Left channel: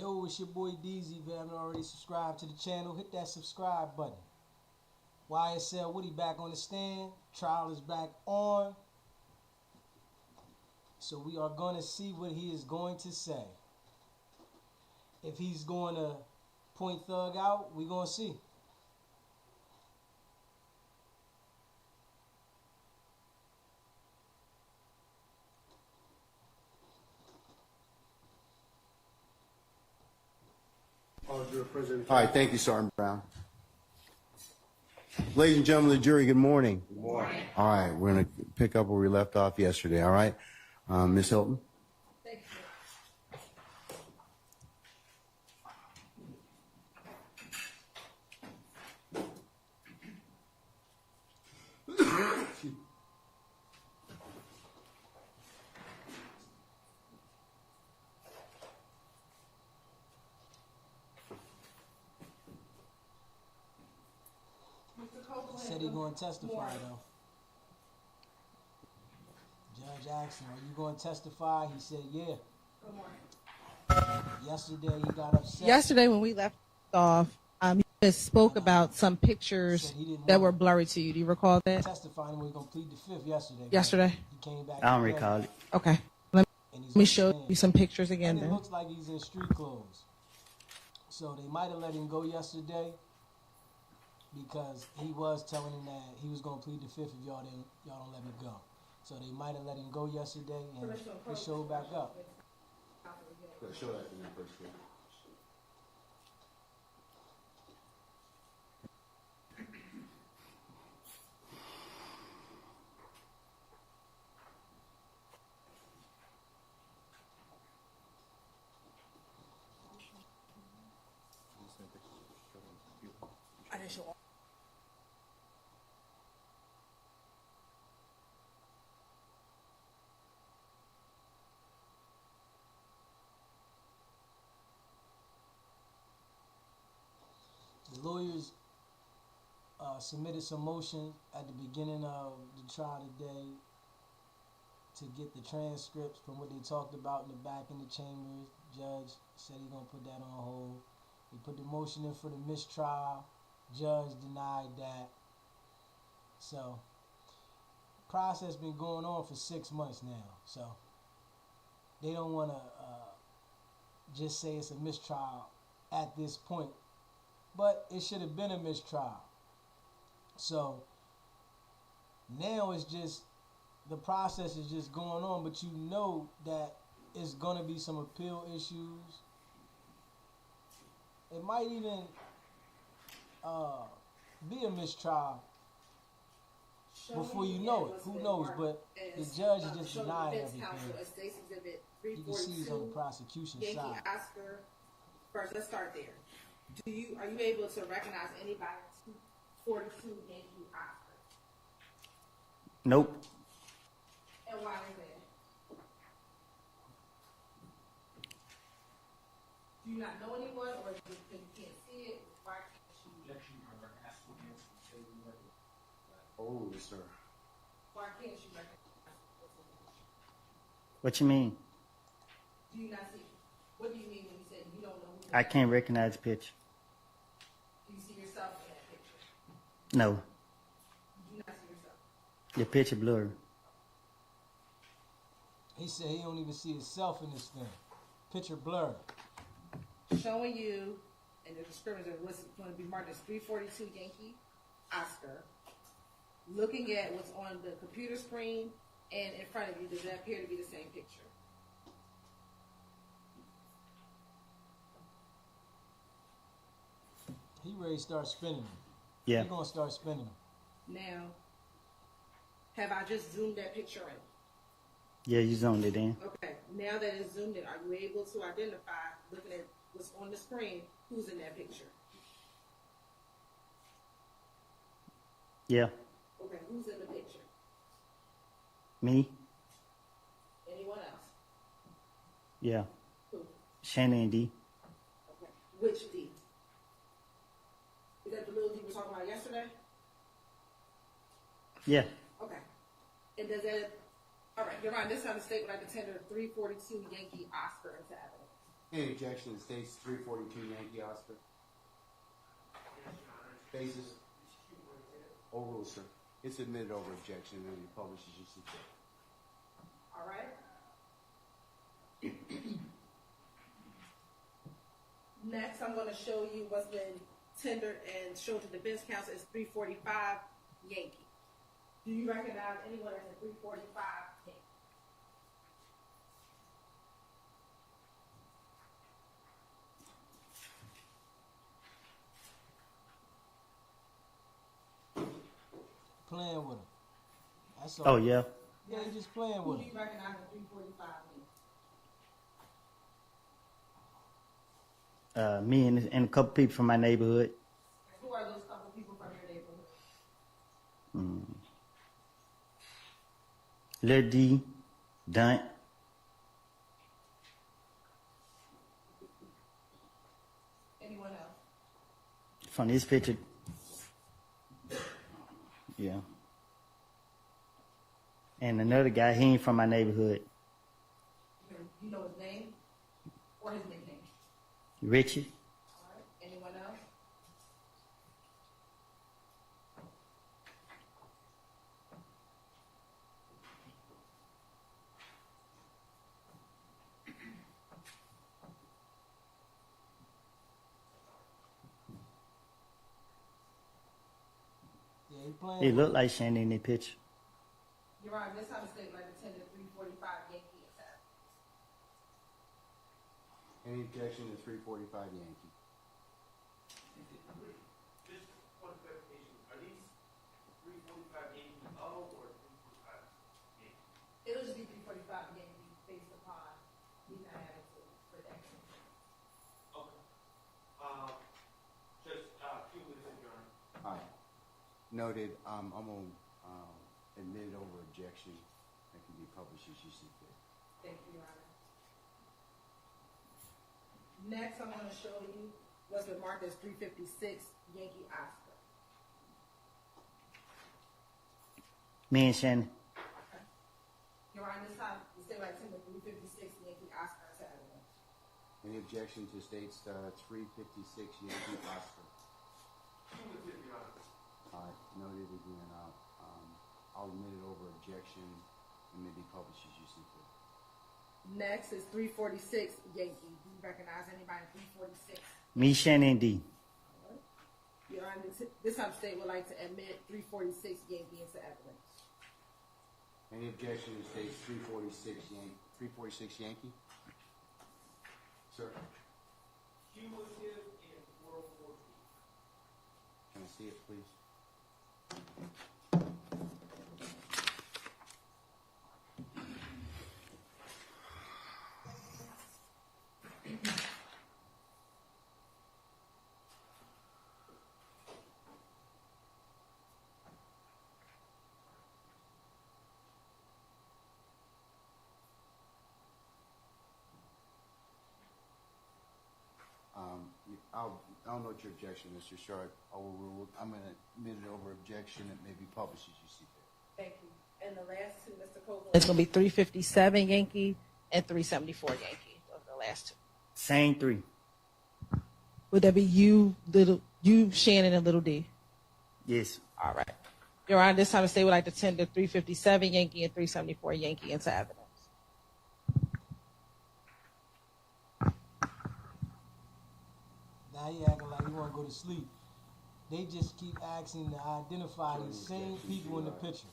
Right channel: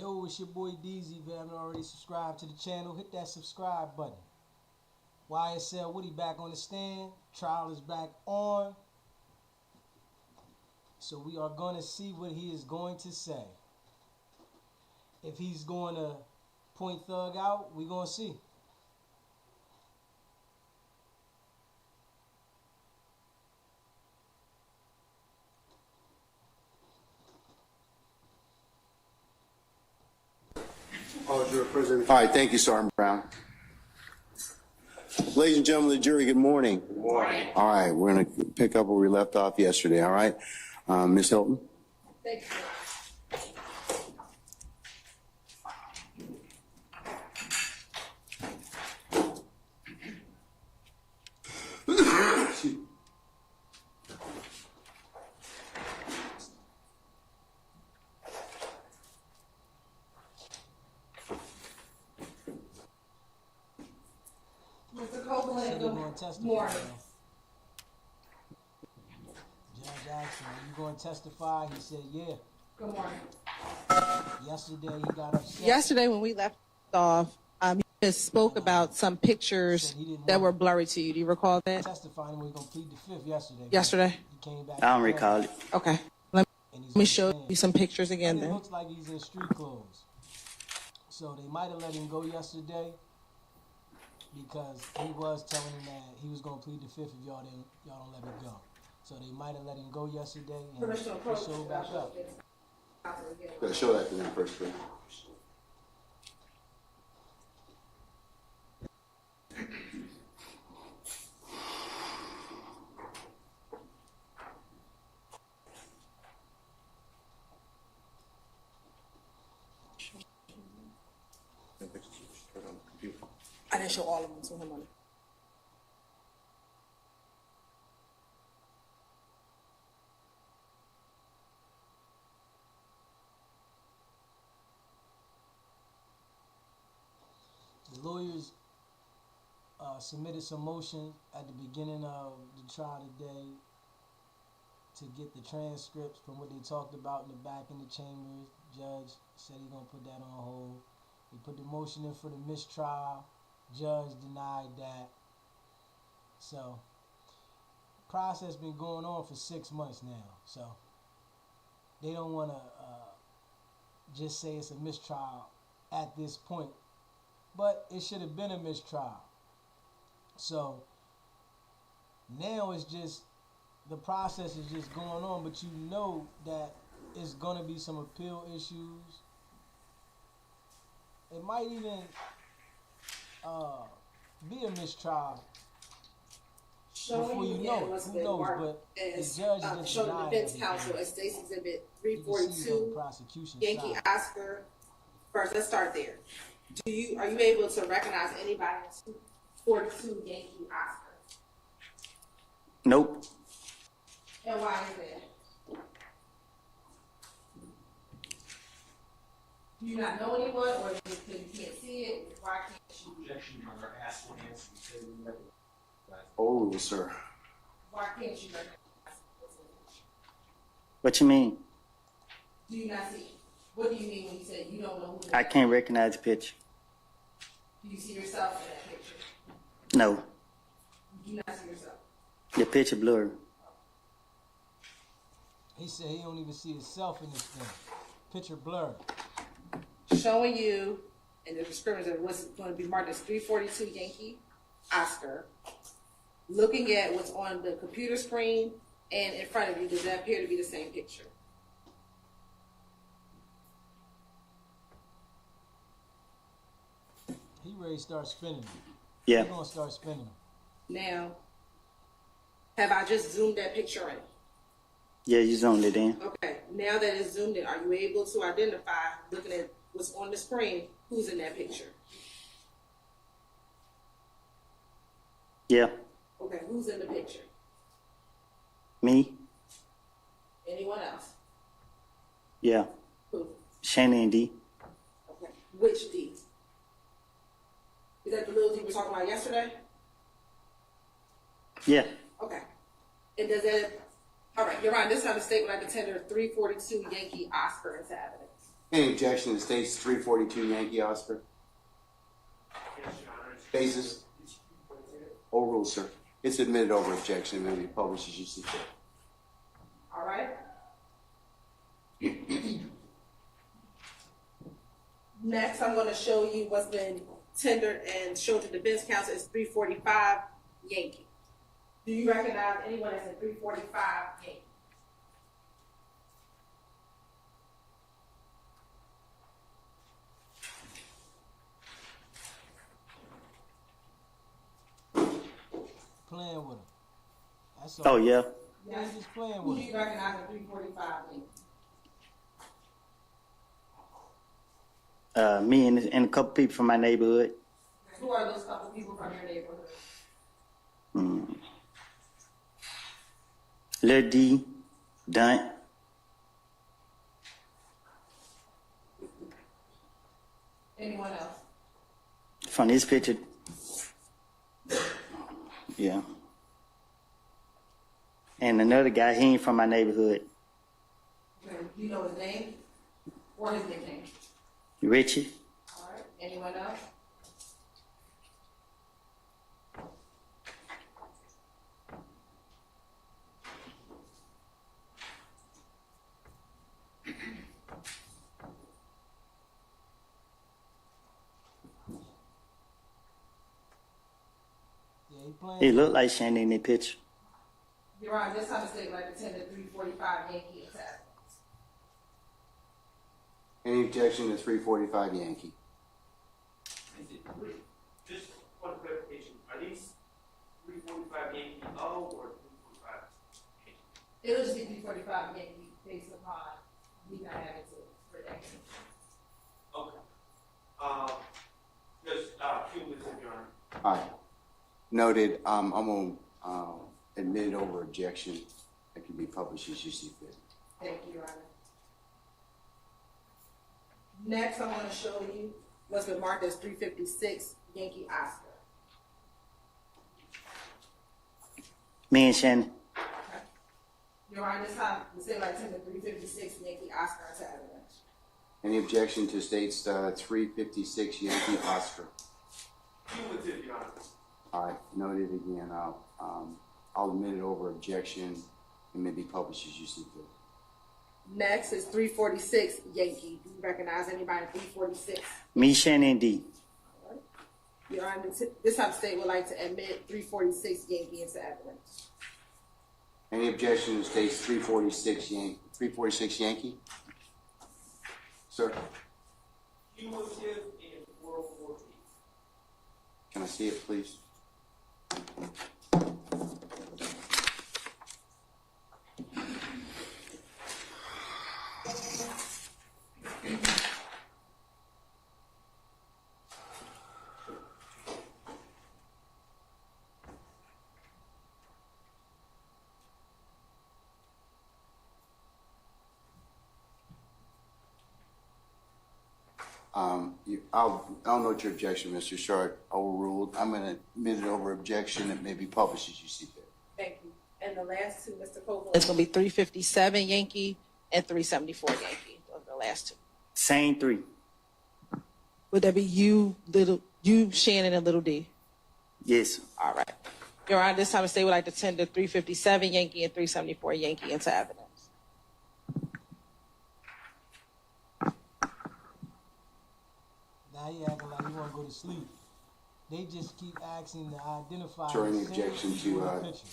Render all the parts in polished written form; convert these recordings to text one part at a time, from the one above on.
Yo, it's your boy DZ. If you haven't already subscribed to the channel, hit that subscribe button. YSL Woody back on the stand. Trial is back on. So we are going to see what he is going to say. If he's going to point Thug out, we're going to see. All right, thank you, Sergeant Brown. Ladies and gentlemen of the jury, good morning. Good morning. All right, we're going to pick up where we left off yesterday, all right? Ms. Hilton? Thank you. Mr. Copeland. Said he going to testify, Morning. though. Judge asked him, are you going to testify? He said, yeah. Good morning. Yesterday he got upset. Yesterday when we left off, he just spoke about some pictures that were blurry to you. Do you recall that? Testifying when he was going to plead the fifth yesterday. Yesterday? He came back. I don't recall it. Okay. Let And he's me on show the stand. you some pictures again And it then. looks like he's in street clothes. So they might have let him go yesterday because he was telling him that he was going to plead the fifth if y'all don't let me go. So they might have let him go yesterday and they showed back up. Gotta show that to them first, please. I didn't show all of them to him on it. The lawyers submitted some motion at the beginning of the trial today to get the transcripts from what they talked about in the back in the chambers. Judge said he's going to put that on hold. He put the motion in for the mistrial. Judge denied that. So, the process been going on for 6 months now. So, they don't want to just say it's a mistrial at this point. But it should have been a mistrial. So now it's just, the process is just going on, but you know that it's going to be some appeal issues. It might even be a mistrial before you know it. Who knows? But the judge is just denying everything. Counsel, State's Exhibit You can see it on the 342, prosecution Yankee side. Oscar. First, let's start there. Are you able to recognize anybody in 242 Yankee Oscar? Nope. And why is that? Do you not know anyone, or you can't see it? Why can't you? Oh, sir. Why can't you recognize? What you mean? Do you not see? What do you mean when you say you don't know who? I can't recognize the picture. Do you see yourself in that picture? No. You do not see yourself. The picture blurry. He said he don't even see himself in this thing. Picture blurred. Showing you, and the description of what's going to be marked as 342 Yankee Oscar. Looking at what's on the computer screen and in front of you, does that appear to be the same picture? He ready to start spinning them. Yeah. He gonna start spinning them. Now, have I just zoomed that picture in? Yeah, you zoned it in. Okay, now that it's zoomed in, are you able to identify, looking at what's on the screen, who's in that picture? Yeah. Okay, who's in the picture? Me? Anyone else? Yeah. Who? Shana and D. Okay, which D? Is that the little D we were talking about yesterday? Yeah. Okay. And does that, all right, Your Honor, this is not a statement I contender 342 Yankee Oscar into evidence. Any objection to states 342 Yankee Oscar? Basis? Overruled, sir. It's admitted over objection and will be published as you see fit. All right. Next, I'm going to show you what's been tendered and shown to defense counsel is 345 Yankee. Do you recognize anyone as a 345 Yankee? Playing with him. That's all. Oh, yeah. Yeah, he just playing Who with do him. you recognize as 345 Yankee? Me and a couple people from my neighborhood. Who are those couple people from your neighborhood? Lil D, Dunt, Anyone else? from this picture. Yeah. And another guy, he ain't from my neighborhood. Do you know his name or his nickname? Richie. All right. Anyone else? Yeah, he playing. He looked like Shannon in that picture. Your Honor, this time the state would like to tender 345 Yankee attack. Any objection to 345 Yankee? Just one clarification. Are these 345 Yankee O or 345 Yankee? It'll just be 345 Yankee based upon we not having to protect it. Okay. Just cumulative, Your Honor. All right. Noted. I'm going to admit it over objection. That can be published as you see fit. Thank you, Your Honor. Next, I'm going to show you what's been marked as 356 Yankee Oscar. Me and Shannon. Okay. Your Honor, this time the state would like to tender 356 Yankee Oscar to evidence. Any objection to states 356 Yankee Oscar? Cumulative, Your Honor. All right. Noted again. I'll admit it over objection and may be published as you see fit. Next is 346 Yankee. Do you recognize anybody in 346? Me, Shannon, D. Your Honor, this time the state would like to admit 346 Yankee into evidence. Any objection to states 346 Yankee? Sir, Cumulative in 404 can I see it, please? I'll note your objection, Mr. Sharp. Overruled. I'm going to admit it over objection. It may be published as you see fit. Thank you. And the last two, Mr. Copeland. It's going to be 357 Yankee and 374 Yankee. Those are the last two. Same three. Would that be you, Shannon, and Little D? Yes. All right. Your Honor, this time the state would like to tender 357 Yankee and 374 Yankee into evidence. Now he acting like he want to go to sleep. They just keep asking to identify Sir, the any same objection people in the to picture.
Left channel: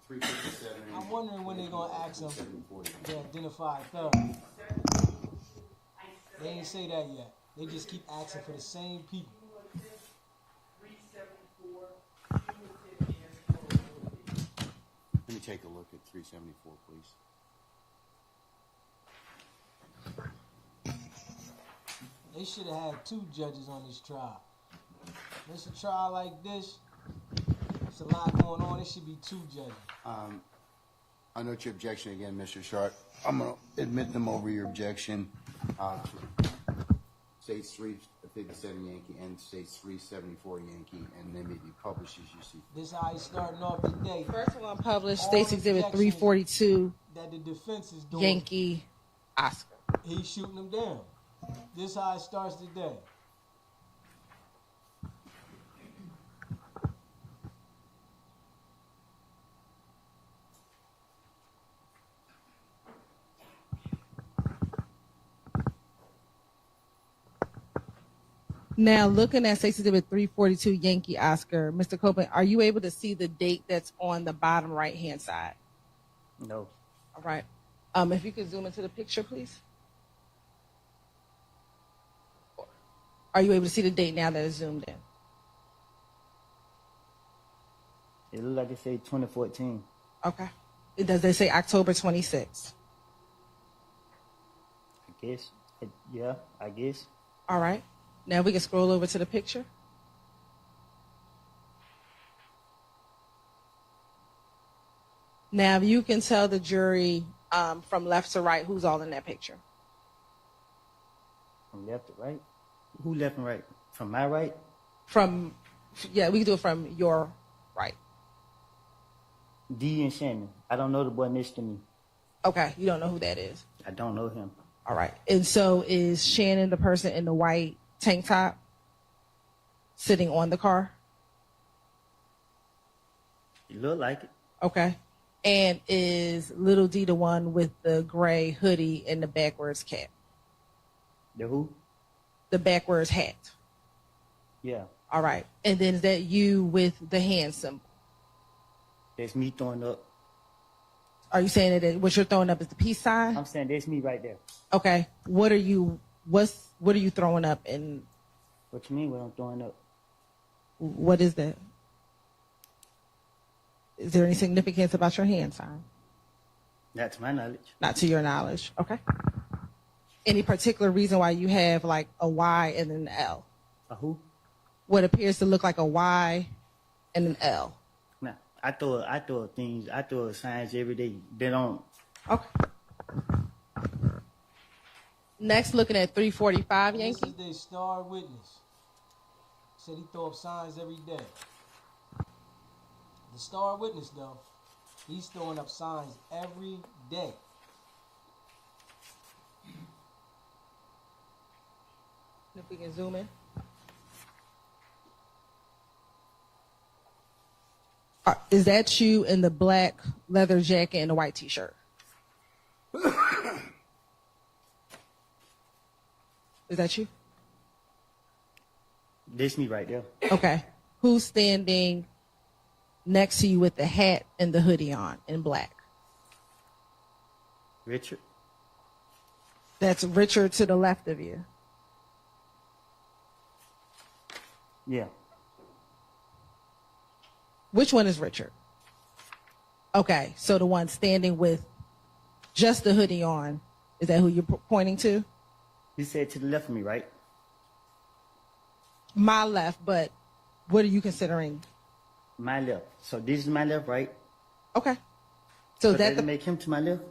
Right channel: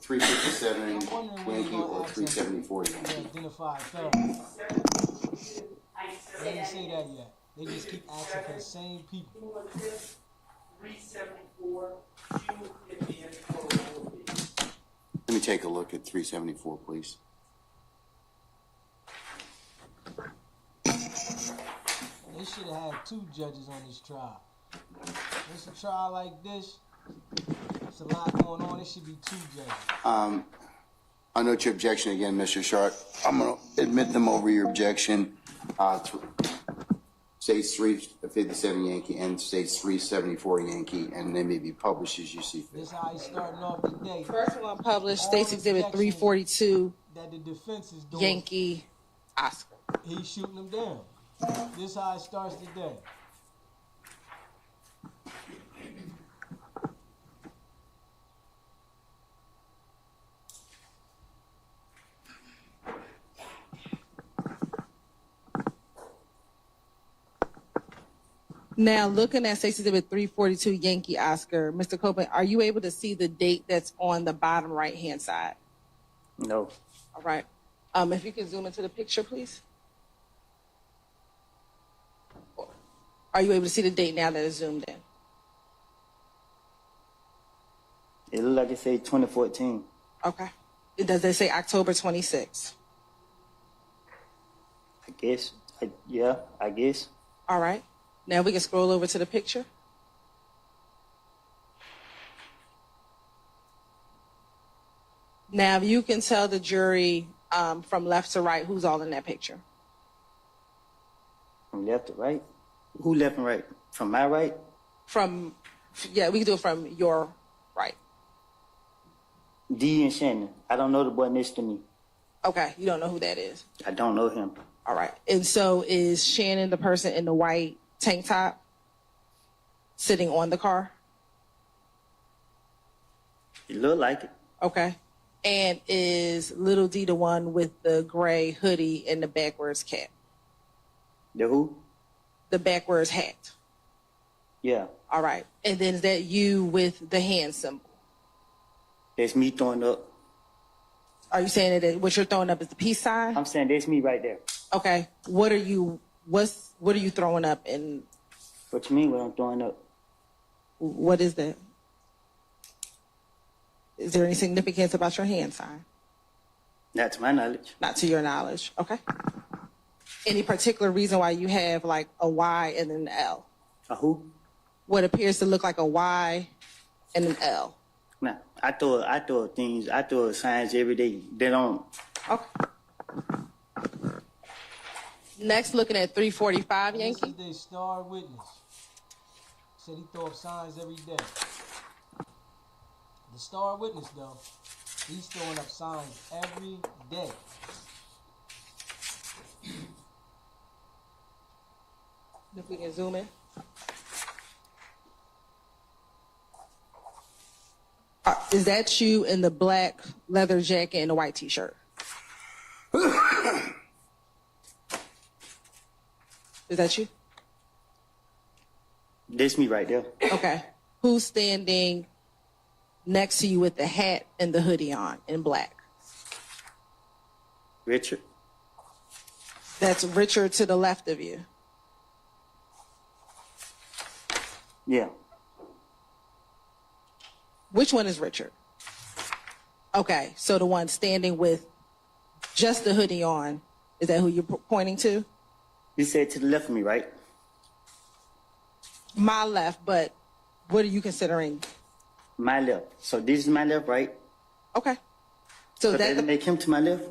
357 I'm wondering when they're Yankee going to or ask him 374 to Yankee? identify thoroughly. They ain't say that yet. They just keep asking for the same people. Cumulative 374, cumulative in 404. Let me take a look at 374, please. They should have had 2 judges on this trial. It's a trial like this. There's a lot going on. It should be 2 judges. I note your objection again, Mr. Sharp. I'm going to admit them over your objection. States 357 Yankee and states 374 Yankee, and they may be published as you see fit. This how he's starting off the day. First one published, All States Exhibit objections 342 that the defense is doing. Yankee Oscar. He's shooting them down. This how it starts today. Now, looking at Stacey Exhibit 342 Yankee Oscar, Mr. Copeland, are you able to see the date that's on the bottom right-hand side? No. All right. If you can zoom into the picture, please. Are you able to see the date now that it's zoomed in? It look like it say 2014. Okay. Does it say October 26th? I guess. Yeah, I guess. All right. Now we can scroll over to the picture. Now you can tell the jury from left to right who's all in that picture. From left to right? Who left and right? From my right? Yeah, we can do it from your right. D and Shannon. I don't know the boy next to me. Okay, you don't know who that is. I don't know him. All right. And so is Shannon the person in the white tank top sitting on the car? It look like it. Okay. And is Little D the one with the gray hoodie and the backwards cap? The who? The backwards hat. Yeah. All right. And then is that you with the hand symbol? That's me throwing up. Are you saying that what you're throwing up is the peace sign? I'm saying that's me right there. Okay. What are you throwing up, and What you mean what I'm throwing up? what is that? Is there any significance about your hand sign? Not to my knowledge. Not to your knowledge. Okay. Any particular reason why you have like a Y and an L? A who? What appears to look like a Y and an L. Nah. I throw signs every day. They don't. Okay. Next, looking at 345 And this Yankee. is their star witness. Said he throw up signs every day. The star witness, though, he's throwing up signs every day. If we can zoom in. Is that you in the black leather jacket and the white t-shirt? Is that you? That's me right there. Okay. Who's standing next to you with the hat and the hoodie on in black? Richard? That's Richard to the left of you. Yeah. Which one is Richard? Okay, so the one standing with just the hoodie on, is that who you're pointing to? You said to the left of me, right? My left, but what are you considering? My left. So this is my left, right? Okay. So So that that make him to my left?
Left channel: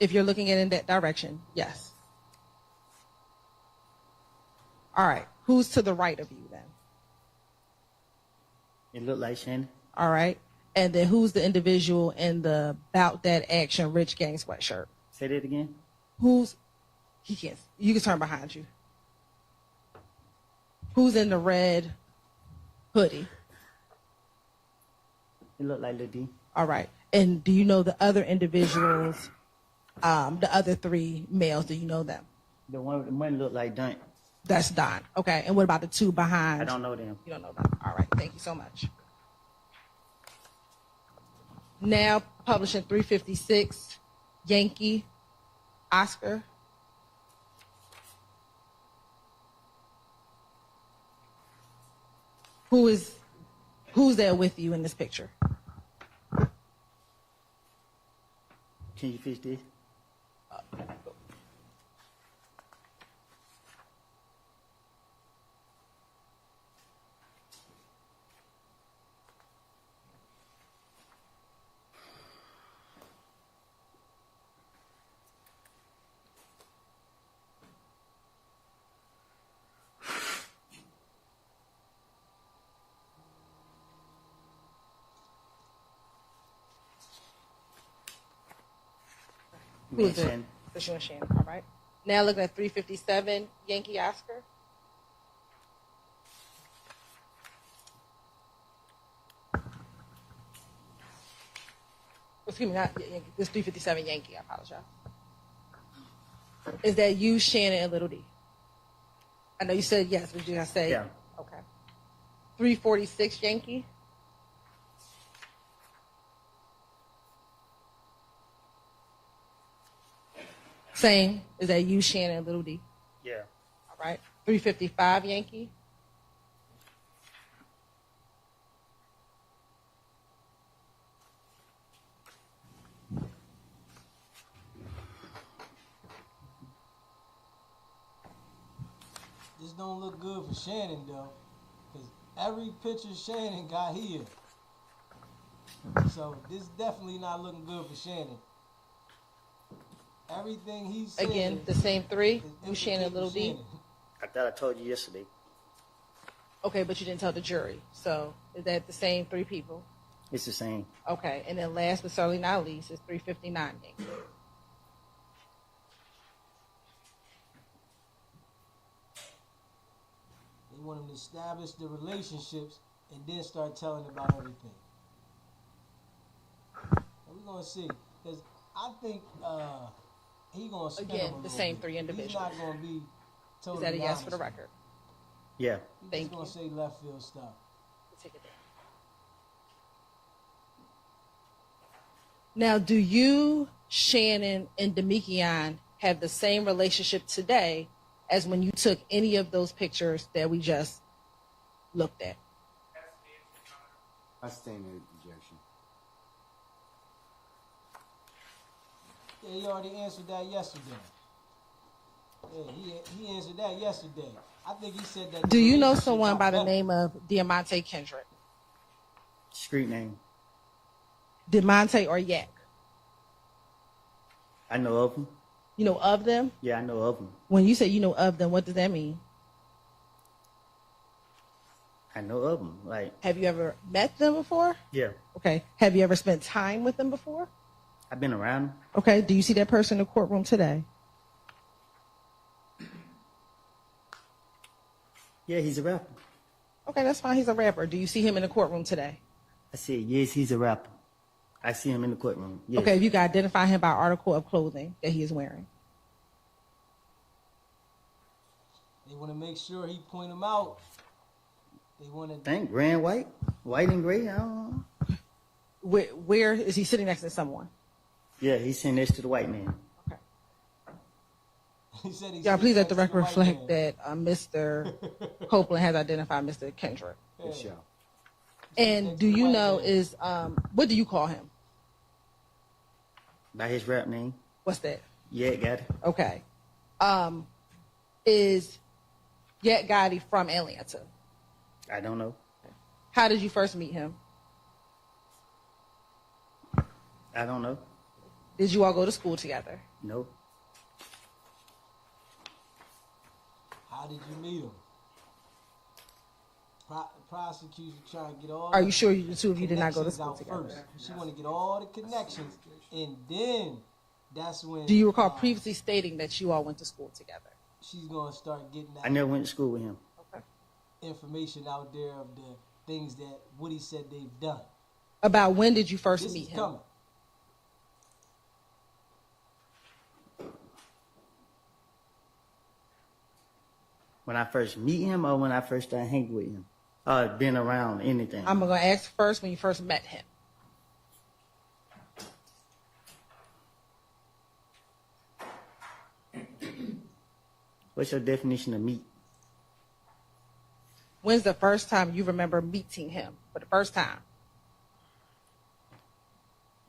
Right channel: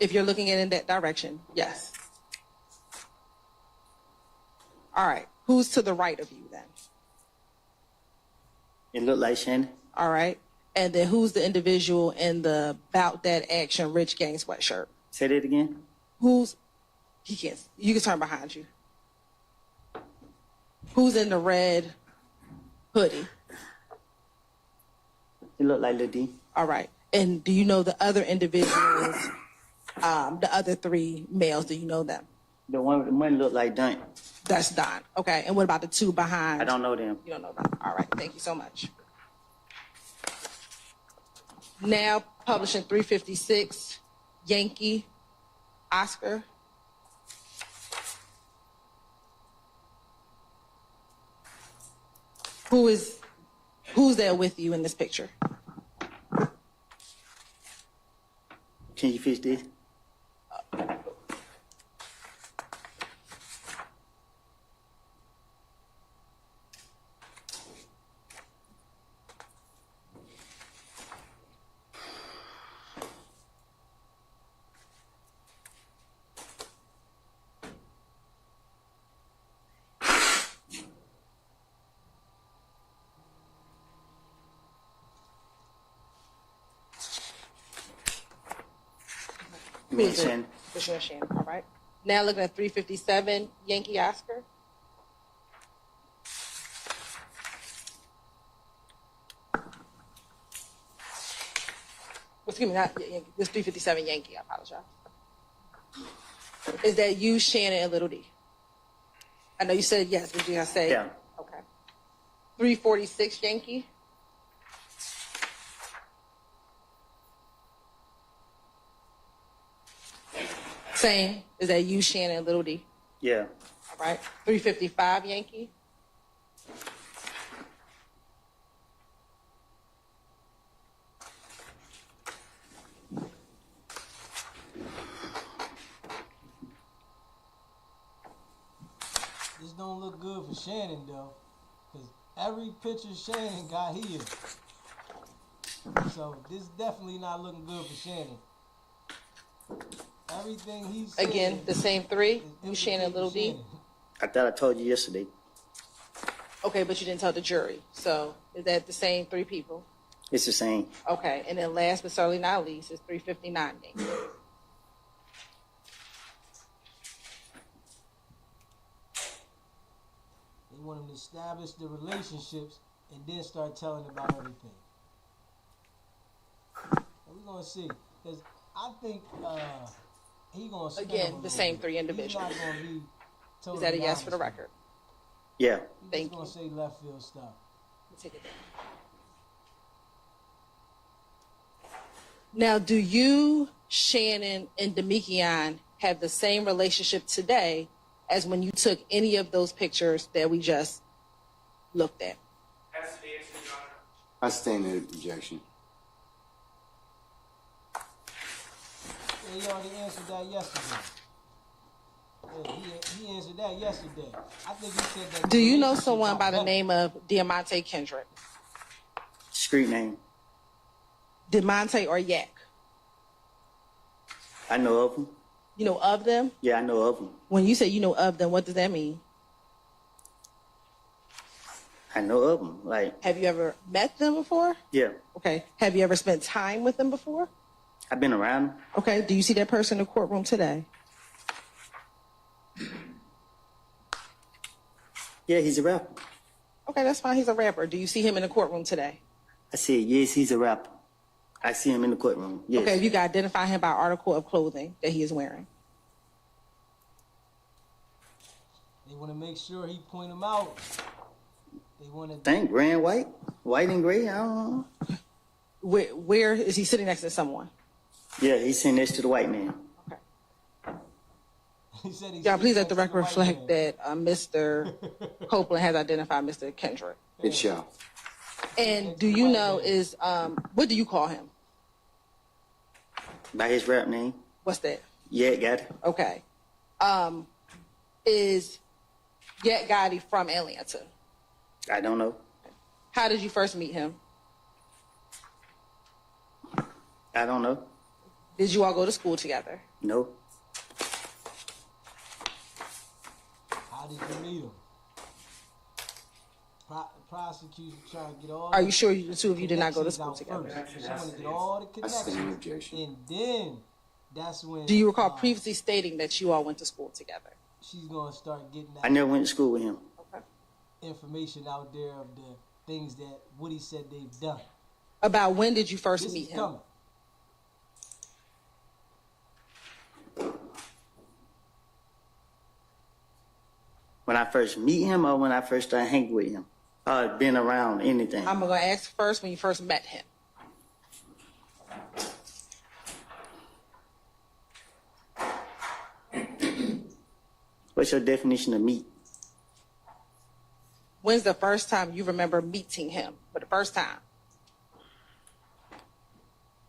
if you're looking at it in that direction, yes. All right. Who's to the right of you then? It looked like Shannon. All right. And then who's the individual in the Bout That Action Rich Gang sweatshirt? Say that again. He can't. You can turn behind you. Who's in the red hoodie? It looked like Lil D. All right. And do you know the other individuals, the other three males? Do you know them? The one looked like Dunk. That's Don. Okay. And what about the two behind? I don't know them. You don't know them. All right. Thank you so much. Now publishing 356, Yankee, Oscar. Who's there with you in this picture? Can you fix this? Who Me is and it? Shannon. It's your Shannon. All right. Now looking at 357 Yankee Oscar. Excuse me, not Yankee. This 357 Yankee. I apologize. Is that you, Shannon, and Little D? I know you said yes. Did you say? Yeah. Okay. 346 Yankee. Same. Is that you, Shannon, and Little D? Yeah. All right. 355 Yankee. This don't look good for Shannon though, because every picture Shannon got here. So this definitely not looking good for Shannon. Everything he said Again, the same three. is You, Shannon, implicating Little D. Shannon. I thought I told you yesterday. Okay, but you didn't tell the jury. So is that the same three people? It's the same. Okay, and then last but certainly not least is 359 Yankee. They want him to establish the relationships and then start telling about everything. And we're gonna see, because I think he gonna spin Again, him a the little same bit. three He's individuals. not gonna be Is totally that a yes for the honest with record? him. Yeah. He's Thank just gonna say left field stuff. Let's take it down. Now, do you, Shannon, and Demikian have the same relationship today as when you took any of those pictures that we just looked at? That's the answer, Your Honor. I stand in objection. Yeah, he already answered that yesterday. Yeah, he answered that yesterday. I think he said that. Do the you know relationship someone got by the better. name of Diamante Kendrick? Street name. Diamante or Yak? I know of him. You know of them? Yeah, I know of him. When you say you know of them, what does that mean? I know of him. Like, Have you ever met them before? yeah. Okay. Have you ever spent time with them before? I've been around him. Okay. Do you see that person in the courtroom today? Yeah, he's a rapper. Okay, that's fine. He's a rapper. Do you see him in the courtroom today? I said, yes, he's a rapper. I see him in the courtroom. Yes. Okay, you can identify him by article of clothing that he is wearing. They want to make sure he point them out. They want to. Think gray and white? White and gray? I don't know. Where is he sitting next to someone? Yeah, he's sitting next to the white man. Okay. He said he. Yeah, sits please let next the to record white reflect man. that Mr. Copeland has identified Mr. Kendrick. It shall. And Next do to the you white know man. is what do you call him? By his rap name. What's that? Yeah, got it. Okay. Is Yet Gotti from Atlanta? I don't know. How did you first meet him? I don't know. Did you all go to school together? No. How did you meet him? Prosecution trying to get all. Are the you sure the two of you did not go to connections school out together? First. She want to get all the I stand in connections, objection. and then that's when. Do you recall previously stating that you all went to school together? She's gonna start getting I that never went to school with him. Okay. information out there of the things that Woody said they've done. About when did you first This meet is him? coming. When I first meet him or when I first started hanging with him? Been around anything. I'm gonna ask first when you first met him. What's your definition of meet? When's the first time you remember meeting him for the first time?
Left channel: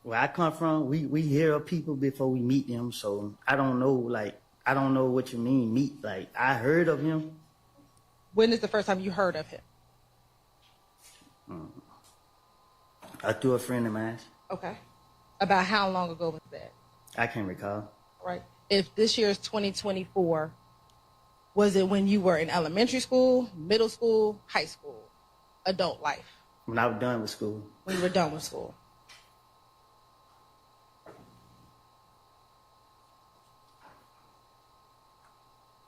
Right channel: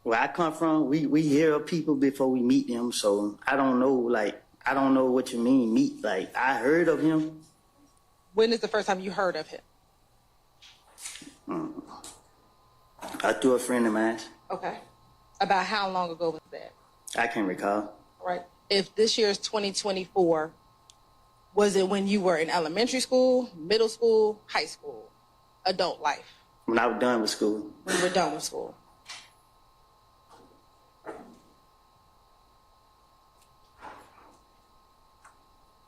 Where I come from, we hear of people before we meet them, so I don't know, like, I don't know what you mean, meet. Like, I heard of him. When is the first time you heard of him? Through a friend of mine. Okay. About how long ago was that? I can't recall. Right. If this year is 2024, was it when you were in elementary school, middle school, high school, adult life? When I was done with school. When you were done with school?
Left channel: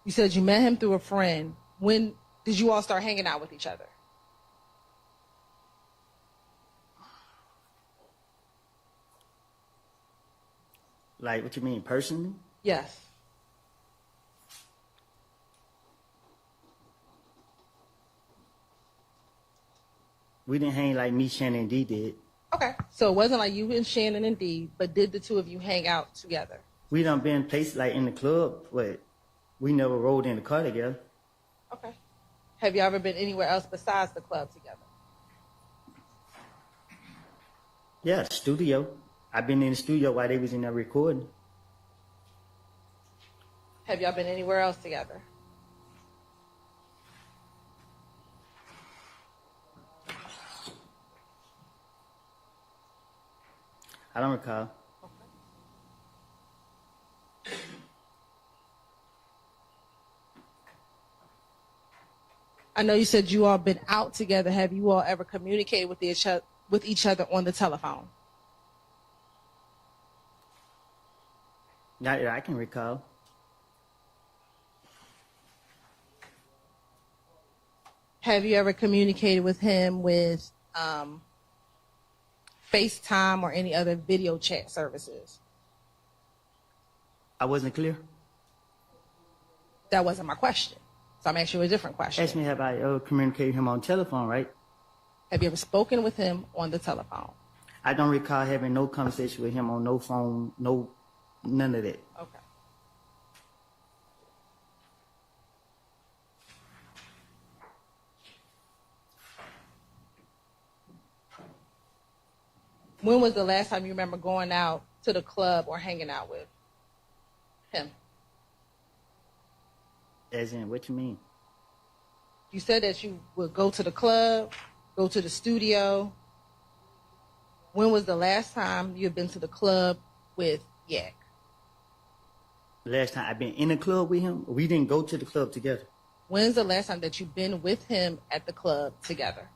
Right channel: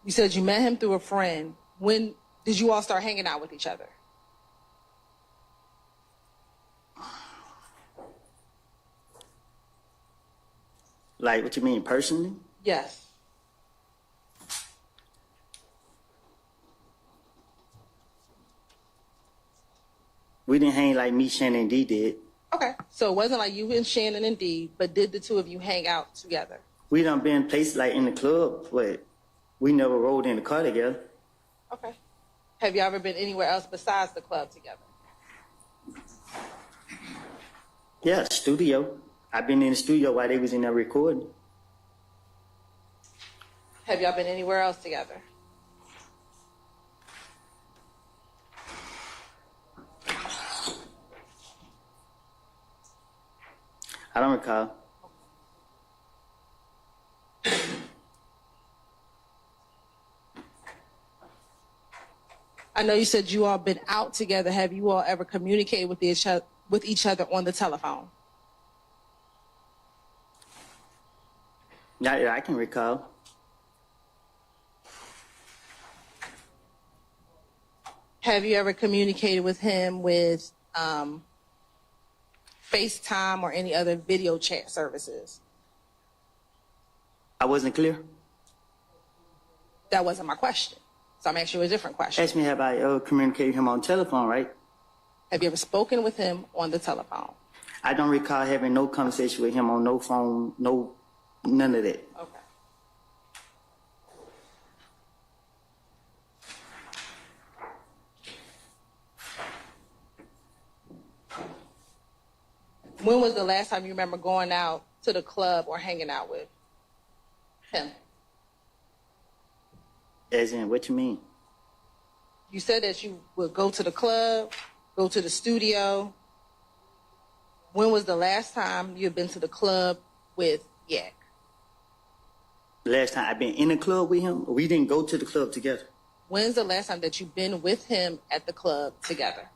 You said you met him through a friend. When did you all start hanging out with each other? Like, what you mean, personally? Yes. We didn't hang like me, Shannon, and D did. Okay. So it wasn't like you and Shannon and Dee, but did the two of you hang out together? We done been places like in the club, but we never rode in the car together. Okay. Have you ever been anywhere else besides the club together? Yeah, studio. I've been in the studio while they was in there recording. Have y'all been anywhere else together? I don't recall. I know you said you all been out together. Have you all ever communicated with each other on the telephone? Not that I can recall. Have you ever communicated with him with FaceTime or any other video chat services? I wasn't clear. That wasn't my question. So I'm asking you a different question. Ask me have I ever communicated with him on telephone, right? Have you ever spoken with him on the telephone? I don't recall having no conversation with him on no phone, none of that. Okay. When was the last time you remember going out to the club or hanging out with him? As in, what you mean? You said that you would go to the club, go to the studio. When was the last time you had been to the club with Yak? Last time I've been in a club with him, we didn't go to the club together. When's the last time that you've been with him at the club together?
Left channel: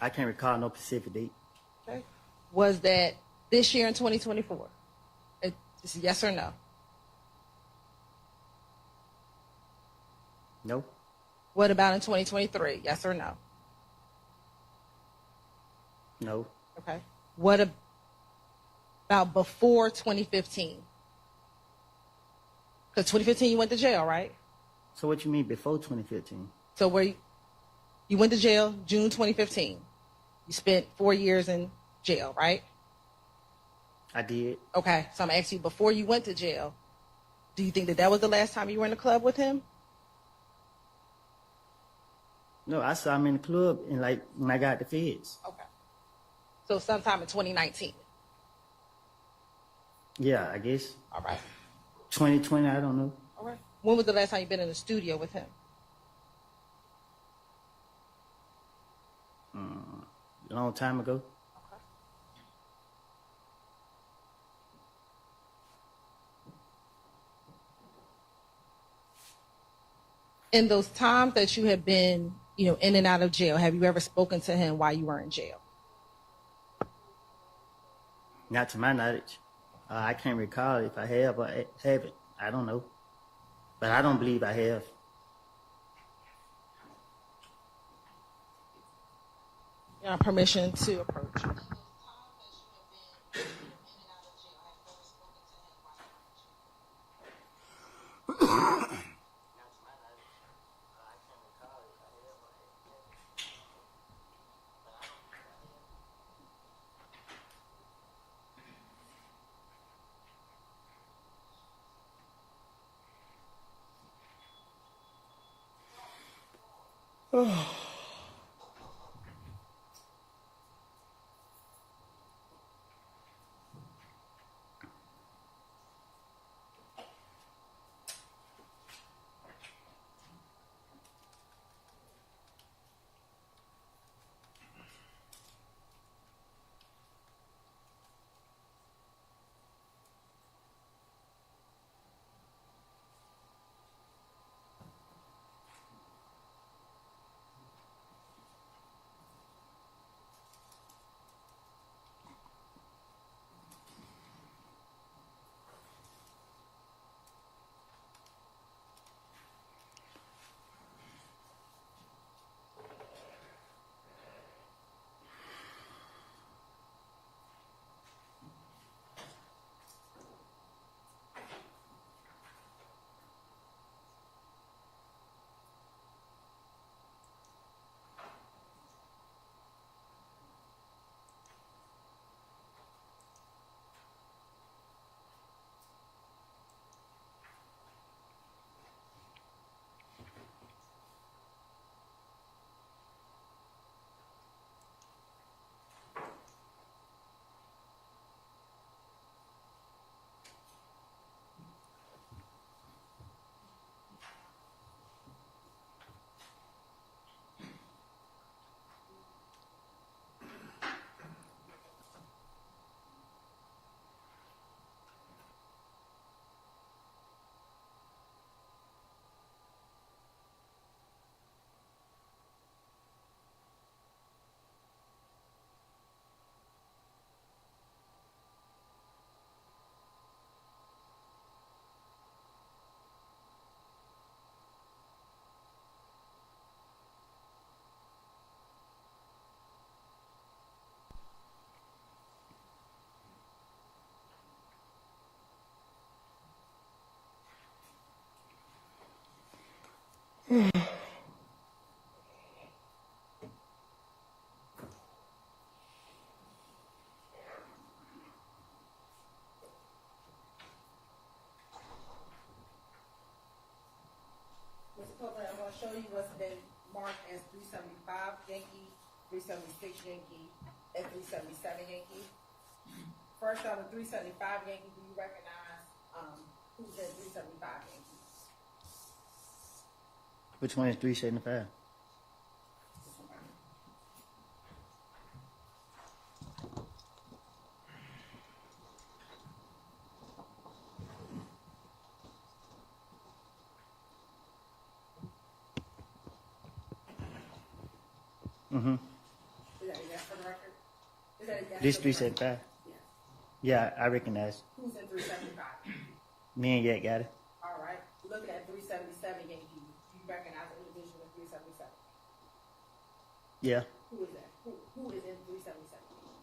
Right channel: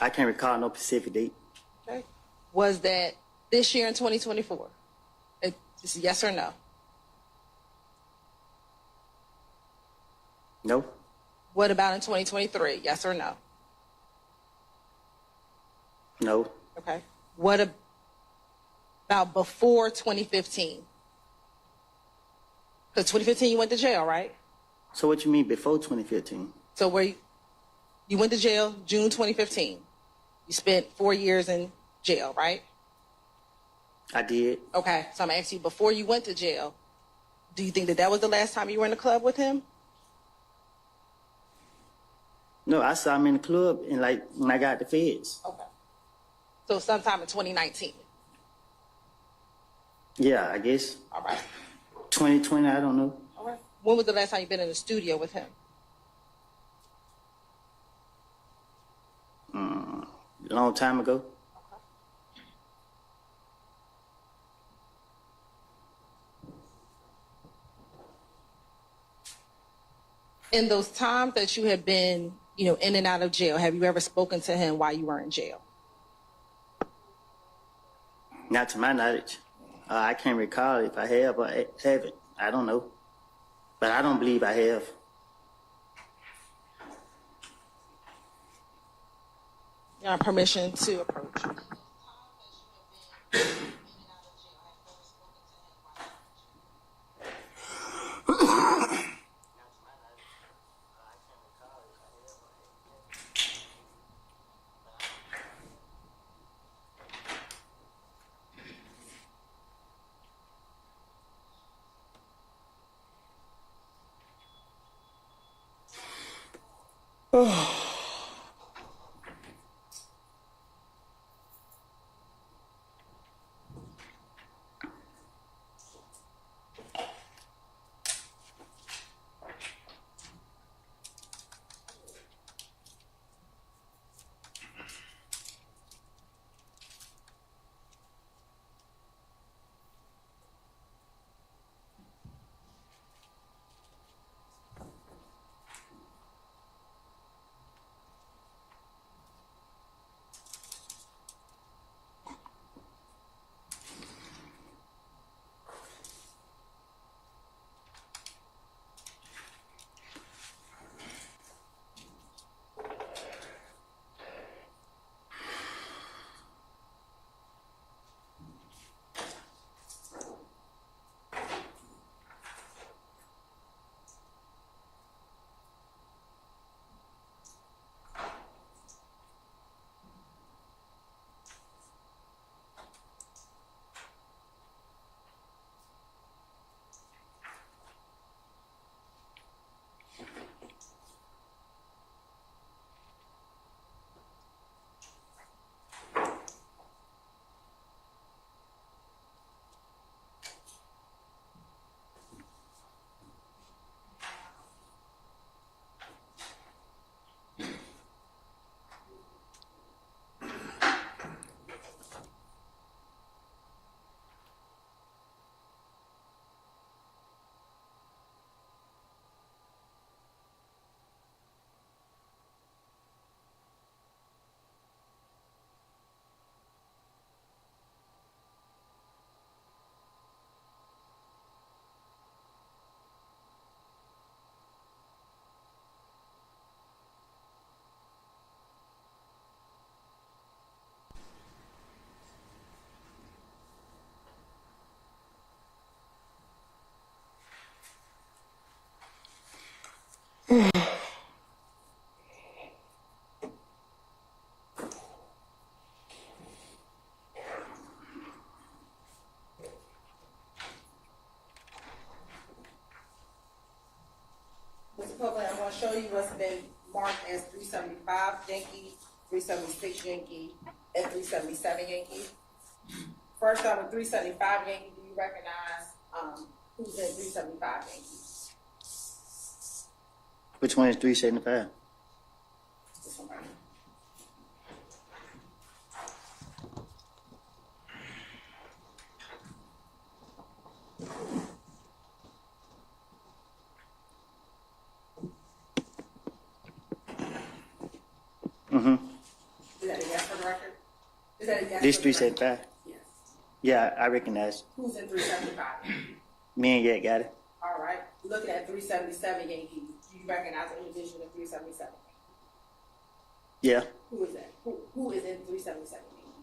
I can't recall no specific date. Okay. Was that this year in 2024? Just yes or no? No. What about in 2023? Yes or no? No. Okay. What about before 2015? Because 2015 you went to jail, right? So what you mean before 2015? So where you went to jail June 2015. You spent 4 years in jail, right? I did. Okay. So I'm asking you, before you went to jail, do you think that that was the last time you were in the club with him? No, I saw him in the club and like when I got the feds. Okay. So sometime in 2019. Yeah, I guess. All right. 2020, I don't know. All right. When was the last time you've been in the studio with him? A long time ago. In those times that you have been, in and out of jail, have you ever spoken to him while you were in jail? Not to my knowledge. I can't recall if I have or haven't. I don't know. But I don't believe I have. You have permission to approach. been marked as 375 Yankee, 376 Yankee, and 377 Yankee. First on with 375 Yankee, do you recognize who's in 375 Yankee? Which one is 375? This one right here. Mm-hmm. Is that a yes for the record? Is that a yes This for the record? 375? Yes. Yeah, I recognize. Who's in 375? Me and Yak got it. All right. Looking at 377 Yankee, do you recognize the individual in 377? Yeah. Who is that? Who is in 377 Yankee?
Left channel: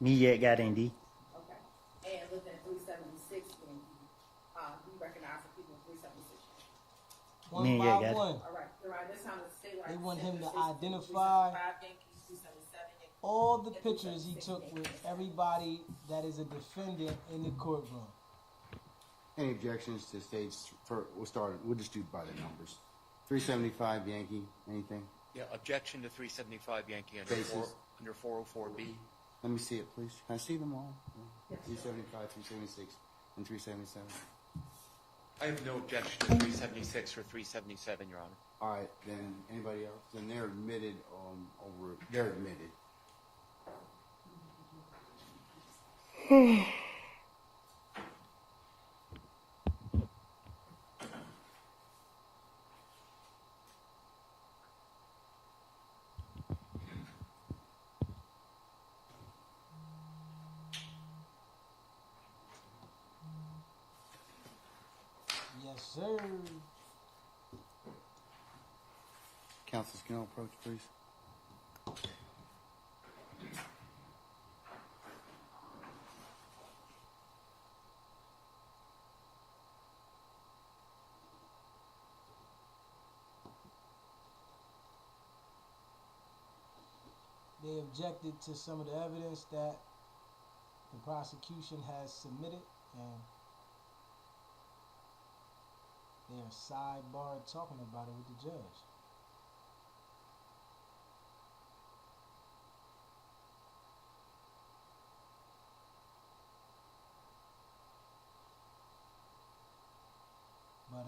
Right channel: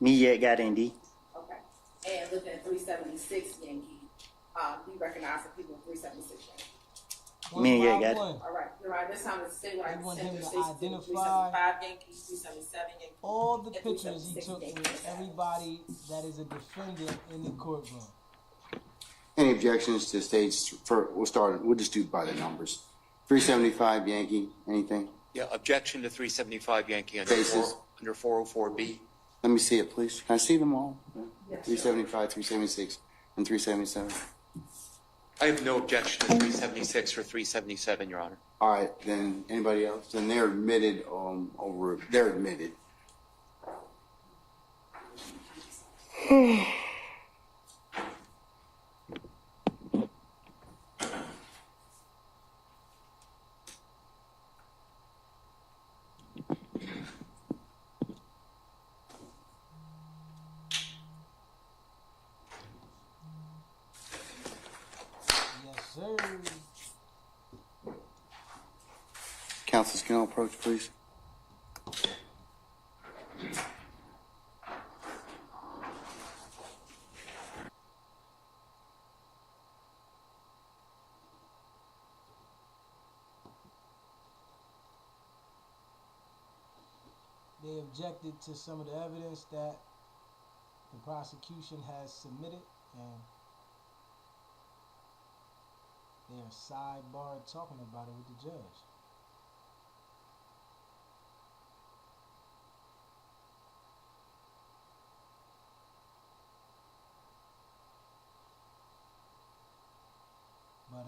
Me, Yak got it, D. Okay. And looking at 376 Yankee, do you recognize the people in 376 Yankee? One Me and by Yak got it. one. All right. You're right. This time it's say what They I want said. him to There's six people, identify 375 Yankees, 377 Yankees. All the and pictures he 376 took with Yankees. everybody that is a defendant in the courtroom. Any objections to stage, we'll just do by the numbers. 375 Yankee, anything? Yeah, objection to 375 Yankee under Faces. under 404B. Let me see it, please. Can I see them all? 375, 376, and 377. I have no objection to 376 or 377, Your Honor. All right, then anybody else? Then they're admitted they're admitted. Yes, sir. Counsel, can I approach, please? They objected to some of the evidence that the prosecution has submitted, and they are sidebar talking about it with the judge. But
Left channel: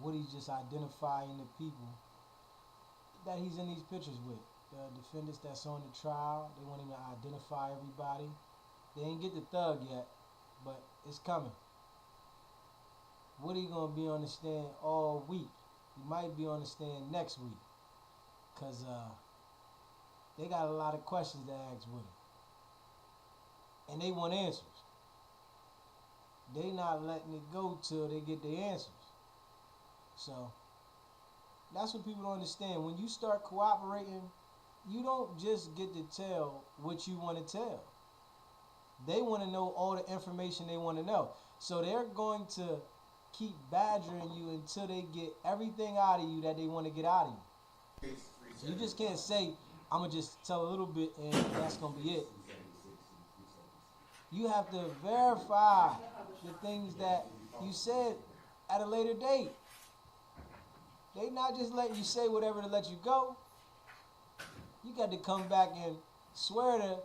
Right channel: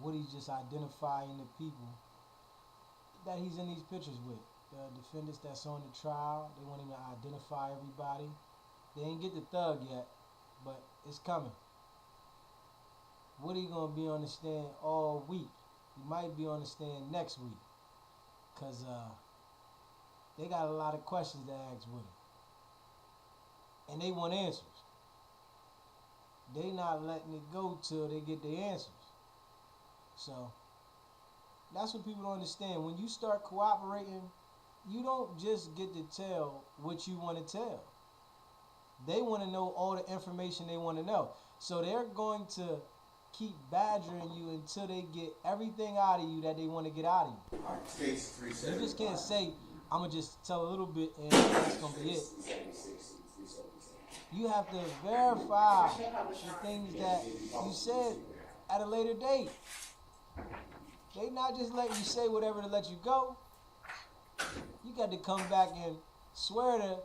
Woody's just identifying the people that he's in these pictures with. The defendants that's on the trial, they want him to identify everybody. They ain't get the thug yet, but it's coming. Woody gonna be on the stand all week. He might be on the stand next week, cause they got a lot of questions to ask Woody, and they want answers. They not letting it go till they get the answers. So that's what people don't understand. When you start cooperating, you don't just get to tell what you want to tell. They want to know all the information they want to know. So they're going to keep badgering you until they get everything out of you that they want to get out of you. You just can't say, I'm going to just tell a little bit and that's going to be it. You have to verify the things that you said at a later date. They not just letting you say whatever to let you go. You got to come back and swear to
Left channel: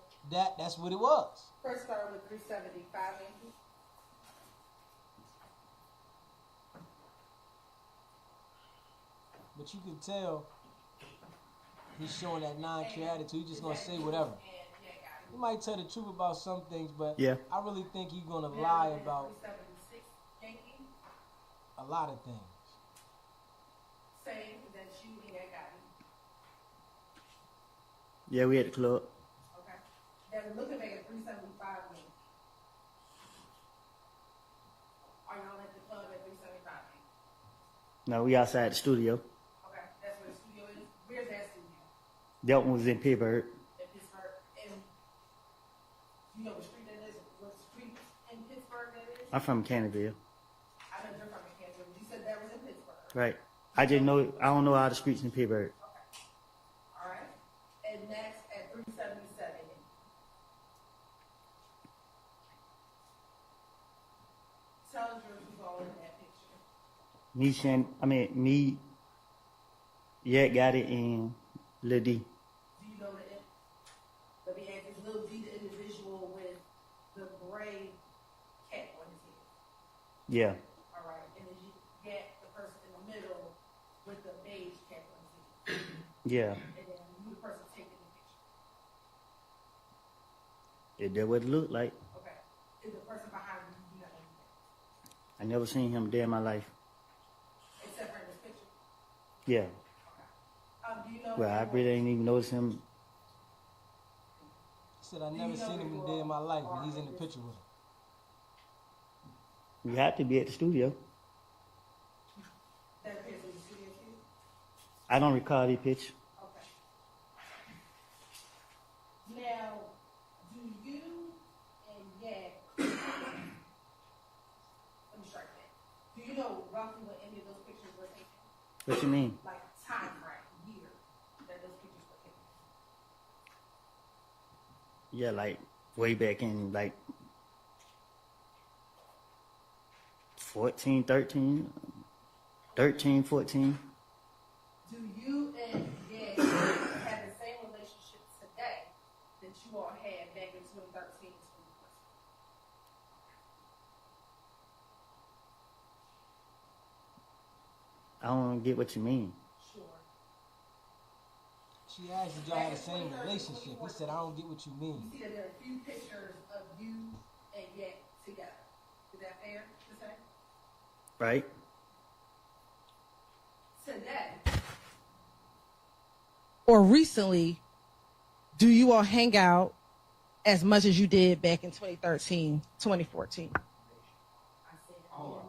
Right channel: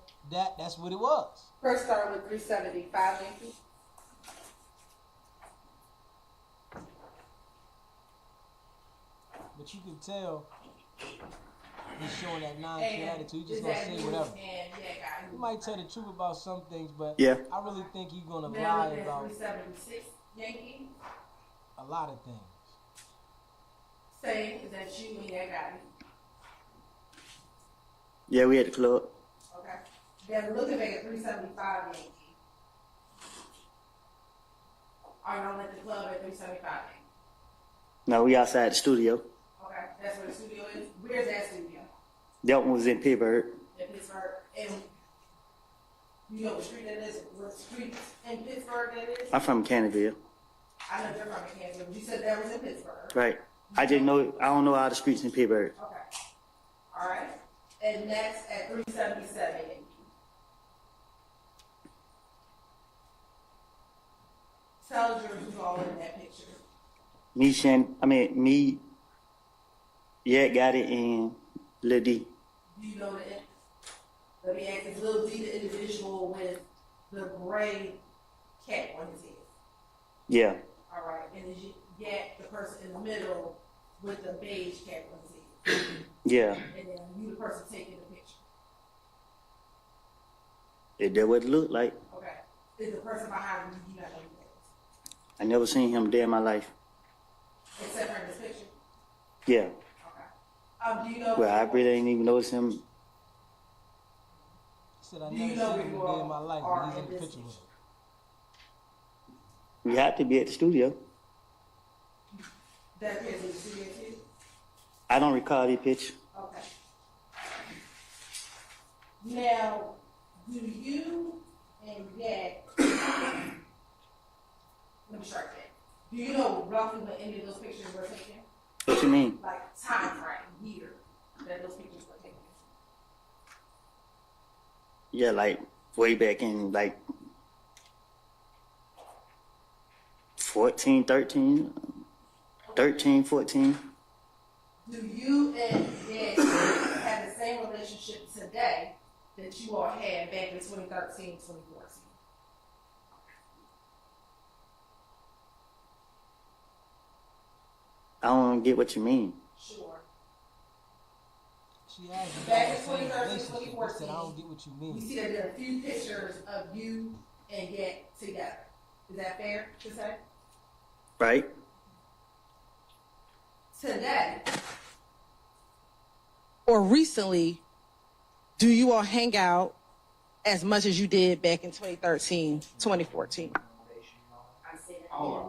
that's what it was. First start with 375 Yankee. But you can tell he's showing that non-care attitude. He's just going to say whatever. He might tell the truth about some things, but Yeah. I really think he's going to lie about 376 Yankee. a lot of things. Say, is that you and that guy? Yeah, we at the club. Okay. Then looking back at 375 Yankee. Are y'all at the club at 375 Yankee? No, we outside the studio. Okay, that's where the studio is. Where's that studio? That one was in Pittsburgh. In Pittsburgh. And you know what street that is? What street in Pittsburgh that is? I'm from Canterville. I know you're from Kansas. You said that was in Pittsburgh. Right. I don't know all the streets in Pittsburgh. Okay. All right. And next at 377 Yankee. Tell the jurors who's all in that picture. Me, Yeah, got it in Lil D. Do you know that? Let me ask, is Lil D the individual with the gray cap on his head? Yeah, All right, and is Yak the person in the middle with the beige cap on his head? yeah. And then you the person taking the picture. Is that what it looked like? Okay. Is the person behind you not know who that I never seen him day in my life. is? Except for in this picture? Yeah. Okay. Do you know? Well, I really ain't even noticed him. He said, I Do never you know seen who him you a day in my life, are and he's in in the this picture with him. We had to be at the studio. That appears in the studio too? I don't recall the picture. Okay. Now, do you and Yak, let me start that. Do you know roughly when any of those pictures were taken? What you mean? Like time frame, year that those pictures were taken? Yeah, like way back in like 14, 13, 13, 14. Do you and Yak have the same relationship today that you all had back in 2013, 2014? I don't get what you mean. Sure. She asked if y'all had the same relationship. He said, I don't get what you You mean. see that there are a few pictures of you and Yak together. Is that fair to say? Right? Today, Or recently, do you all hang out as much as you did back in 2013, 2014? I said Our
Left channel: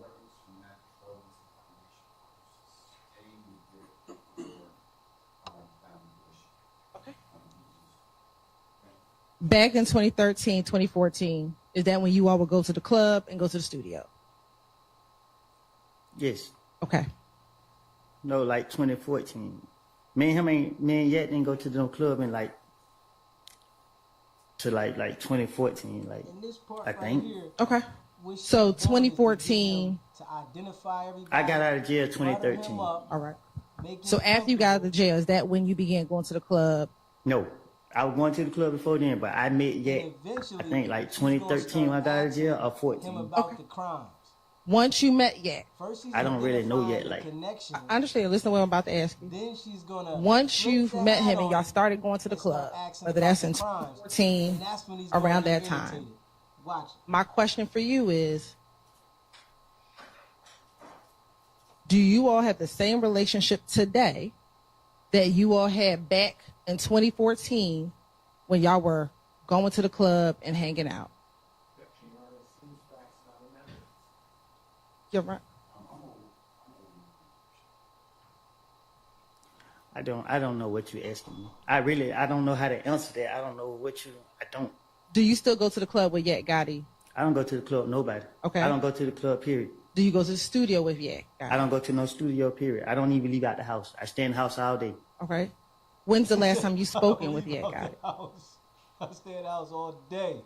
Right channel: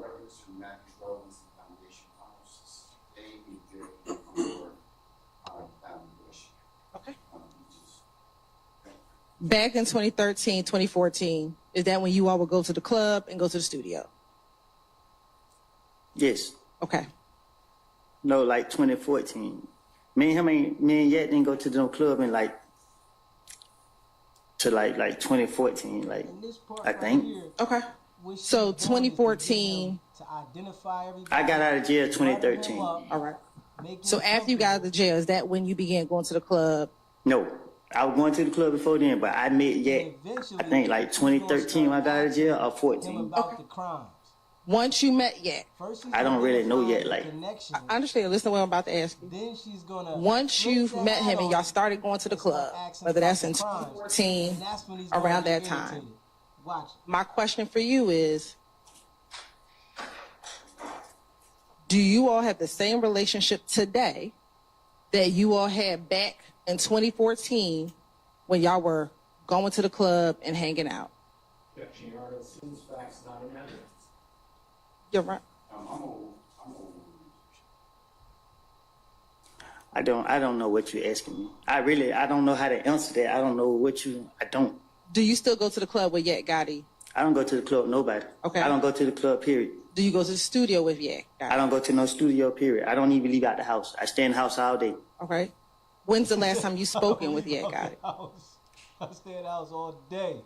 records from Matthew Robbins and Foundation Funds, they be good for our foundation. Okay. Back in 2013, 2014, is that when you all would go to the club and go to the studio? Yes. Okay. No, like 2014. Me and Yet didn't go to no club in like 2014. Like And this part I right think. here, Okay. what she's So doing is to get 2014. him to identify everybody. I got out of jail butter 2013. him up, All right. make him So after you got out of the comfortable, jail, is that when you began going to the club? No, I was going to the club before then, but I met Yet. and eventually, I think like she's gonna 2013 when I start got out of jail, or asking 14. him about the crimes. Once you met Yak, First, she's I don't really know identifying yet, like- the connection. I understand. Listen to what I'm about to ask you. Then she's gonna. Once flip you the met hat him and on y'all started going to the and start club, asking whether about that's the in crimes. 2014, And that's when he's gonna around get that time. irritated. Watch it. my question for you is, do you all have the same relationship today that you all had back in 2014 when y'all were going to the club and hanging out? You're right. I don't know what you're asking me. I don't know how to answer that. I don't know I don't. Do you still go to the club with Yak Gotti? I don't go to the club, nobody. Okay. I don't go to the club, period. Do you go to the studio with Yak Gotti? I don't go to no studio, period. I don't even leave out the house. I stay in the house all day. Okay. When's the last time you spoken with Leave Yak out Gotti? the house. I stay in the house all day.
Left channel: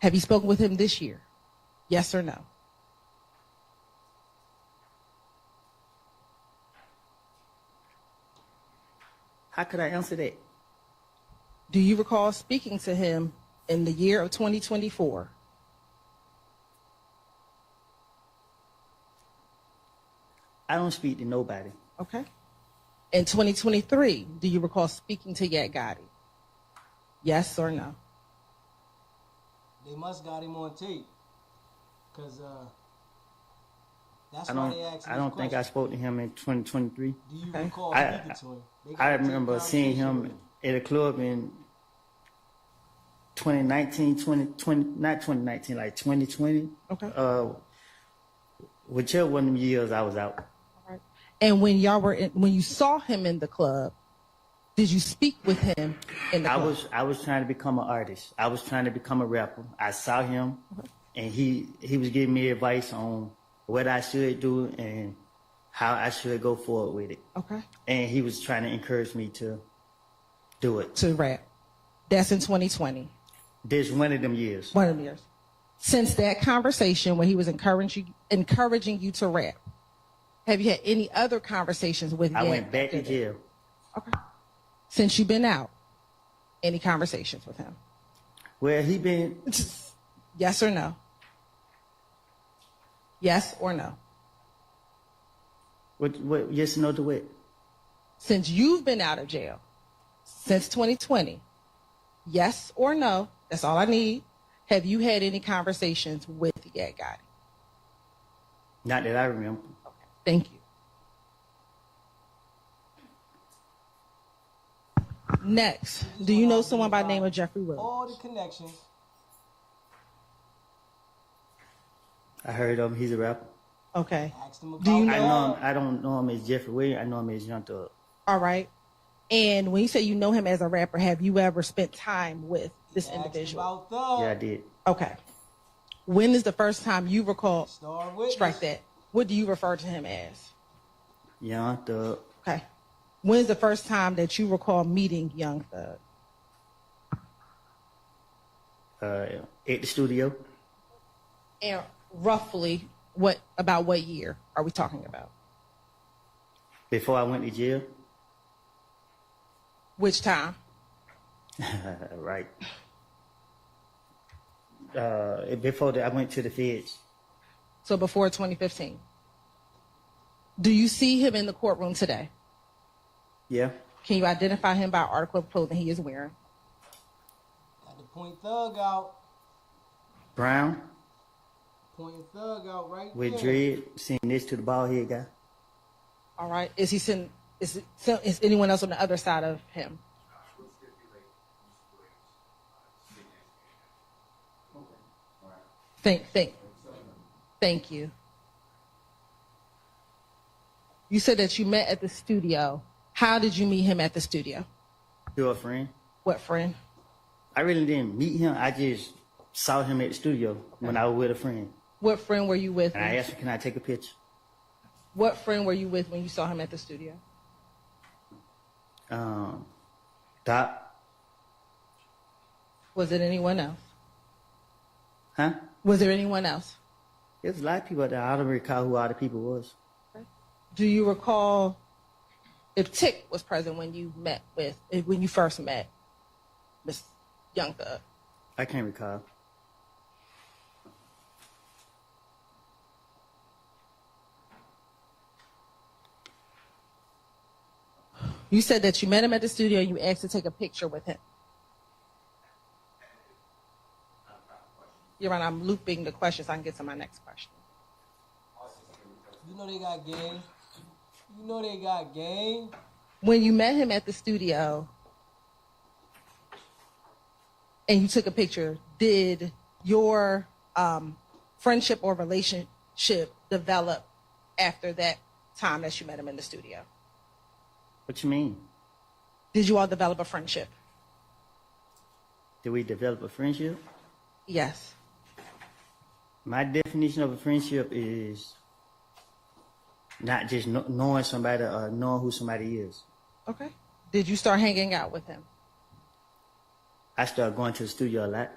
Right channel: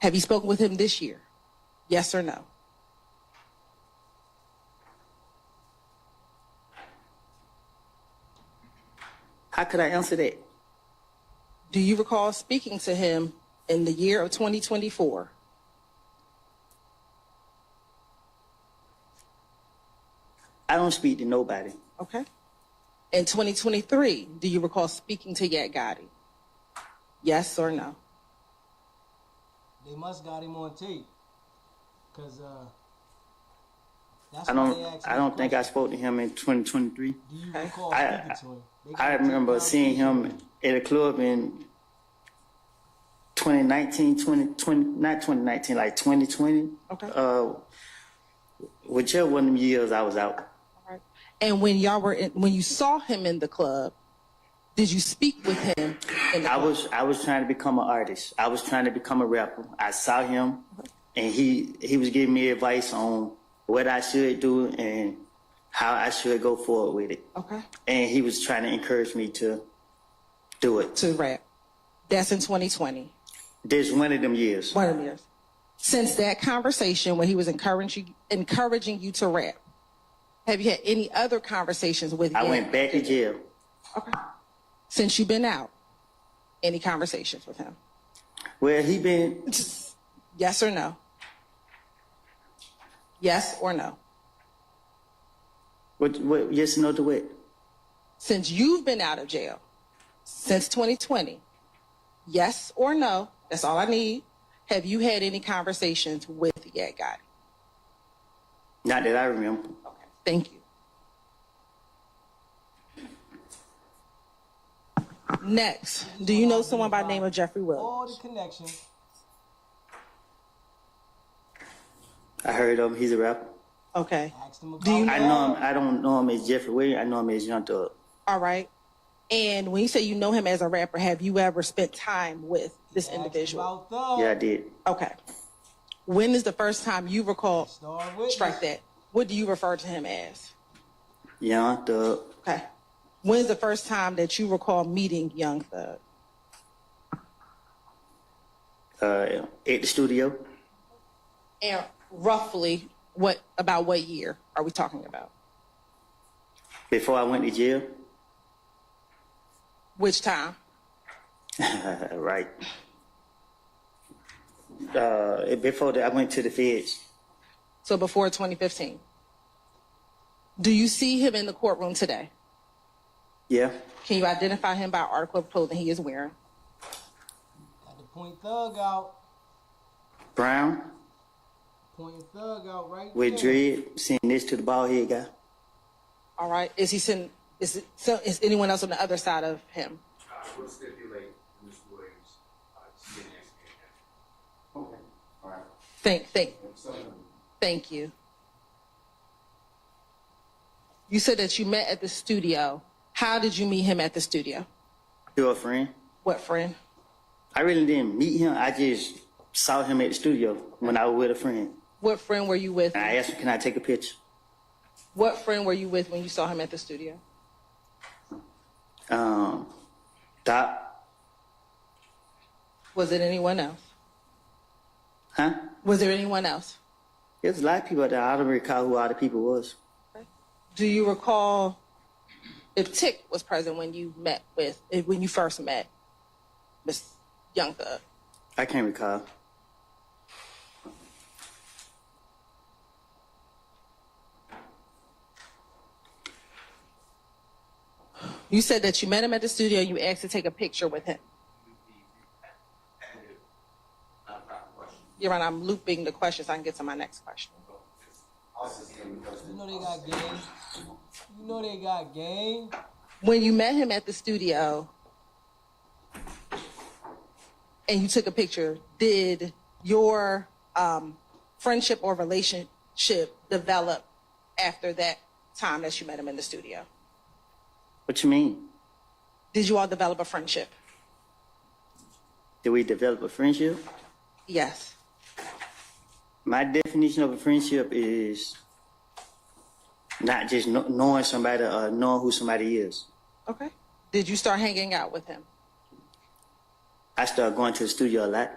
Have you spoken with him this year? Yes or no? How could I answer that? Do you recall speaking to him in the year of 2024? I don't speak to nobody. Okay. In 2023, do you recall speaking to Yak Gotti? Yes or no? They must got him on tape. Cause that's I why they don't. asked I don't think I question. spoke to him in 2023. Do you recall I- speaking to him? They got I a tape remember seeing him conversation with at a club in 2019, 2020, not 2019, like 2020. Okay. Whichever one of them years I was out. All right. And when when you saw him in the club, did you speak with him in the club? I was trying to become an artist. I was trying to become a rapper. I saw him, and he was giving me advice on what I should do and how I should go forward with it. Okay. And he was trying to encourage me to do it. To rap. That's in 2020. This one of them years. One of them years. Since that conversation when he was encouraging you to rap, have you had any other conversations with him? I went back to jail. Okay. Since you've been out, any conversations with him? Well, he been, Yes or no? Yes or no? what, yes, no to what? Since you've been out of jail, since 2020, yes or no, that's all I need. Have you had any conversations with Yak Gotti? Not that I remember. Okay, thank you. Next, do you know someone by the name of Jeffrey Williams? All the connections. I heard of him. He's a rapper. Okay, Asked him about Do you I know- know him. I don't know him as Jeffrey Williams. I know him as Young Thug. all right. And when you say you know him as a rapper, have you ever spent time with this Asked individual? about Thug. Yeah, I did. Okay. When is the first time you recall? Star witness. Strike that. What do you refer to him as? Young Thug. Okay. When is the first time that you recall meeting Young Thug? At the studio. And roughly, what year are we talking about? Before I went to jail. Which time? Right. Before that, I went to the feds. So before 2015. Do you see him in the courtroom today? Yeah. Can you identify him by article of clothing he is wearing? Had to point Thug out. Brown Pointing Thug out right with there. dread, sitting next to the bald head guy. All right. Is anyone else on the other side of him? Would stipulate Ms. Williams sitting next to me. Thank you. You said that you met at the studio. How did you meet him at the studio? You're a friend. What friend? I really didn't meet him. I just saw him at the studio when I was with a friend. What friend were you with? And I asked him, can I take a picture? What friend were you with when you saw him at the studio? Doc. Was it anyone else? Huh? Was there anyone else? There's a lot of people out there. I don't recall who all the people was. Do you recall if Tick was present when you first met Miss Young Thug? I can't recall. You said that you met him at the studio and you asked to take a picture with him. You're right, I'm looping the question so I can get to my next question. You know they got game. You know they got game. When you met him at the studio and you took a picture, did your friendship or relationship develop after that time that you met him in the studio? What you mean? Did you all develop a friendship? Did we develop a friendship? Yes. My definition of a friendship is not just knowing somebody or knowing who somebody is. Okay. Did you start hanging out with him? I started going to the studio a lot.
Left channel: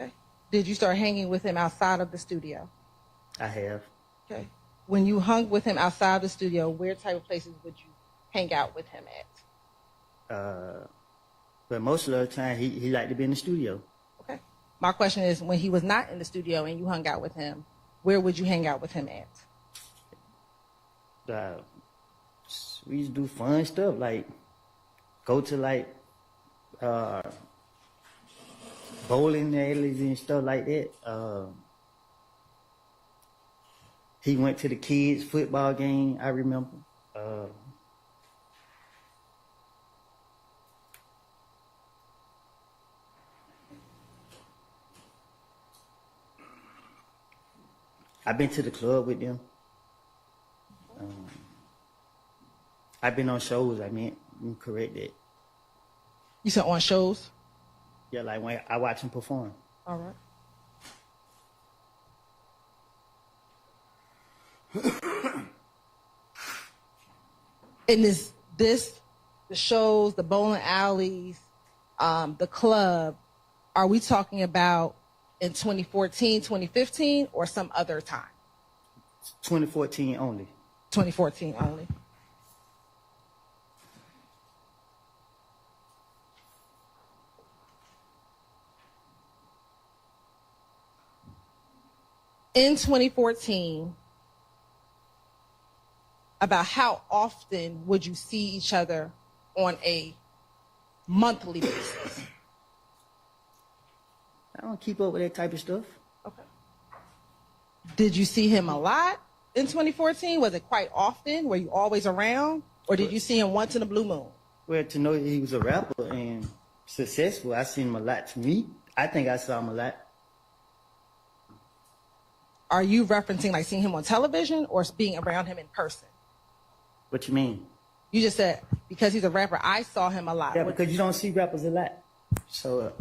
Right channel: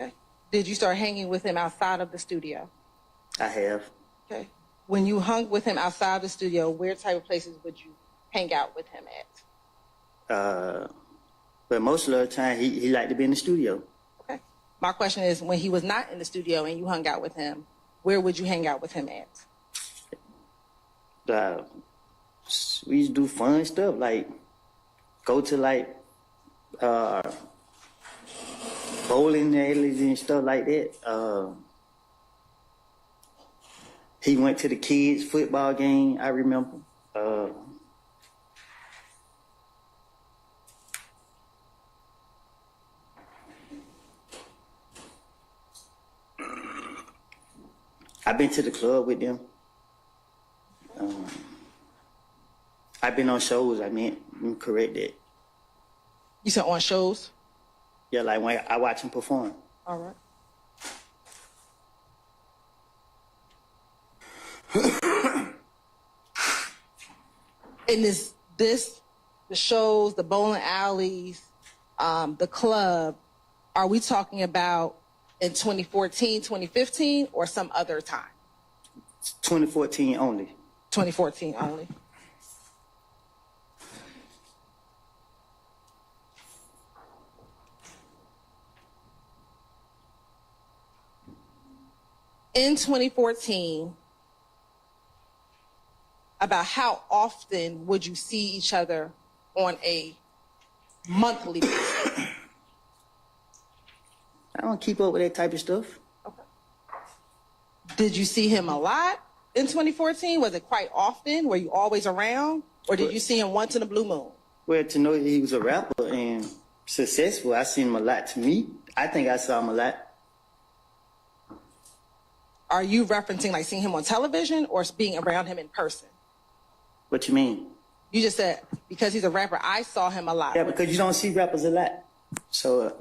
Okay. Did you start hanging with him outside of the studio? I have. Okay. When you hung with him outside the studio, where type of places would you hang out with him at? But most of the time, he liked to be in the studio. Okay. My question is, when he was not in the studio and you hung out with him, where would you hang out with him at? We used to do fun stuff, like go to like bowling alleys and stuff like that. He went to the kids' football game, I remember. I've been to the club with them. I've been on shows. Let me correct that. You said on shows? Yeah, like when I watch him perform. All right. And is this the shows, the bowling alleys, the club, are we talking about in 2014, 2015, or some other time? 2014 only. 2014 only. In 2014, about how often would you see each other on a monthly basis? I don't keep up with that type of stuff. Okay. Did you see him a lot in 2014? Was it quite often? Were you always around? Or did you see him once in a blue moon? Well, to know that he was a rapper and successful, I seen him a lot to me. I think I saw him a lot. Are you referencing like seeing him on television or being around him in person? What you mean? You just said, because he's a rapper, I saw him a lot. Yeah, because you don't see rappers a lot. So,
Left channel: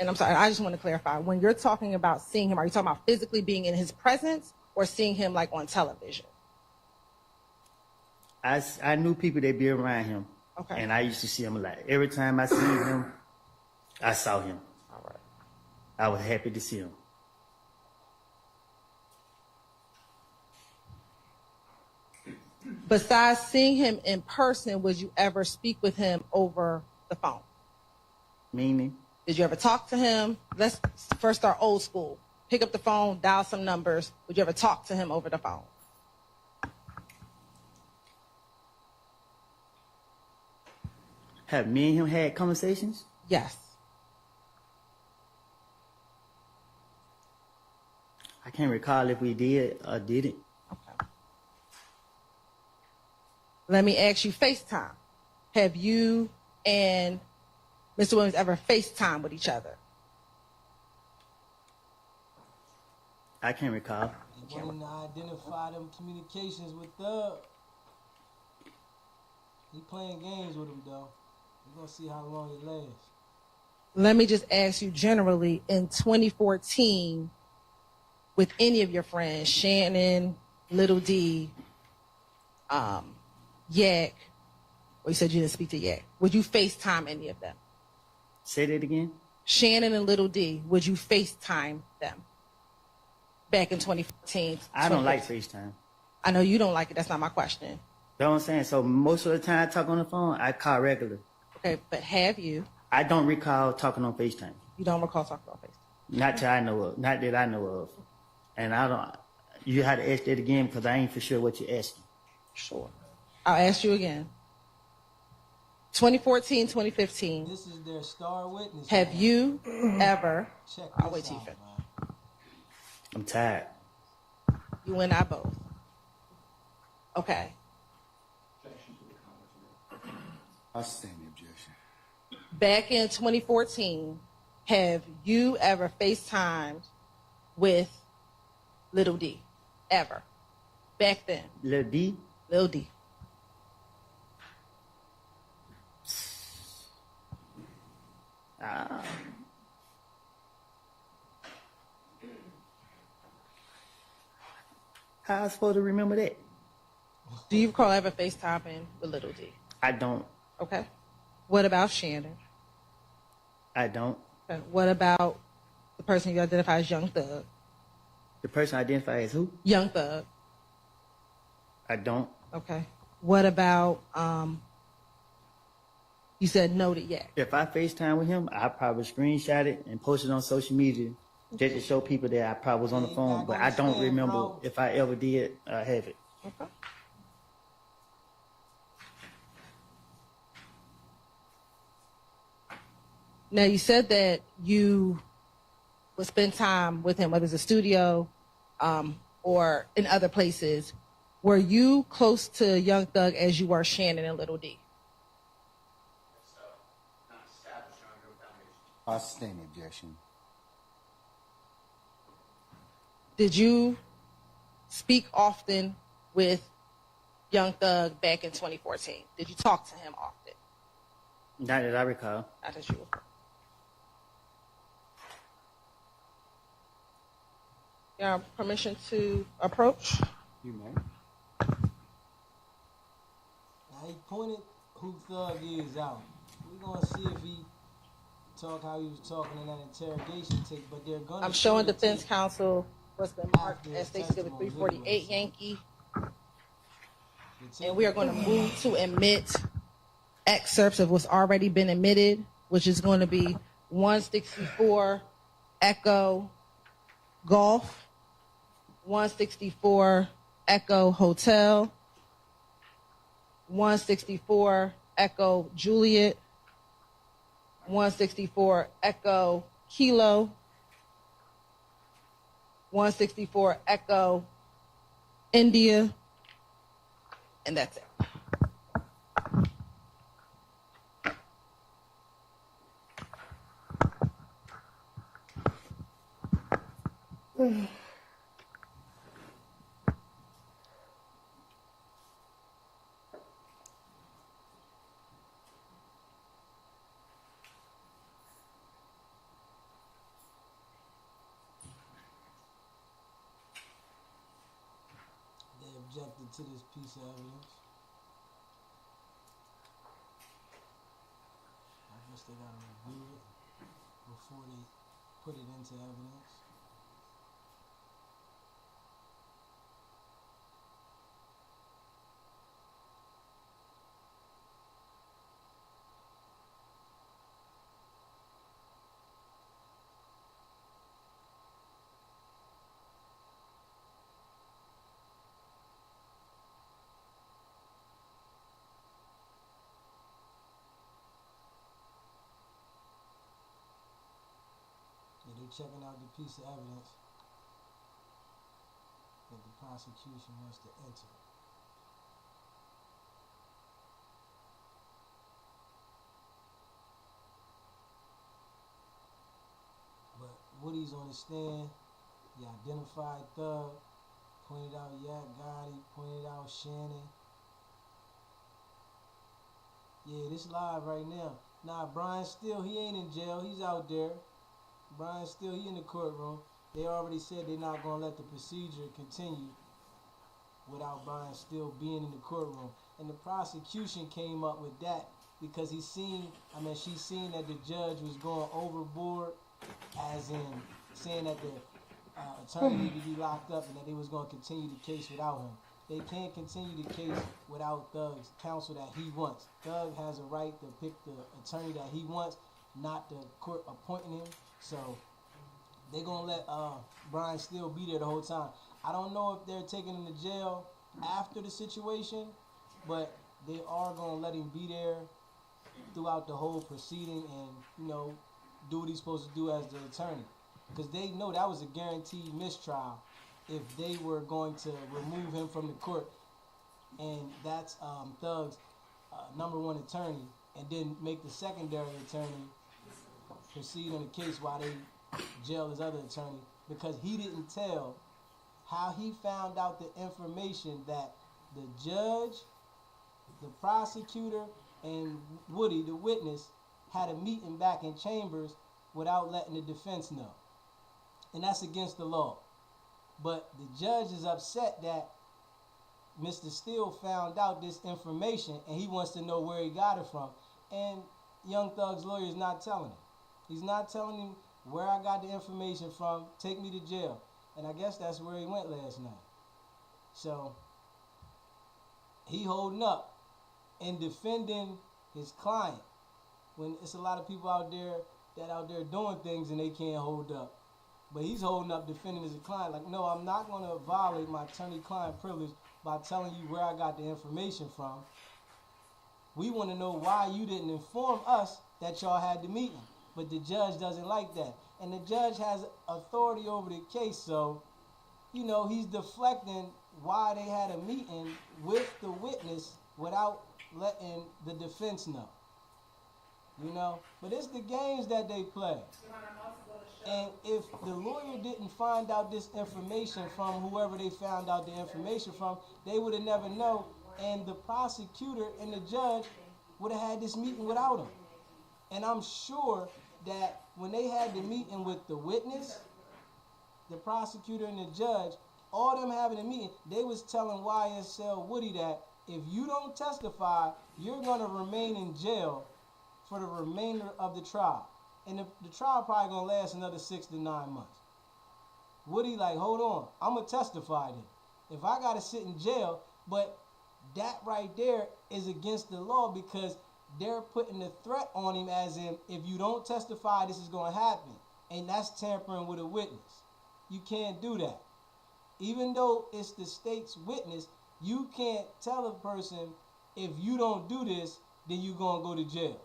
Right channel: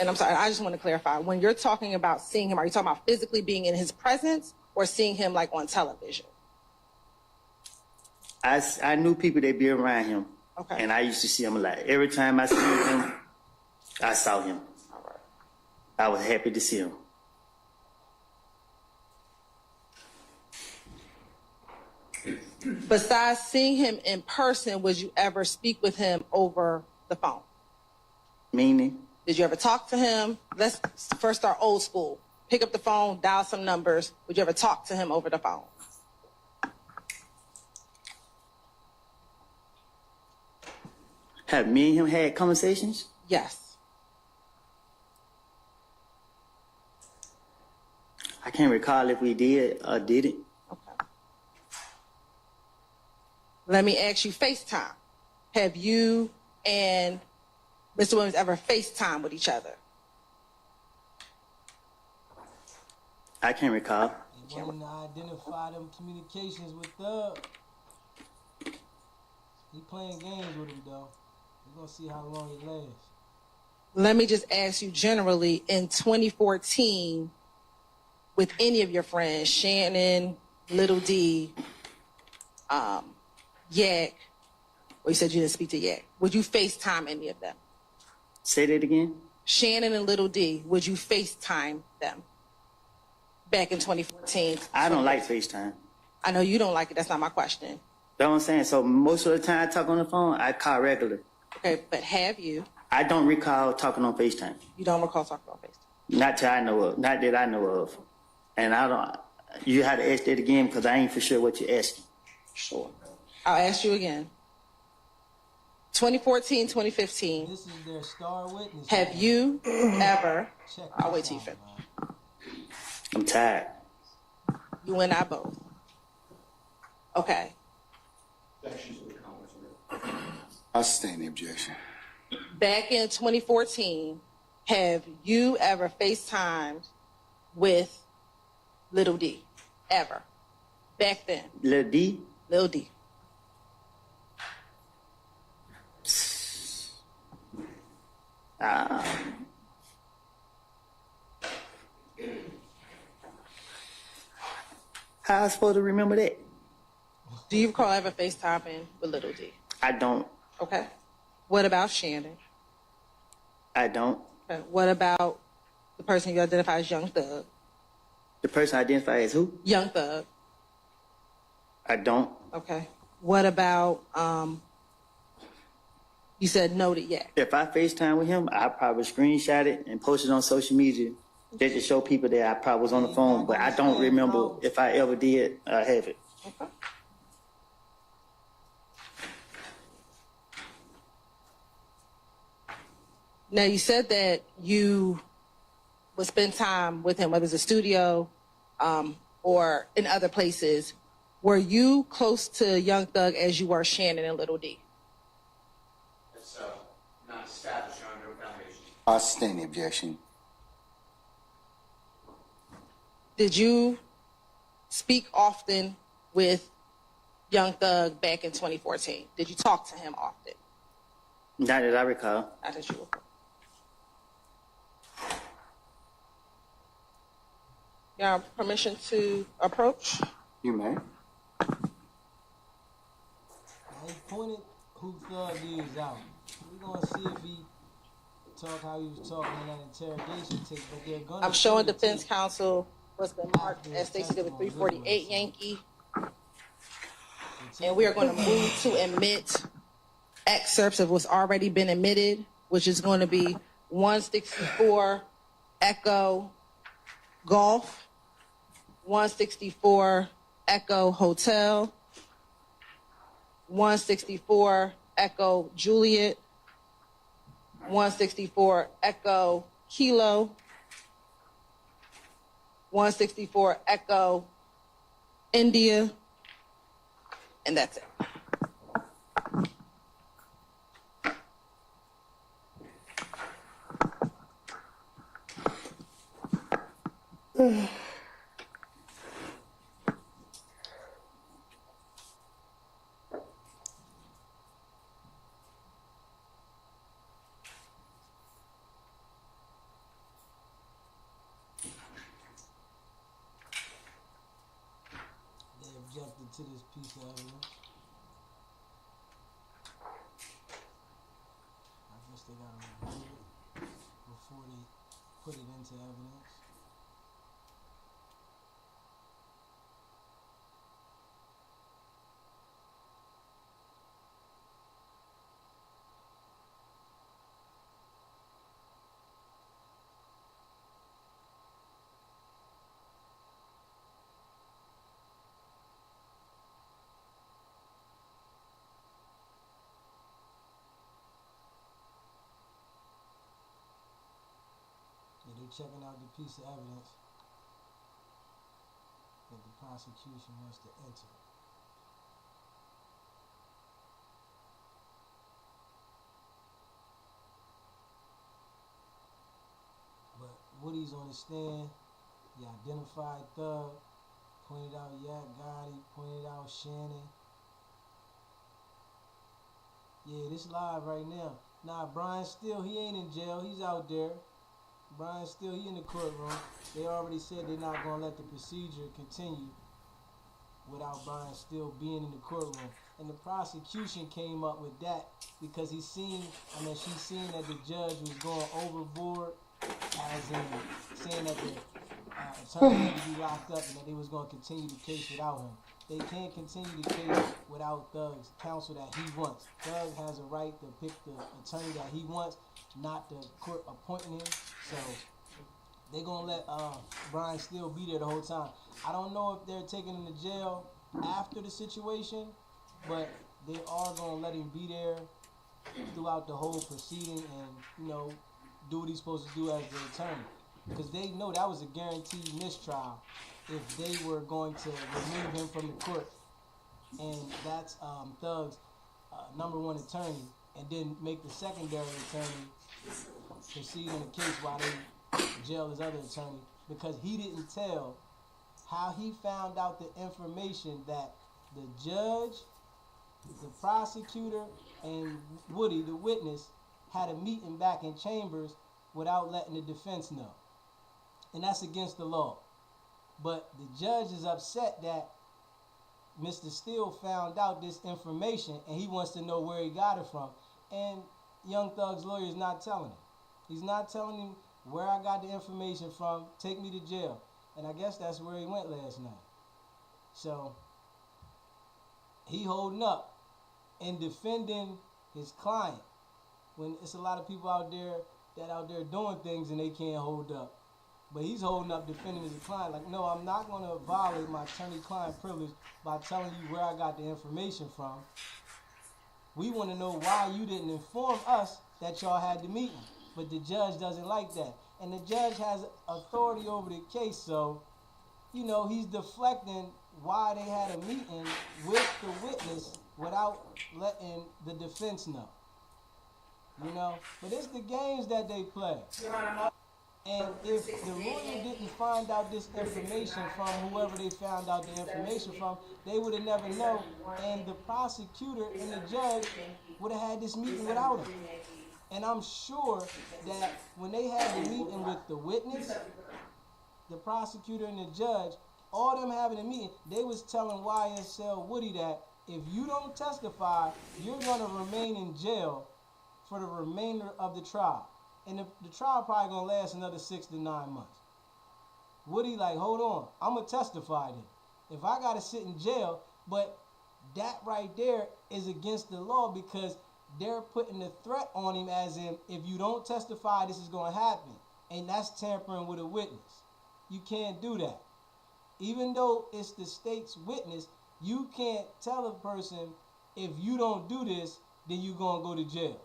and I'm sorry, I just want to clarify. When you're talking about seeing him, are you talking about physically being in his presence or seeing him like on television? I knew people that be around him. Okay. And I used to see him a lot. Every time I seen him, I saw him. All right. I was happy to see him. Besides seeing him in person, would you ever speak with him over the phone? Meaning? Did you ever talk to him? Let's first start old school. Pick up the phone, dial some numbers. Would you ever talk to him over the phone? Have me and him had conversations? Yes. I can't recall if we did or didn't. Okay. Let me ask you FaceTime. Have you and Mr. Williams ever FaceTime with each other? I can't recall. You wanting to identify them communications with Thug. He playing games with him though. We're gonna see how long it lasts. Let me just ask you generally, in 2014, with any of your friends, Shannon, Little D, Yak, well, you said you didn't speak to Yak. Would you FaceTime any of them? Say that again? Shannon and Little D, would you FaceTime them back in 2014? I don't like FaceTime. I know you don't like it. That's not my question. You know what I'm saying? So most of the time I talk on the phone, I call regular. Okay, but have you? I don't recall talking on FaceTime. You don't recall talking about FaceTime? Not that I know of. Not that I know of. And I don't. You had to ask that again because I ain't for sure what you're asking. Sure. I'll ask you again. 2014, 2015. This is their star witness. Have man. you ever? Check I'll this wait till you out, finish. man. I'm tired. You and I both. Okay. I sustain the objection. Back in 2014, have you ever FaceTimed with Little D? Ever? Back then? Lil D? Lil D. How I supposed to remember that? Do you recall ever FaceTiming with Little D? I don't. Okay. What about Shannon? I don't. Okay. What about the person you identify as Young Thug? The person identified as who? Young Thug. I don't. Okay. What about, you said no to Yak. If I FaceTime with him, I probably screenshot it and post it on social media just to show people that I probably was on the Yeah, phone, back but on I the don't stand, remember bro. if I ever did have it. Okay. Now, you said that you would spend time with him, whether it's a studio or in other places. Were you close to Young Thug as you were Shannon and Little D? That's not established on no foundation. I sustain the objection. Did you speak often with Young Thug back in 2014? Did you talk to him often? Not that I recall. Not that you were. You have permission to approach? You may. Well, he pointed who Thug is out. We gonna see if he talk how he was talking in that interrogation tape, but they're gonna. I'm showing the defense tape counsel what's been marked after as his Stacey Davis testimony, 348 literally, Yankee, The tape and we are is going to move to admit excerpts of what's already been admitted, which is going to be 164 Echo Golf, 164 Echo Hotel, 164 Echo Juliet, 164 Echo Kilo, 164 Echo India, and that's it. They objected to this piece of evidence. I guess they gotta review it before they put it into evidence. Yeah, they're checking out the piece of evidence that the prosecution wants to enter. But Woody's on the stand. He identified Thug, pointed out Yak Gotti, pointed out Shannon. Yeah, this live right now. Nah, Brian Steele, he ain't in jail. He's out there. Brian Steele, he in the courtroom. They already said they're not going to let the procedure continue without Brian Steele being in the courtroom. And the prosecution came up with that because she seen that the judge was going overboard, as in saying that the attorney needed to be locked up and that they was going to continue the case without him. They can't continue the case without Thug's counsel that he wants. Thug has a right to pick the attorney that he wants, not the court appointing him. So they're going to let Brian Steele be there the whole time. I don't know if they're taking him to jail after the situation, but they are going to let him be there throughout the whole proceeding and, do what he's supposed to do as the attorney. Because they know that was a guaranteed mistrial if they were going to remove him from the court. And that's Thug's number one attorney, and then make the secondary attorney proceed on the case while they jail his other attorney, because he didn't tell how he found out the information that the judge, the prosecutor, and Woody, the witness, had a meeting back in chambers without letting the defense know. And that's against the law. But the judge is upset that Mr. Steele found out this information and he wants to know where he got it from. And Young Thug's lawyer is not telling him. He's not telling him where I got the information from, take me to jail. And I guess that's where he went last night. So he holding up and defending his client when it's a lot of people out there doing things and they can't hold up. But he's holding up defending his client like, no, I'm not going to violate my attorney-client privilege by telling you where I got the information from. We want to know why you didn't inform us that y'all had the meeting. But the judge doesn't like that. And the judge has authority over the case, so, he's deflecting why they had a meeting with the witness without letting the defense know. But it's the games that they play. And if the lawyer didn't find out this information from whoever they found out the information from, they would have never known. And the prosecutor and the judge would have had this meeting without him. And I'm sure that when they had the meeting with the witness, the prosecutor and the judge, all them having a meeting, they was telling YSL Woody that if you don't testify, you're gonna remain in jail for the remainder of the trial. And the trial probably gonna last another 6 to 9 months. Woody like, hold on, I'm gonna testify then. If I gotta sit in jail, but that right there is against the law because they're putting a threat on him as in, if you don't testify, this is gonna happen. And that's tampering with a witness. You can't do that. Even though it's the state's witness, you can't tell a person, if you don't do this, then you're gonna go to jail.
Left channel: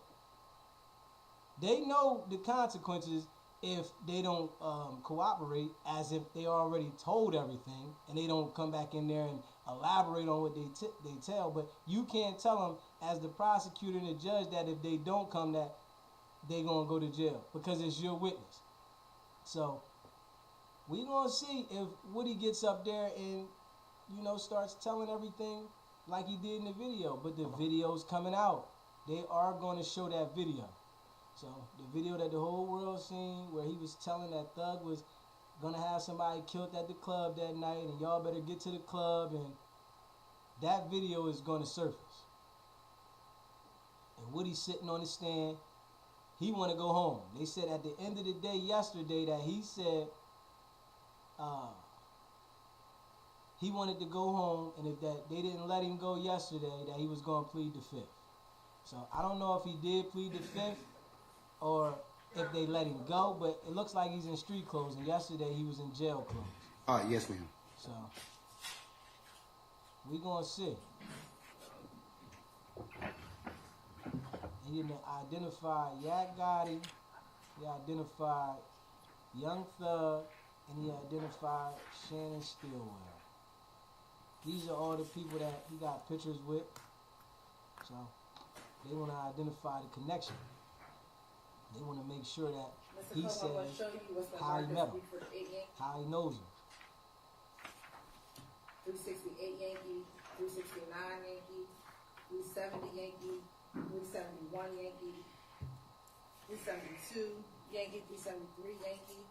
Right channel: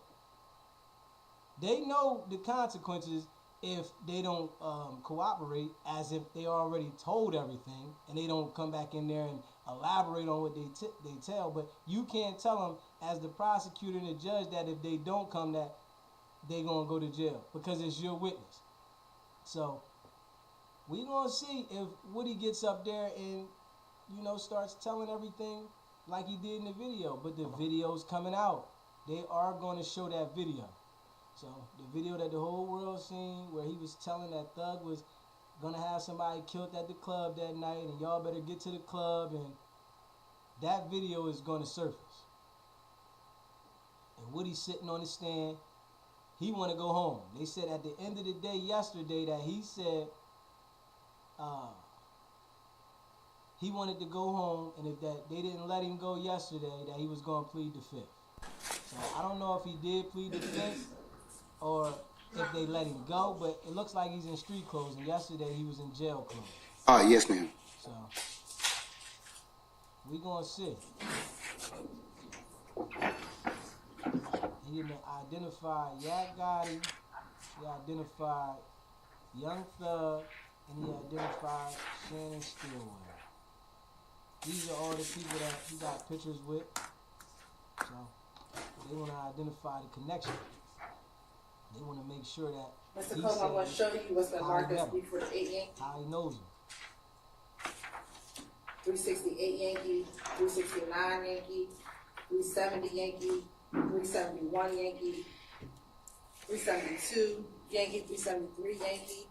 They know the consequences if they don't cooperate, as if they already told everything and they don't come back in there and elaborate on what they tell. But you can't tell them, as the prosecutor and the judge, that if they don't come, that they gonna go to jail because it's your witness. So we gonna see if Woody gets up there and starts telling everything like he did in the video. But the video's coming out. They are gonna show that video. So the video that the whole world seen, where he was telling that Thug was gonna have somebody killed at the club that night, and y'all better get to the club, and that video is gonna surface. And Woody's sitting on the stand. He want to go home. They said at the end of the day yesterday that he said he wanted to go home, and if that they didn't let him go yesterday, that he was gonna plead the fifth. So I don't know if he did plead the fifth, or if they let him go, but it looks like he's in street clothes, and yesterday he was in jail clothes. Yes, ma'am. So we gonna see. He identified Yak Gotti, he identified Young Thug, and he identified Shannon Stillwell. These are all the people that he got pictures with. So they want to identify the connection. They want to make sure that Mr. he Cole, I want to says show you what's the how he met markers him, for the 8 Yankee, how he knows him. 368 Yankee, 369 Yankee, 370 Yankee, 371 Yankee, 372 Yankee, 373 Yankee.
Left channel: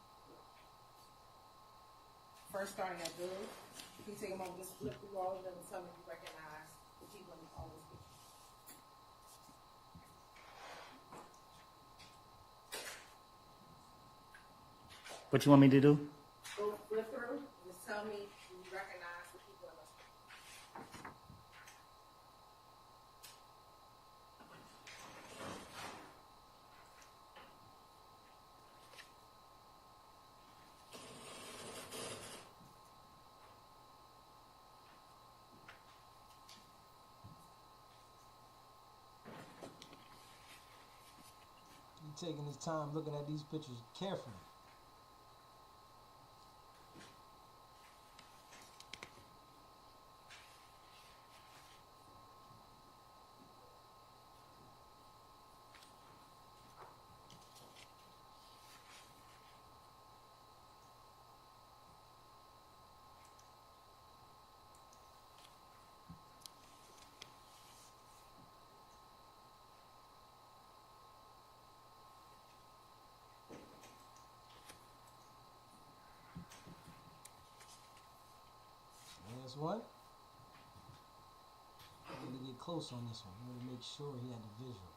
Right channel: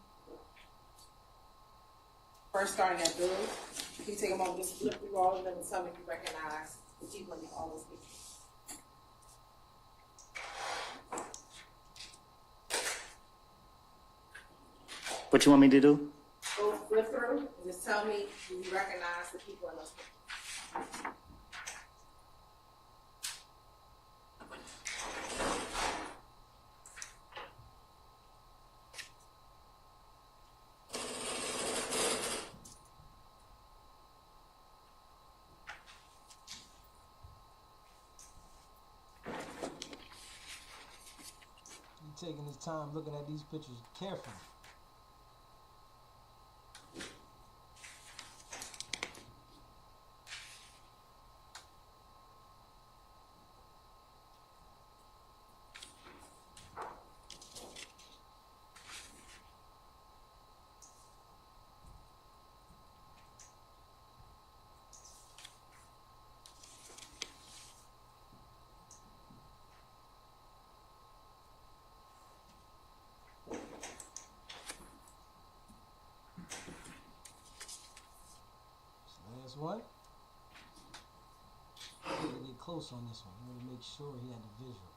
First starting at Billy. Can you take a moment, just flip through all of them and tell me if you recognize the people in all those pictures? What you want me to do? Go flip through and just tell me if you recognize the people in those pictures. He's taking his time looking at these pictures carefully. Last one. I'm gonna get close on this one. I'm gonna make sure he had the visual.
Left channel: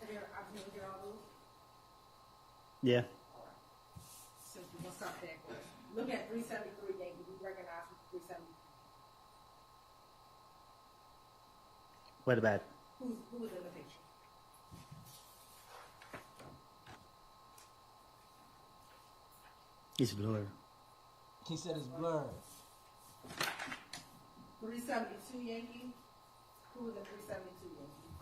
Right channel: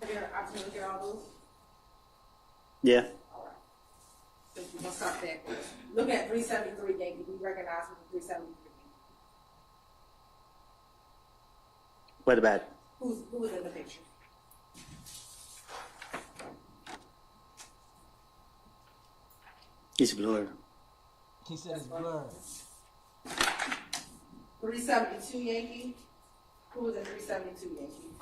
Have you had an opportunity to look at all those? Yeah. So we're gonna start there. Look at 373 Yankee. We recognize who the 373. What about it? Who was in the picture? It's blurred. He said it's blurred. 372 Yankee. Who was in 372 Yankee?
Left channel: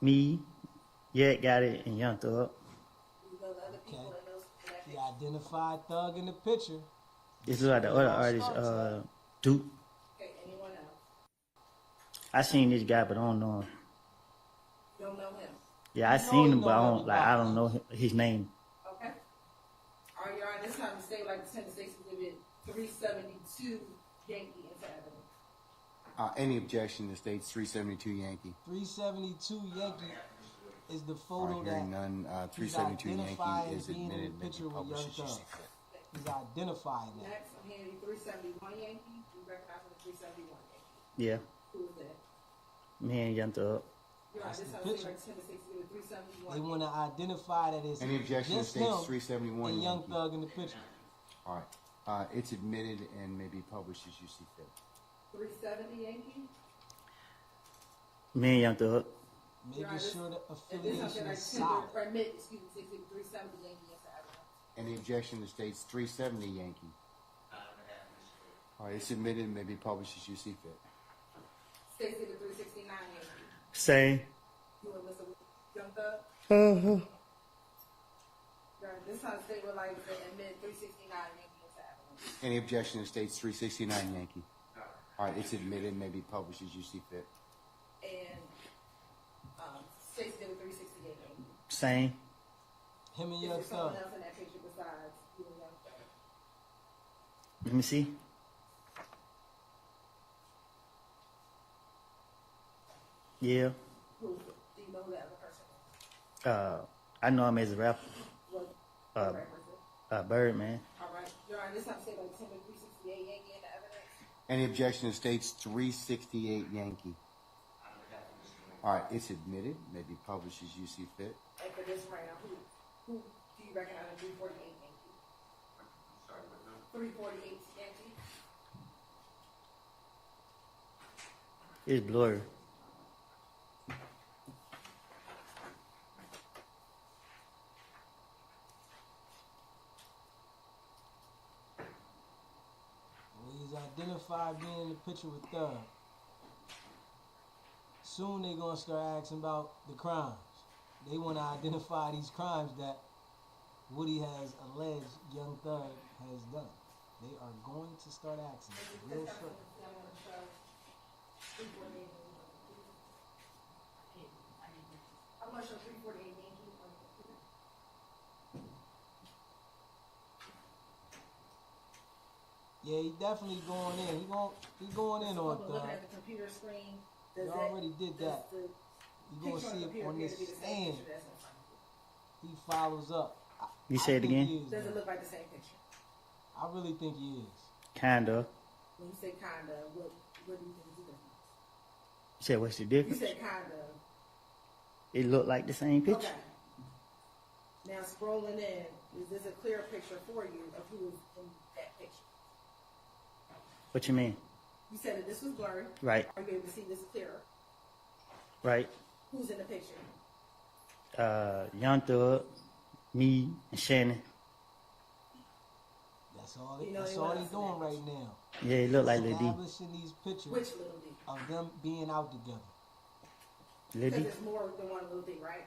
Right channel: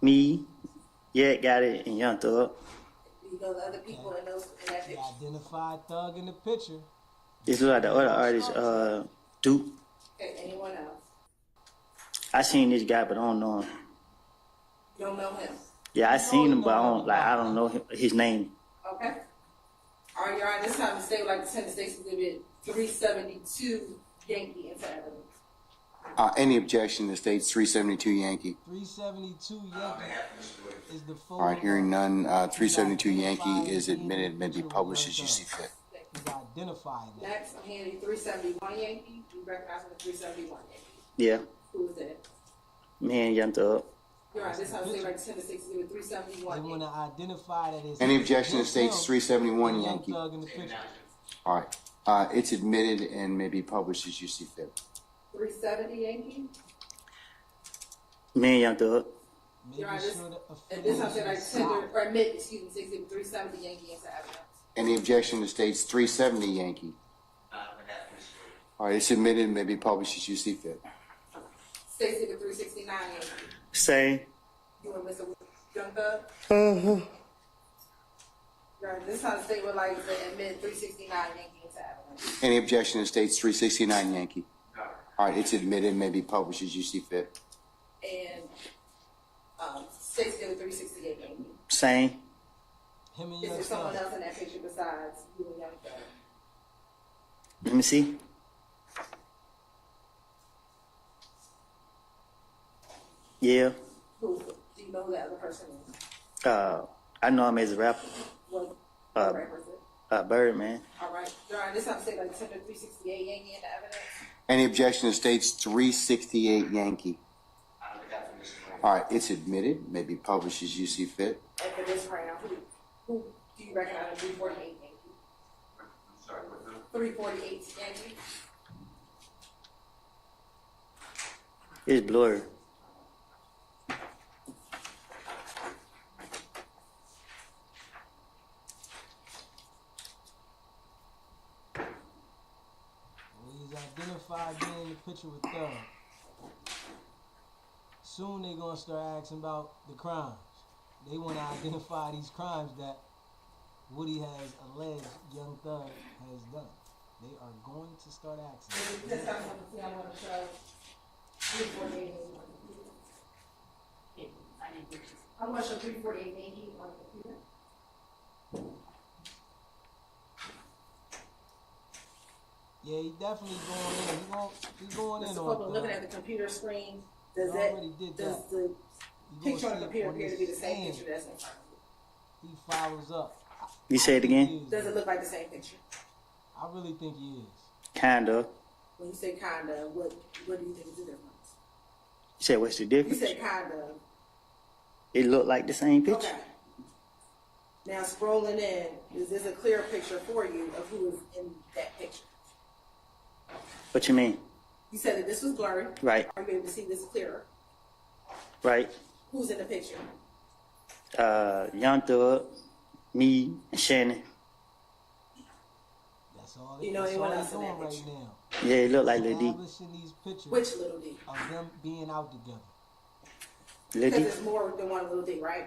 Me, Yak got it, and Young Thug. You know the other people Okay. in those in that He picture. identified Thug in the picture. This is like the other artist, Duke. Okay, anyone else? I seen this guy, but I don't know him. You don't know him. Yeah, I You know seen he him, know but I everybody. don't know his name. Okay. All right, Your Honor, this time the state would like to send the state's exhibit 372 Yankee into evidence. Any objection to state's 372 Yankee? 372 Yankee. Is the photo? All right, hearing that none, 372 Yankee identified is being in the admitted, may be picture with published Young as you see Thug? fit. He's identifying that. Next, I'm handing you 371 Yankee. You recognize the 371 Yankee. Yeah, Who is that? me and Young Thug. You're right, this house say like 10 to 60 with 371 They want Yankee. to identify that it's Any objection to just states him 371 and Young Yankee? Thug in the picture. All right, it's admitted and may be published as you see fit. 370 Yankee. Me and Young Thug. Making You're right, sure the And this house say affiliation like is 10 to, solid. or admit, excuse me, 60 with 370 Yankee into evidence. Any objection to states 370 Yankee? All right, it's admitted and may be published as you see fit. Stacy with 369 Yankee. Same. You and Mr. Young Thug? Right, this house say would like to admit 369 Yankee into evidence. Any objection to states 369 Yankee? All right, it's admitted and may be published as you see fit. And Stacy with 368 Yankee. Same. Him and Is Young there someone Thug. else in that picture besides you and Young Thug? Let me see. Yeah. Who, do you know who the other person is? I know him as a rapper. What Uh, represent? Birdman. All right. Your Honor, this time say like 10 to 368 Yankee in the evidence. Any objection to states 368 Yankee? All right, it's admitted, may be published as you see fit. And for this round, who do you recognize in 348 Yankee? Sorry, what's that? 348 Yankee. It's blurry. He's identified being in the picture with Thug. Soon they gonna start asking about the crimes. They want to identify these crimes that Woody has alleged Young Thug has done. They are going to start asking. This time, I want to show 348 I want to show 348 Yankee on the computer. Yeah, he definitely going in. He going in Mr. on Copeland, looking Thug. at the computer screen, He does that, already did does that. the You gonna picture on see the it computer on appear to be the this same end. picture that's in front of you? He follows up. You say it think again? he is, Does though. it look like the same picture? I really think he is. Kinda. When you say kinda, what do you think is the difference? You said what's the You difference? said kinda. It looked like the same picture. Okay. Now scrolling in, is this a clear picture for you of who is in that picture? What you mean? You said that this was blurry. Right, Are you able to see this clearer? right. Who's in the picture? Young Thug, me, and Shannon. That's all. You know That's anyone all else he's in doing that right picture? now. Yeah, it looked like Lil D. Establishing these pictures Which little D? of them being out together. Lil Because D? there's more than one little D, right?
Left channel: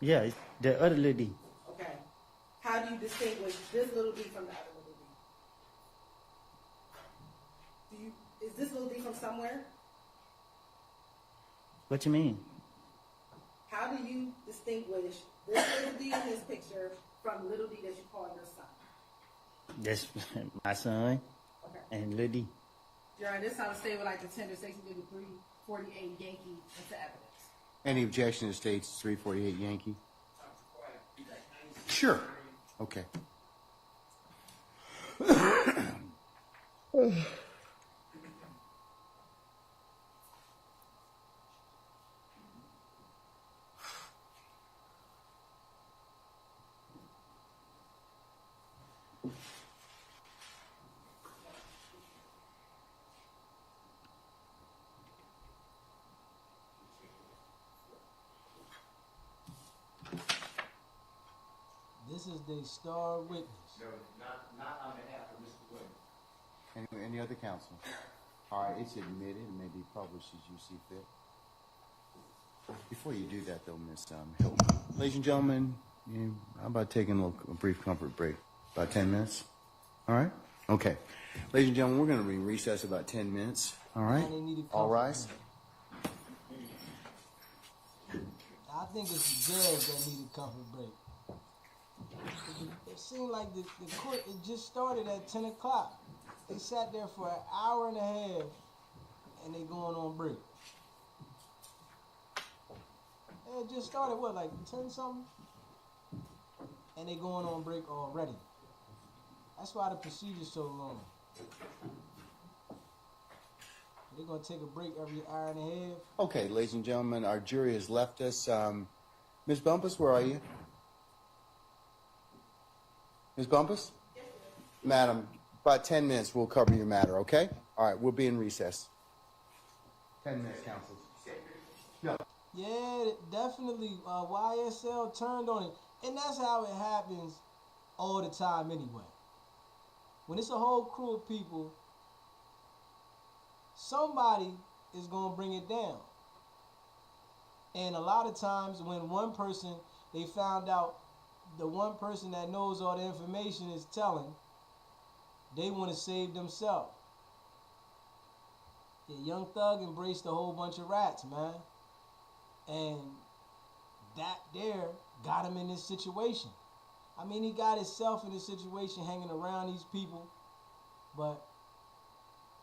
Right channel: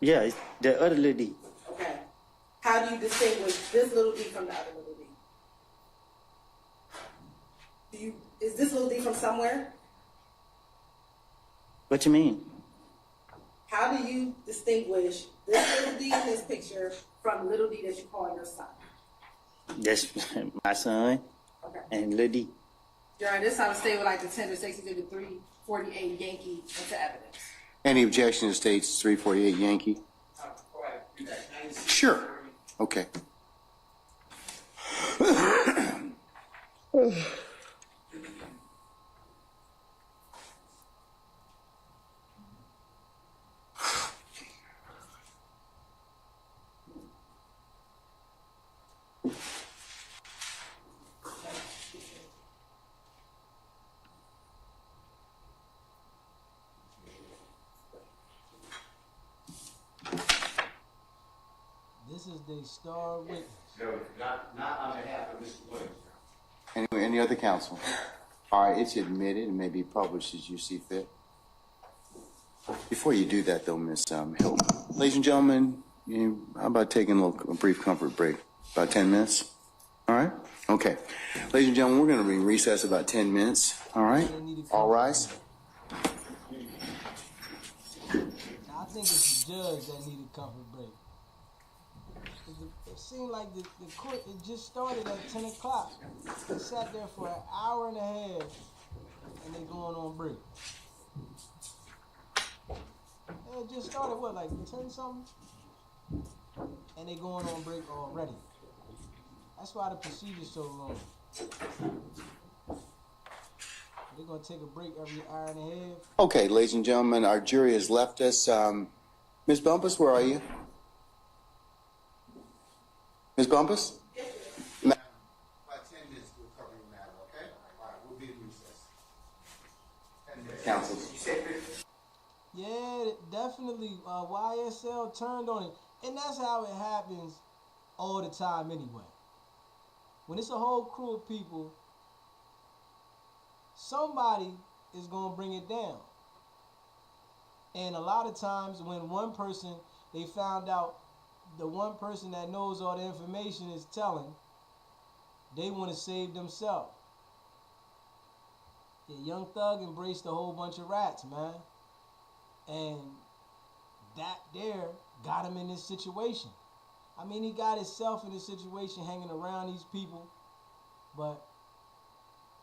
Yeah, it's the other Lil D. Okay. How do you distinguish this little D from the other little D? Is this little D from somewhere? What you mean? How do you distinguish this little D in this picture from little D that you call your son? That's my son Okay. and Lil D. Your Honor, this time stay with like the 10 to 60 to the 348 Yankee into evidence. Any objection to states 348 Yankee? Sure. Okay. This is the star witness. Any other counsel? All right, it's admitted and may be published as you see fit. Before you do that, though, Miss Hilton, ladies and gentlemen, how about taking a brief comfort break? About 10 minutes? All right? Okay. Ladies and gentlemen, we're going to be in recess about 10 minutes. All right? All rise. I think it's the judge that needed comfort break. It seemed like the court, it just started at 10 o'clock. They sat there for an hour and a half, and they going on break. It just started, what, like 10 something? And they going on break already. That's why the procedure's so long. They're going to take a break every hour and a half. Okay, ladies and gentlemen, our jury has left us. Ms. Bumpus, where are you? Ms. Bumpus? Madam, about 10 minutes we'll cover your matter, okay? All right, we'll be in recess. 10 minutes, counsel. Yeah, definitely. YSL turned on it. And that's how it happens all the time anyway. When it's a whole crew of people, somebody is going to bring it down. And a lot of times when one person, they found out the one person that knows all the information is telling, they want to save themselves. Yeah, Young Thug embraced a whole bunch of rats, man. And that there got him in this situation. I mean, he got himself in this situation hanging around these people, but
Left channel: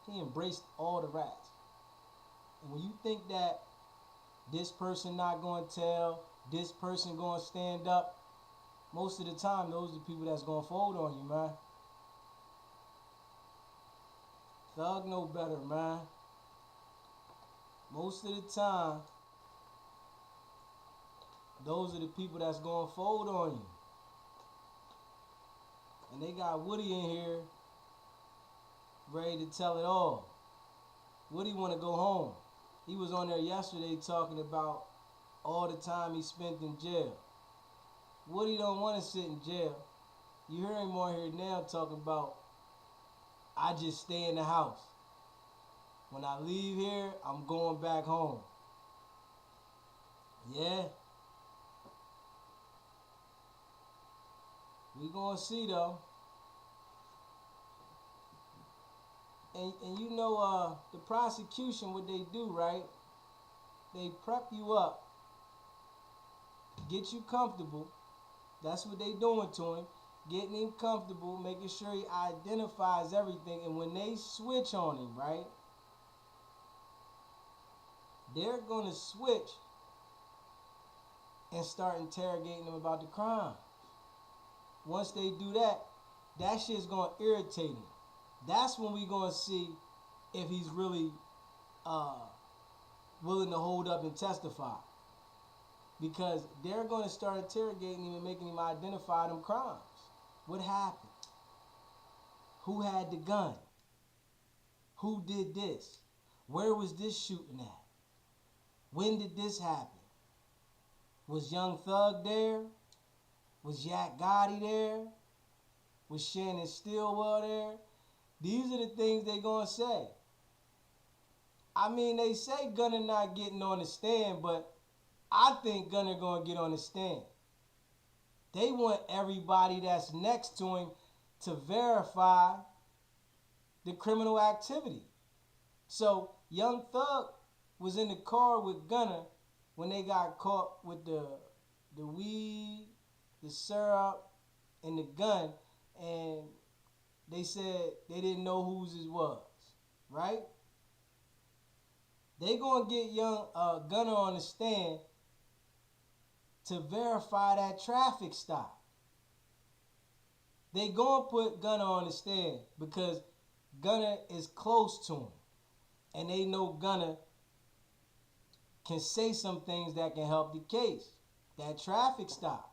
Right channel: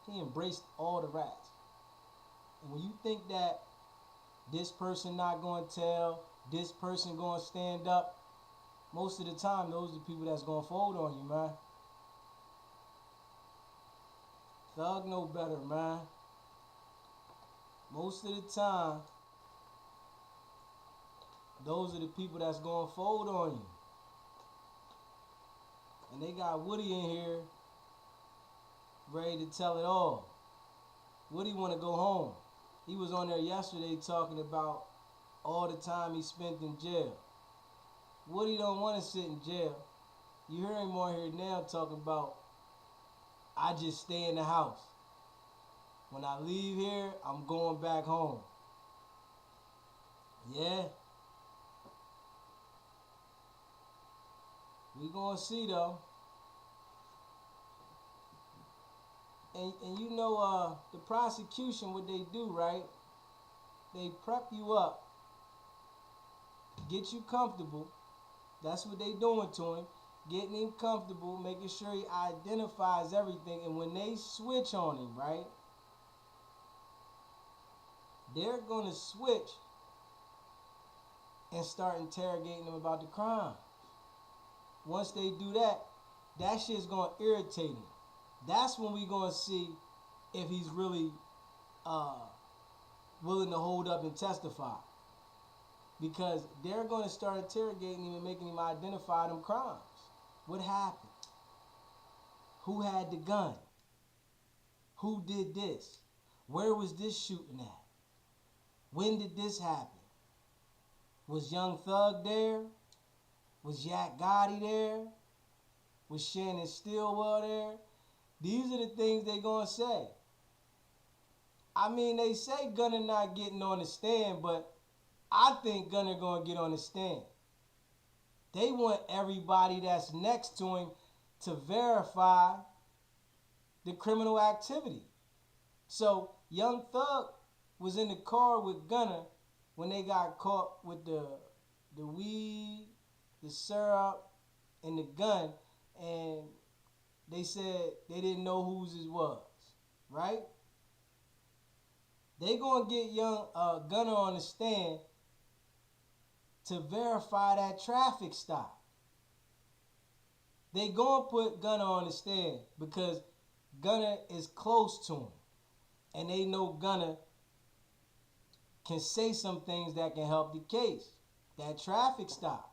he embraced all the rats. And when you think that this person not going to tell, this person going to stand up, most of the time, those are the people that's going to fold on you, man. Thug know better, man. Most of the time, those are the people that's going to fold on you. And they got Woody in here ready to tell it all. Woody want to go home. He was on there yesterday talking about all the time he spent in jail. Woody don't want to sit in jail. You hear him on here now talking about, I just stay in the house. When I leave here, I'm going back home. Yeah. We gonna see though. And you know, the prosecution, what they do, right? They prep you up, get you comfortable. That's what they doing to him. Getting him comfortable, making sure he identifies everything. And when they switch on him, right? They're gonna switch and start interrogating him about the crime. Once they do that, that shit's gonna irritate him. That's when we gonna see if he's really willing to hold up and testify. Because they're gonna start interrogating him and making him identify them crimes. What happened? Who had the gun? Who did this? Where was this shooting at? When did this happen? Was Young Thug there? Was Yak Gotti there? Was Shannon Stillwell there? These are the things they gonna say. I mean, they say Gunner not getting on the stand, but I think Gunner gonna get on the stand. They want everybody that's next to him to verify the criminal activity. So Young Thug was in the car with Gunner when they got caught with the weed, the syrup, and the gun, and they said they didn't know whose it was, right? They gonna get Young Gunner on the stand to verify that traffic stop. They gonna put Gunner on the stand because Gunner is close to him, and they know Gunner can say some things that can help the case. That traffic stop.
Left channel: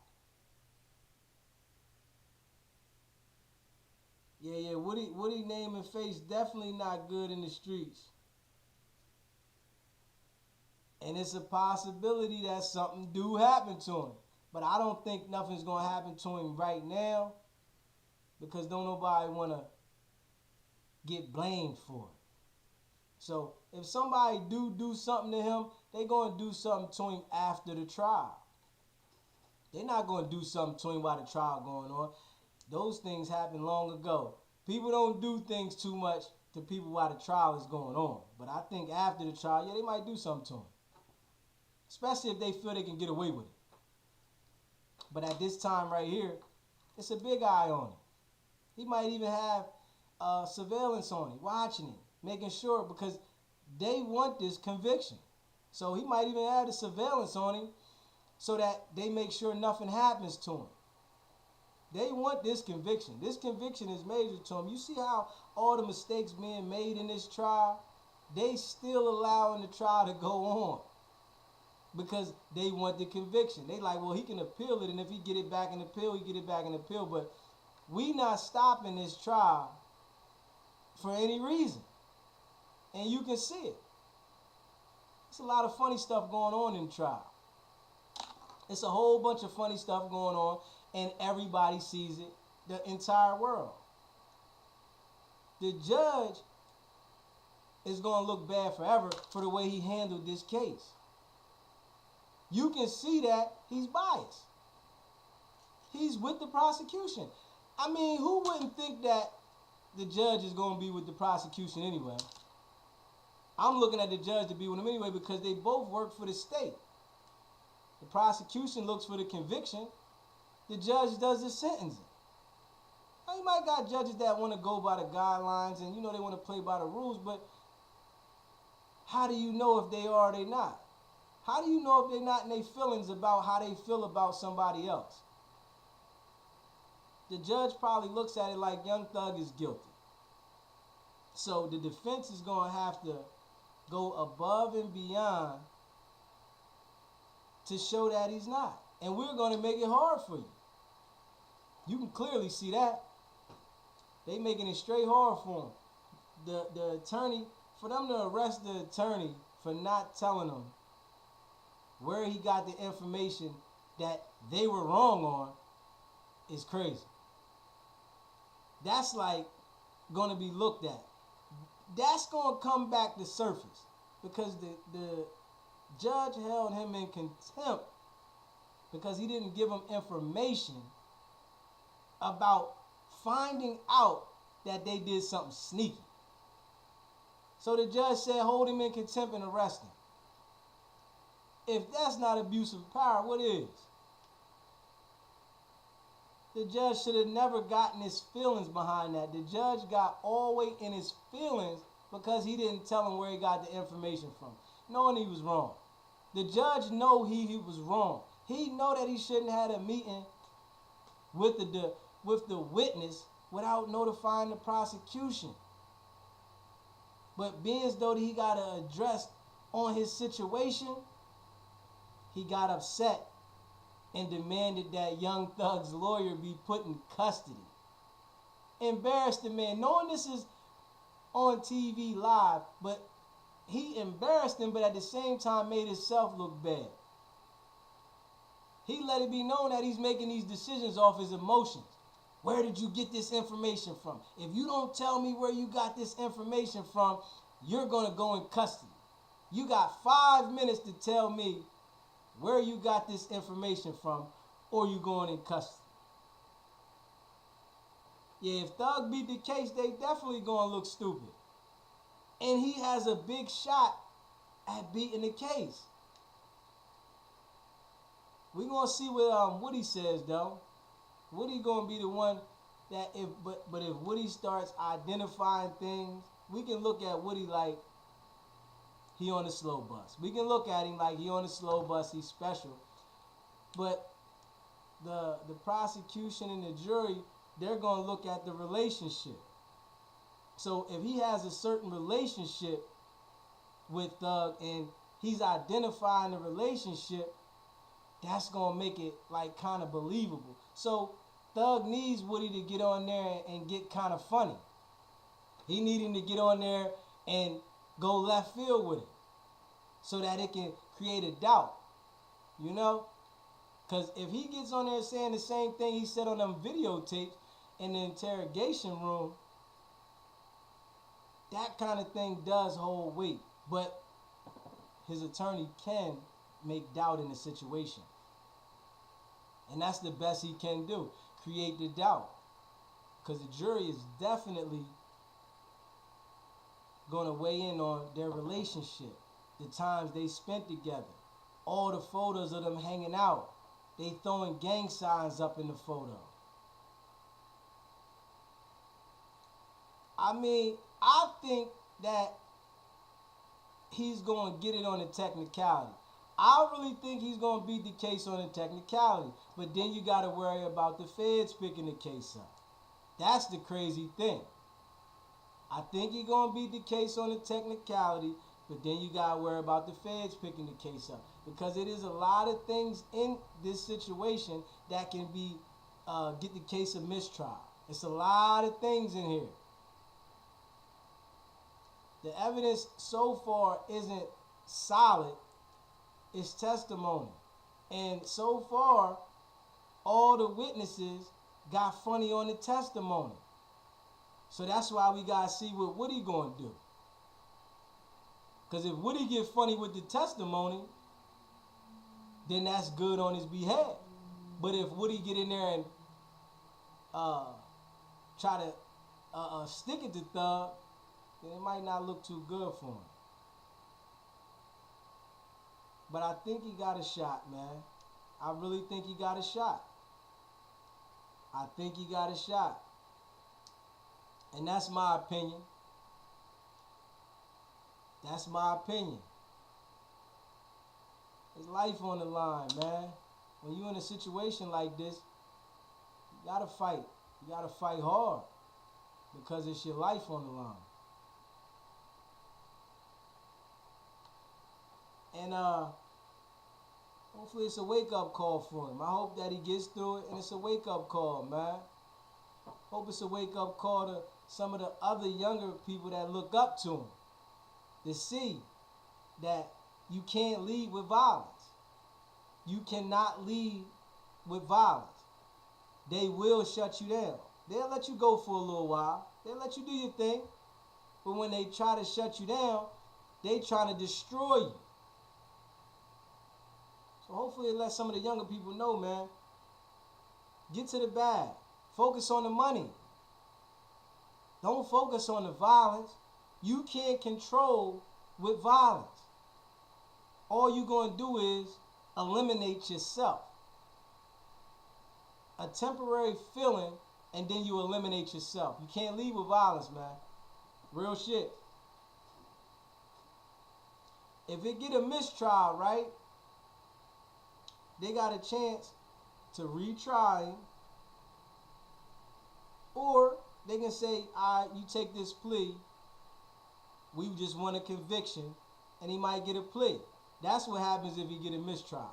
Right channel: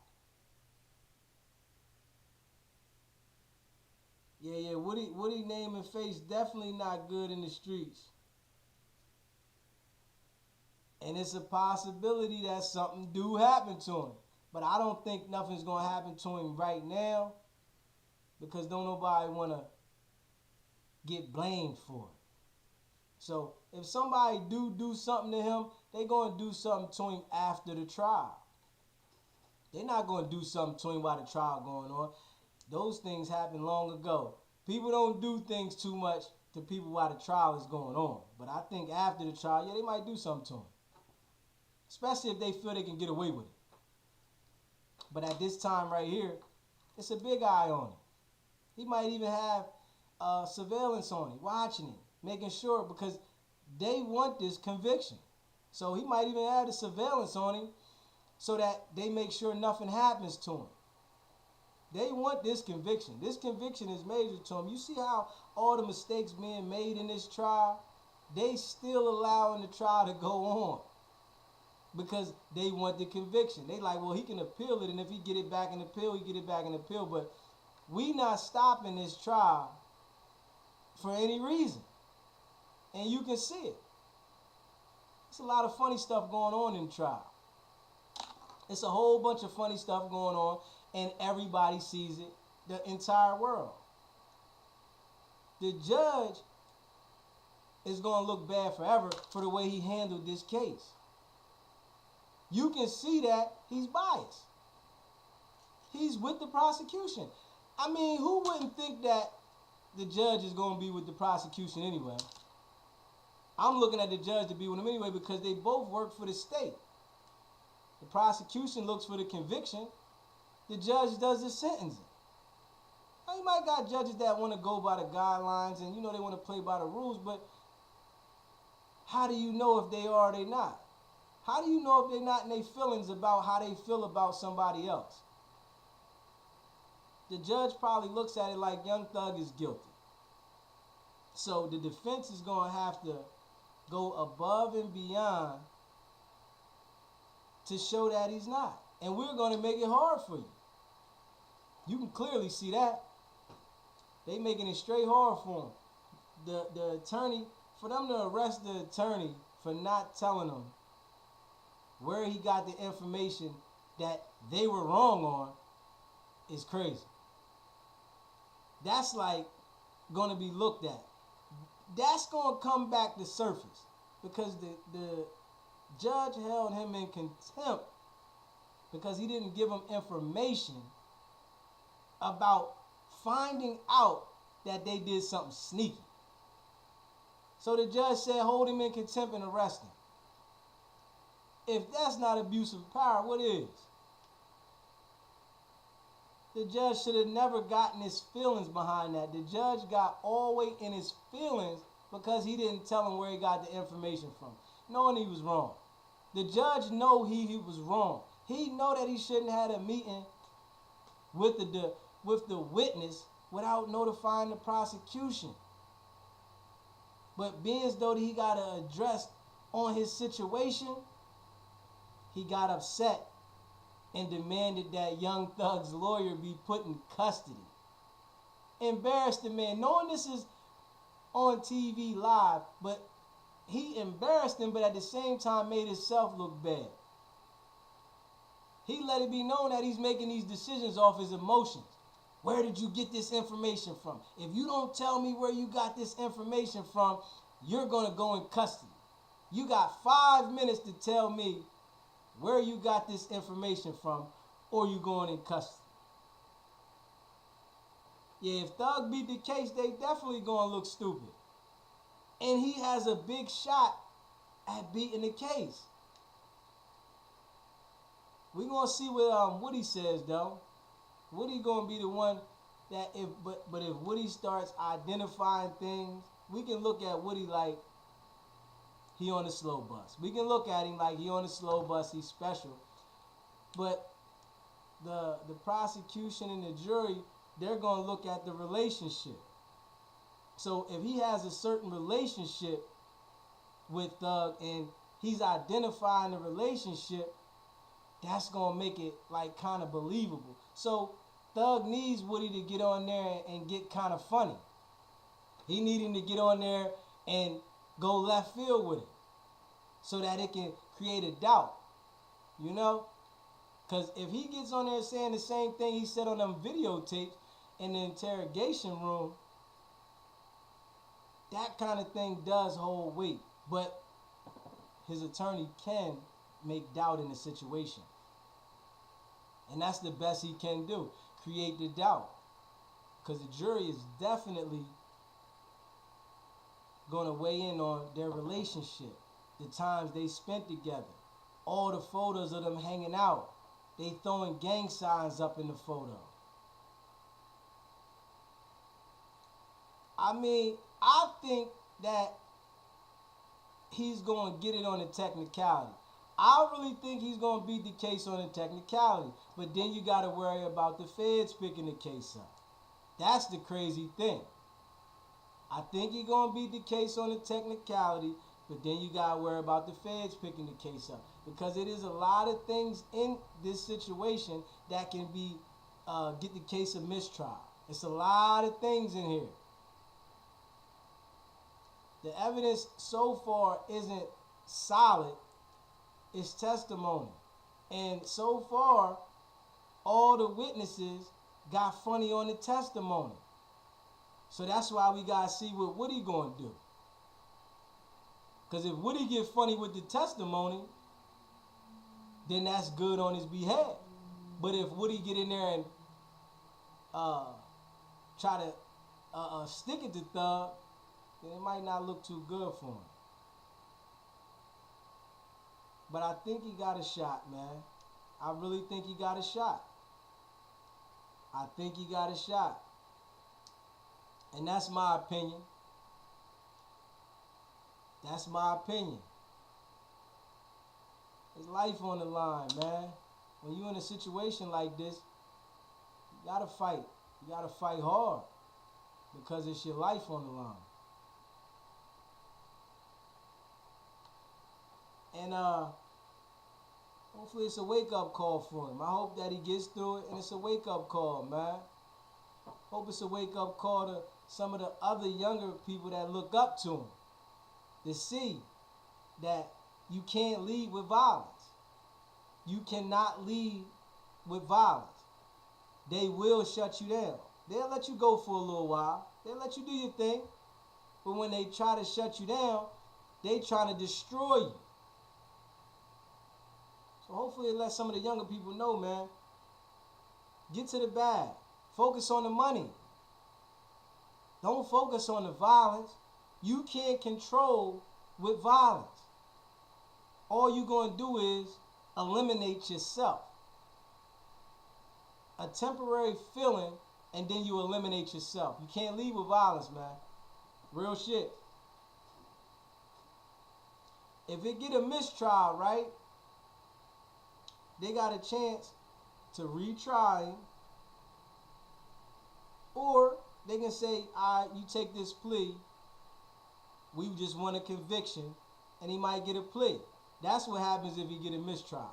Yeah, Woody name and face definitely not good in the streets. And it's a possibility that something do happen to him. But I don't think nothing's going to happen to him right now because don't nobody want to get blamed for it. So if somebody do something to him, they going to do something to him after the trial. They're not going to do something to him while the trial going on. Those things happened long ago. People don't do things too much to people while the trial is going on. But I think after the trial, yeah, they might do something to him. Especially if they feel they can get away with it. But at this time right here, it's a big eye on him. He might even have surveillance on him, watching him, making sure, because they want this conviction. So he might even have the surveillance on him so that they make sure nothing happens to him. They want this conviction. This conviction is major to them. You see how all the mistakes being made in this trial, they still allowing the trial to go on because they want the conviction. They like, well, he can appeal it, and if he get it back in appeal, he get it back in appeal. But we not stopping this trial for any reason. And you can see it. It's a lot of funny stuff going on in the trial. It's a whole bunch of funny stuff going on, and everybody sees it, the entire world. The judge is going to look bad forever for the way he handled this case. You can see that he's biased. He's with the prosecution. I mean, who wouldn't think that the judge is going to be with the prosecution anyway? I'm looking at the judge to be with him anyway because they both work for the state. The prosecution looks for the conviction. The judge does the sentencing. Now, you might got judges that want to go by the guidelines and, they want to play by the rules, but how do you know if they are or they not? How do you know if they're not in their feelings about how they feel about somebody else? The judge probably looks at it like Young Thug is guilty. So the defense is going to have to go above and beyond to show that he's not. And we're going to make it hard for you. You can clearly see that. They making it straight hard for him. The attorney, for them to arrest the attorney for not telling them where he got the information that they were wrong on is crazy. That's like going to be looked at. That's going to come back to surface because the judge held him in contempt because he didn't give him information about finding out that they did something sneaky. So the judge said, hold him in contempt and arrest him. If that's not abuse of power, what is? The judge should have never gotten his feelings behind that. The judge got all the way in his feelings because he didn't tell him where he got the information from, knowing he was wrong. The judge know he was wrong. He know that he shouldn't have had a meeting with the witness without notifying the prosecution. But being as though he got to address on his situation, he got upset and demanded that Young Thug's lawyer be put in custody. Embarrassed the man, knowing this is on TV live, but he embarrassed him, but at the same time made himself look bad. He let it be known that he's making these decisions off his emotions. Where did you get this information from? If you don't tell me where you got this information from, you're going to go in custody. You got 5 minutes to tell me where you got this information from, or you going in custody. Yeah, if Thug beat the case, they definitely going to look stupid. And he has a big shot at beating the case. We're going to see what Woody says, though. Woody going to be the one that if Woody starts identifying things, we can look at Woody like he on the slow bus. We can look at him like he on the slow bus, he's special. But the prosecution and the jury, they're going to look at the relationship. So if he has a certain relationship with Thug and he's identifying the relationship, that's going to make it like kind of believable. So Thug needs Woody to get on there and get kind of funny. He needs him to get on there and go left field with it so that it can create a doubt, Because if he gets on there saying the same thing he said on them videotapes in the interrogation room, that kind of thing does hold weight. But his attorney can make doubt in the situation. And that's the best he can do, create the doubt. Because the jury is definitely going to weigh in on their relationship, the times they spent together, all the photos of them hanging out. They throwing gang signs up in the photo. I mean, I think that he's going to get it on the technicality. I really think he's going to beat the case on a technicality. But then you got to worry about the feds picking the case up. That's the crazy thing. I think he's going to beat the case on a technicality, but then you got to worry about the feds picking the case up. Because it is a lot of things in this situation that can be get the case a mistrial. It's a lot of things in here. The evidence so far isn't solid. It's testimony. And so far, all the witnesses got funny on the testimony. So that's why we got to see what Woody going to do. Because if Woody get funny with the testimony, then that's good on his behalf. But if Woody get in there and try to stick it to Thug, then it might not look too good for him. But I think he got a shot, man. I really think he got a shot. I think he got a shot. And that's my opinion. That's my opinion. There's life on the line, man. When you're in a situation like this, you gotta fight. You gotta fight hard. Because it's your life on the line. And hopefully it's a wake-up call for him. I hope that he gets through it and it's a wake-up call, man. Hope it's a wake-up call to some of the other younger people that look up to him. To see that you can't lead with violence. You cannot lead with violence. They will shut you down. They'll let you go for a little while. They'll let you do your thing. But when they try to shut you down, they trying to destroy you. So hopefully it lets some of the younger people know, man. Get to the bag. Focus on the money. Don't focus on the violence. You can't control with violence. All you're going to do is eliminate yourself. A temporary feeling, and then you eliminate yourself. You can't lead with violence, man. Real shit. If it get a mistrial, right, they got a chance to retry him. Or they can say, all right, you take this plea. We just want a conviction, and he might get a plea. That's what happens if he get a mistrial.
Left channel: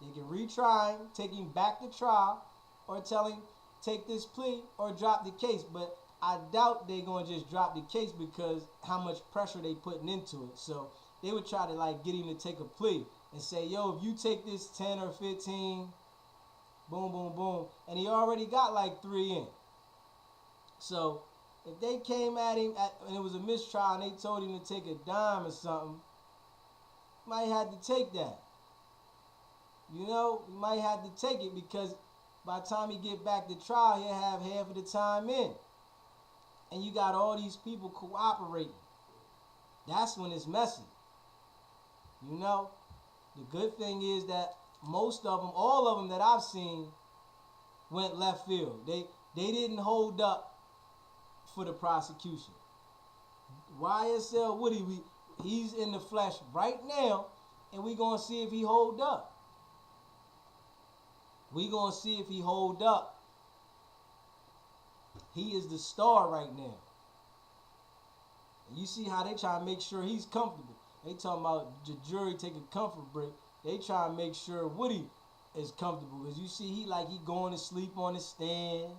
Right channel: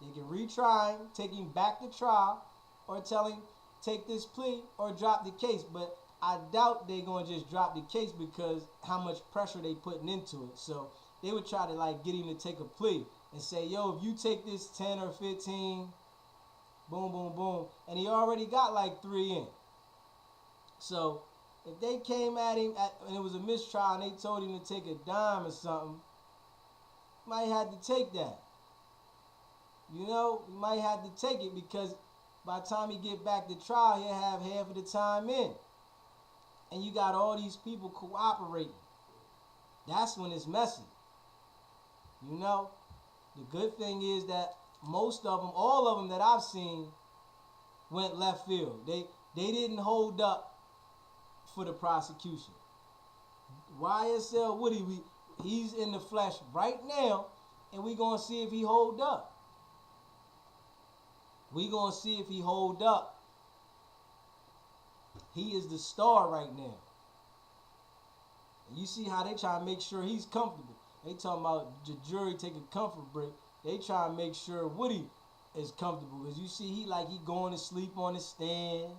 They can retry him, take him back to trial, or tell him, take this plea or drop the case. But I doubt they're going to just drop the case because how much pressure they putting into it. So they would try to like get him to take a plea and say, yo, if you take this 10 or 15, boom, boom, boom. And he already got like 3 in. So if they came at him and it was a mistrial and they told him to take a dime or something, he might have to take that. You know, he might have to take it because by the time he get back to trial, he'll have half of the time in. And you got all these people cooperating. That's when it's messy. You know, the good thing is that most of them, all of them that I've seen, went left field. They didn't hold up for the prosecution. YSL Woody, he's in the flesh right now, and we gonna see if he hold up. We gonna see if he hold up. He is the star right now. And you see how they try to make sure he's comfortable. They talking about the jury take a comfort break. They try to make sure Woody is comfortable. Because you see he going to sleep on the stand.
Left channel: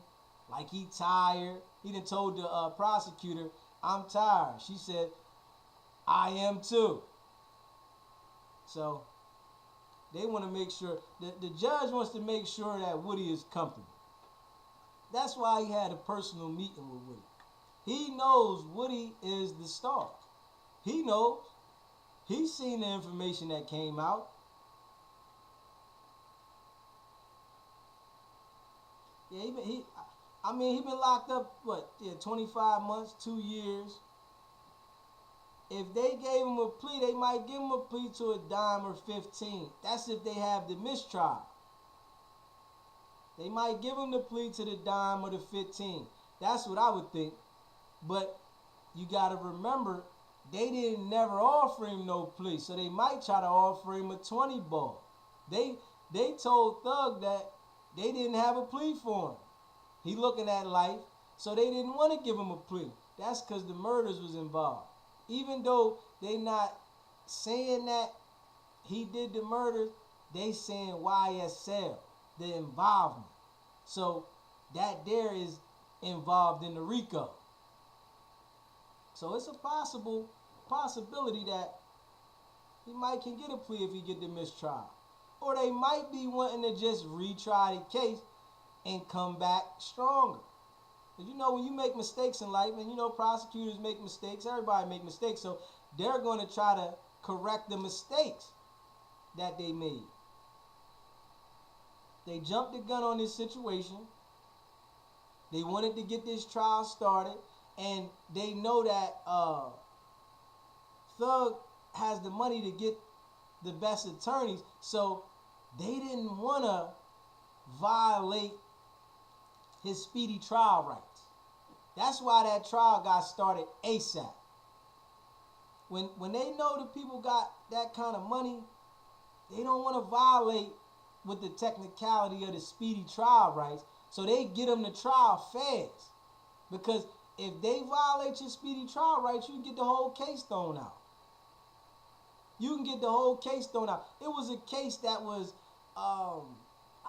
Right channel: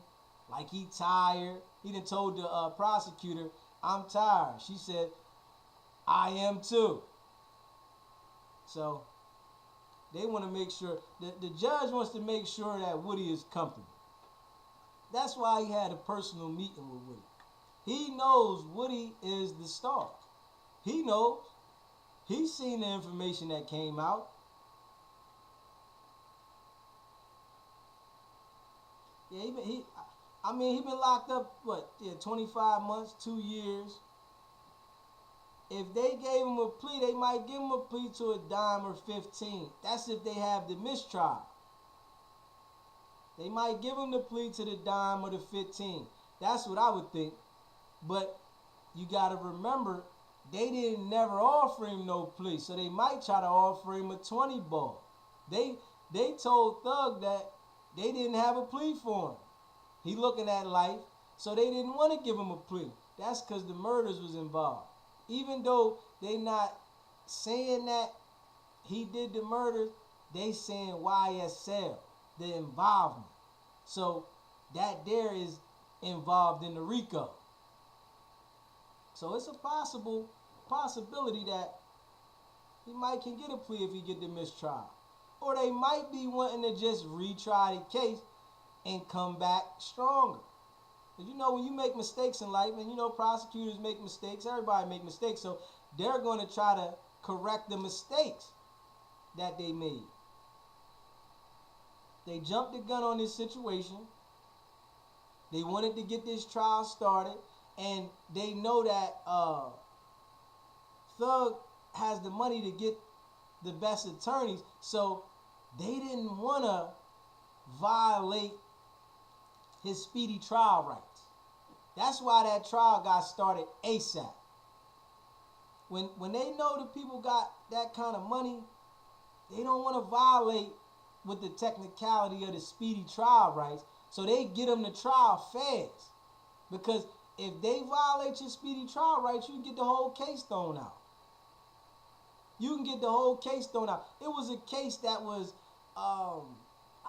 Like he tired. He done told the prosecutor, I'm tired. She said, I am too. So they want to make sure, the judge wants to make sure that Woody is comfortable. That's why he had a personal meeting with Woody. He knows Woody is the star. He knows. He's seen the information that came out. Yeah, he been locked up, 25 months, 2 years. If they gave him a plea, they might give him a plea to a dime or 15. That's if they have the mistrial. They might give him the plea to the dime or the 15. That's what I would think. But you got to remember, they didn't never offer him no plea, so they might try to offer him a 20 ball. They told Thug that they didn't have a plea for him. He looking at life, so they didn't want to give him a plea. That's because the murders was involved. Even though they not saying that he did the murders, they saying YSL, the involvement. So that there is involved in the RICO. So it's a possibility that he might can get a plea if he get the mistrial. Or they might be wanting to just retry the case and come back stronger. Because you know when you make mistakes in life, and you know prosecutors make mistakes, everybody make mistakes, so they're going to try to correct the mistakes that they made. They jumped the gun on this situation. They wanted to get this trial started, and they know that Thug has the money to get the best attorneys, so they didn't want to violate his speedy trial rights. That's why that trial got started ASAP. When they know the people got that kind of money, they don't want to violate with the technicality of the speedy trial rights, so they get them to trial fast. Because if they violate your speedy trial rights, you can get the whole case thrown out. You can get the whole case thrown out. It was a case that was, I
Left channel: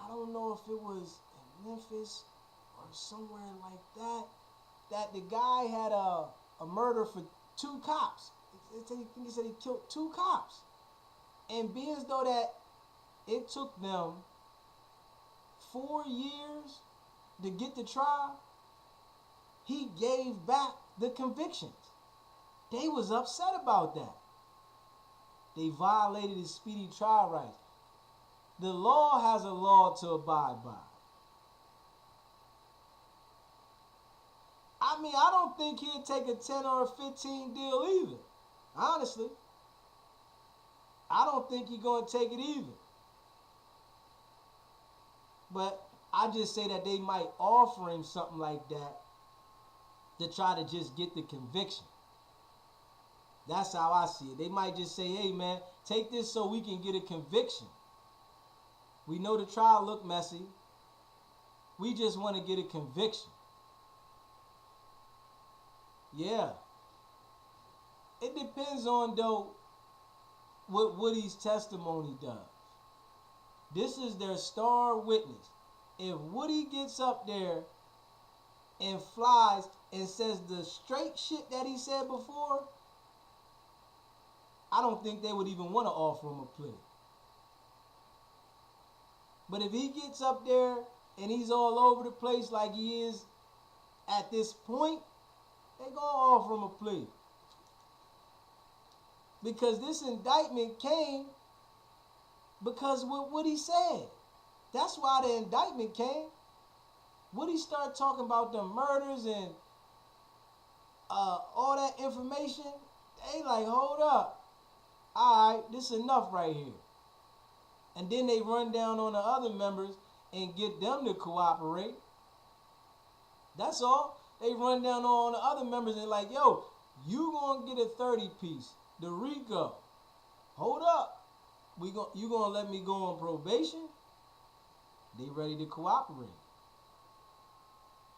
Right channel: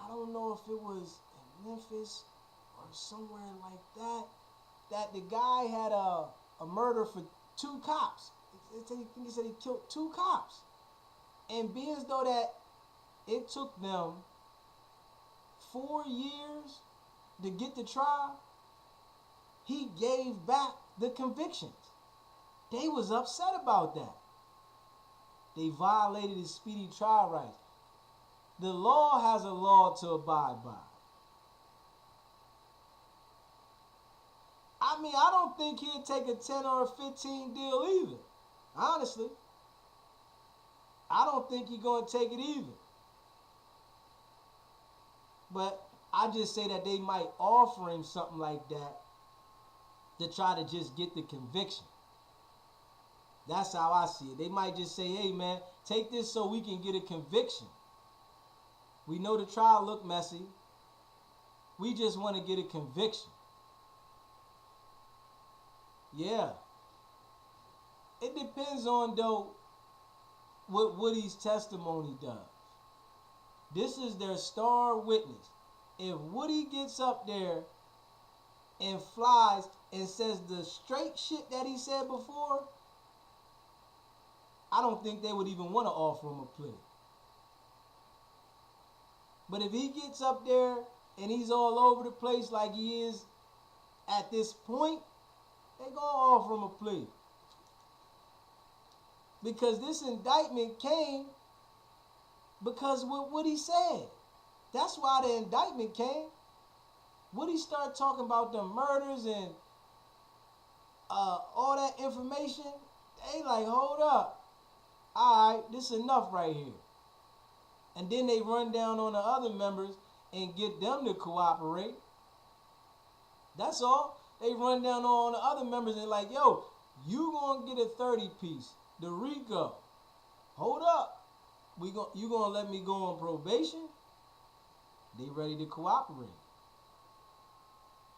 don't know if it was in Memphis or somewhere like that, that the guy had a murder for 2 cops. I think he said he killed 2 cops. And being as though that it took them 4 years to get the trial, he gave back the convictions. They was upset about that. They violated his speedy trial rights. The law has a law to abide by. I mean, I don't think he'd take a 10 or a 15 deal either. Honestly. I don't think he's going to take it either. But I just say that they might offer him something like that to try to just get the conviction. That's how I see it. They might just say, hey man, take this so we can get a conviction. We know the trial looked messy. We just want to get a conviction. Yeah. It depends on, though, what Woody's testimony does. This is their star witness. If Woody gets up there and flies and says the straight shit that he said before, I don't think they would even want to offer him a plea. But if he gets up there and he's all over the place like he is at this point, they're going to offer him a plea. Because this indictment came because of what he said. That's why the indictment came. Woody started talking about the murders and all that information. They like, hold up. All right, this is enough right here. And then they run down on the other members and get them to cooperate. That's all. They run down on the other members and like, yo, you gonna get a 30 piece. The RICO. Hold up. You gonna let me go on probation? They ready to cooperate.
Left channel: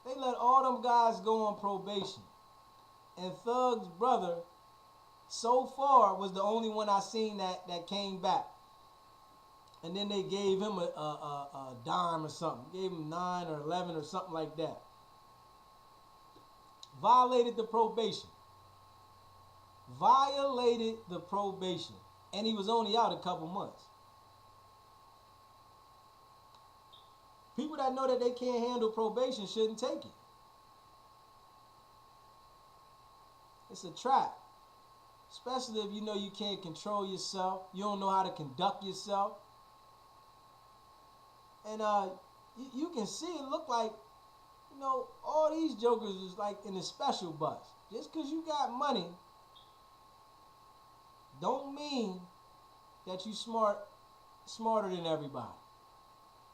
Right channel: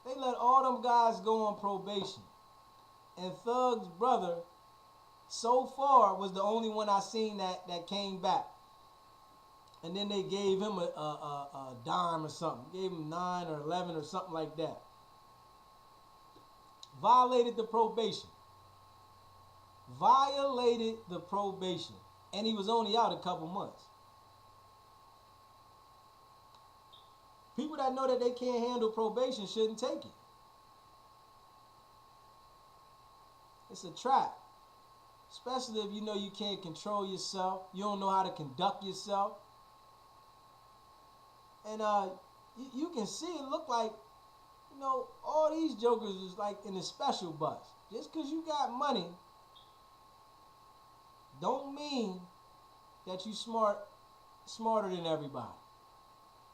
They let all them guys go on probation. And Thug's brother, so far, was the only one I seen that came back. And then they gave him a dime or something. Gave him 9 or 11 or something like that. Violated the probation. Violated the probation. And he was only out a couple months. People that know that they can't handle probation shouldn't take it. It's a trap. Especially if you know you can't control yourself. You don't know how to conduct yourself. And you can see it look like, you know, all these jokers is like in the special bus. Just because you got money don't mean that you smarter than everybody.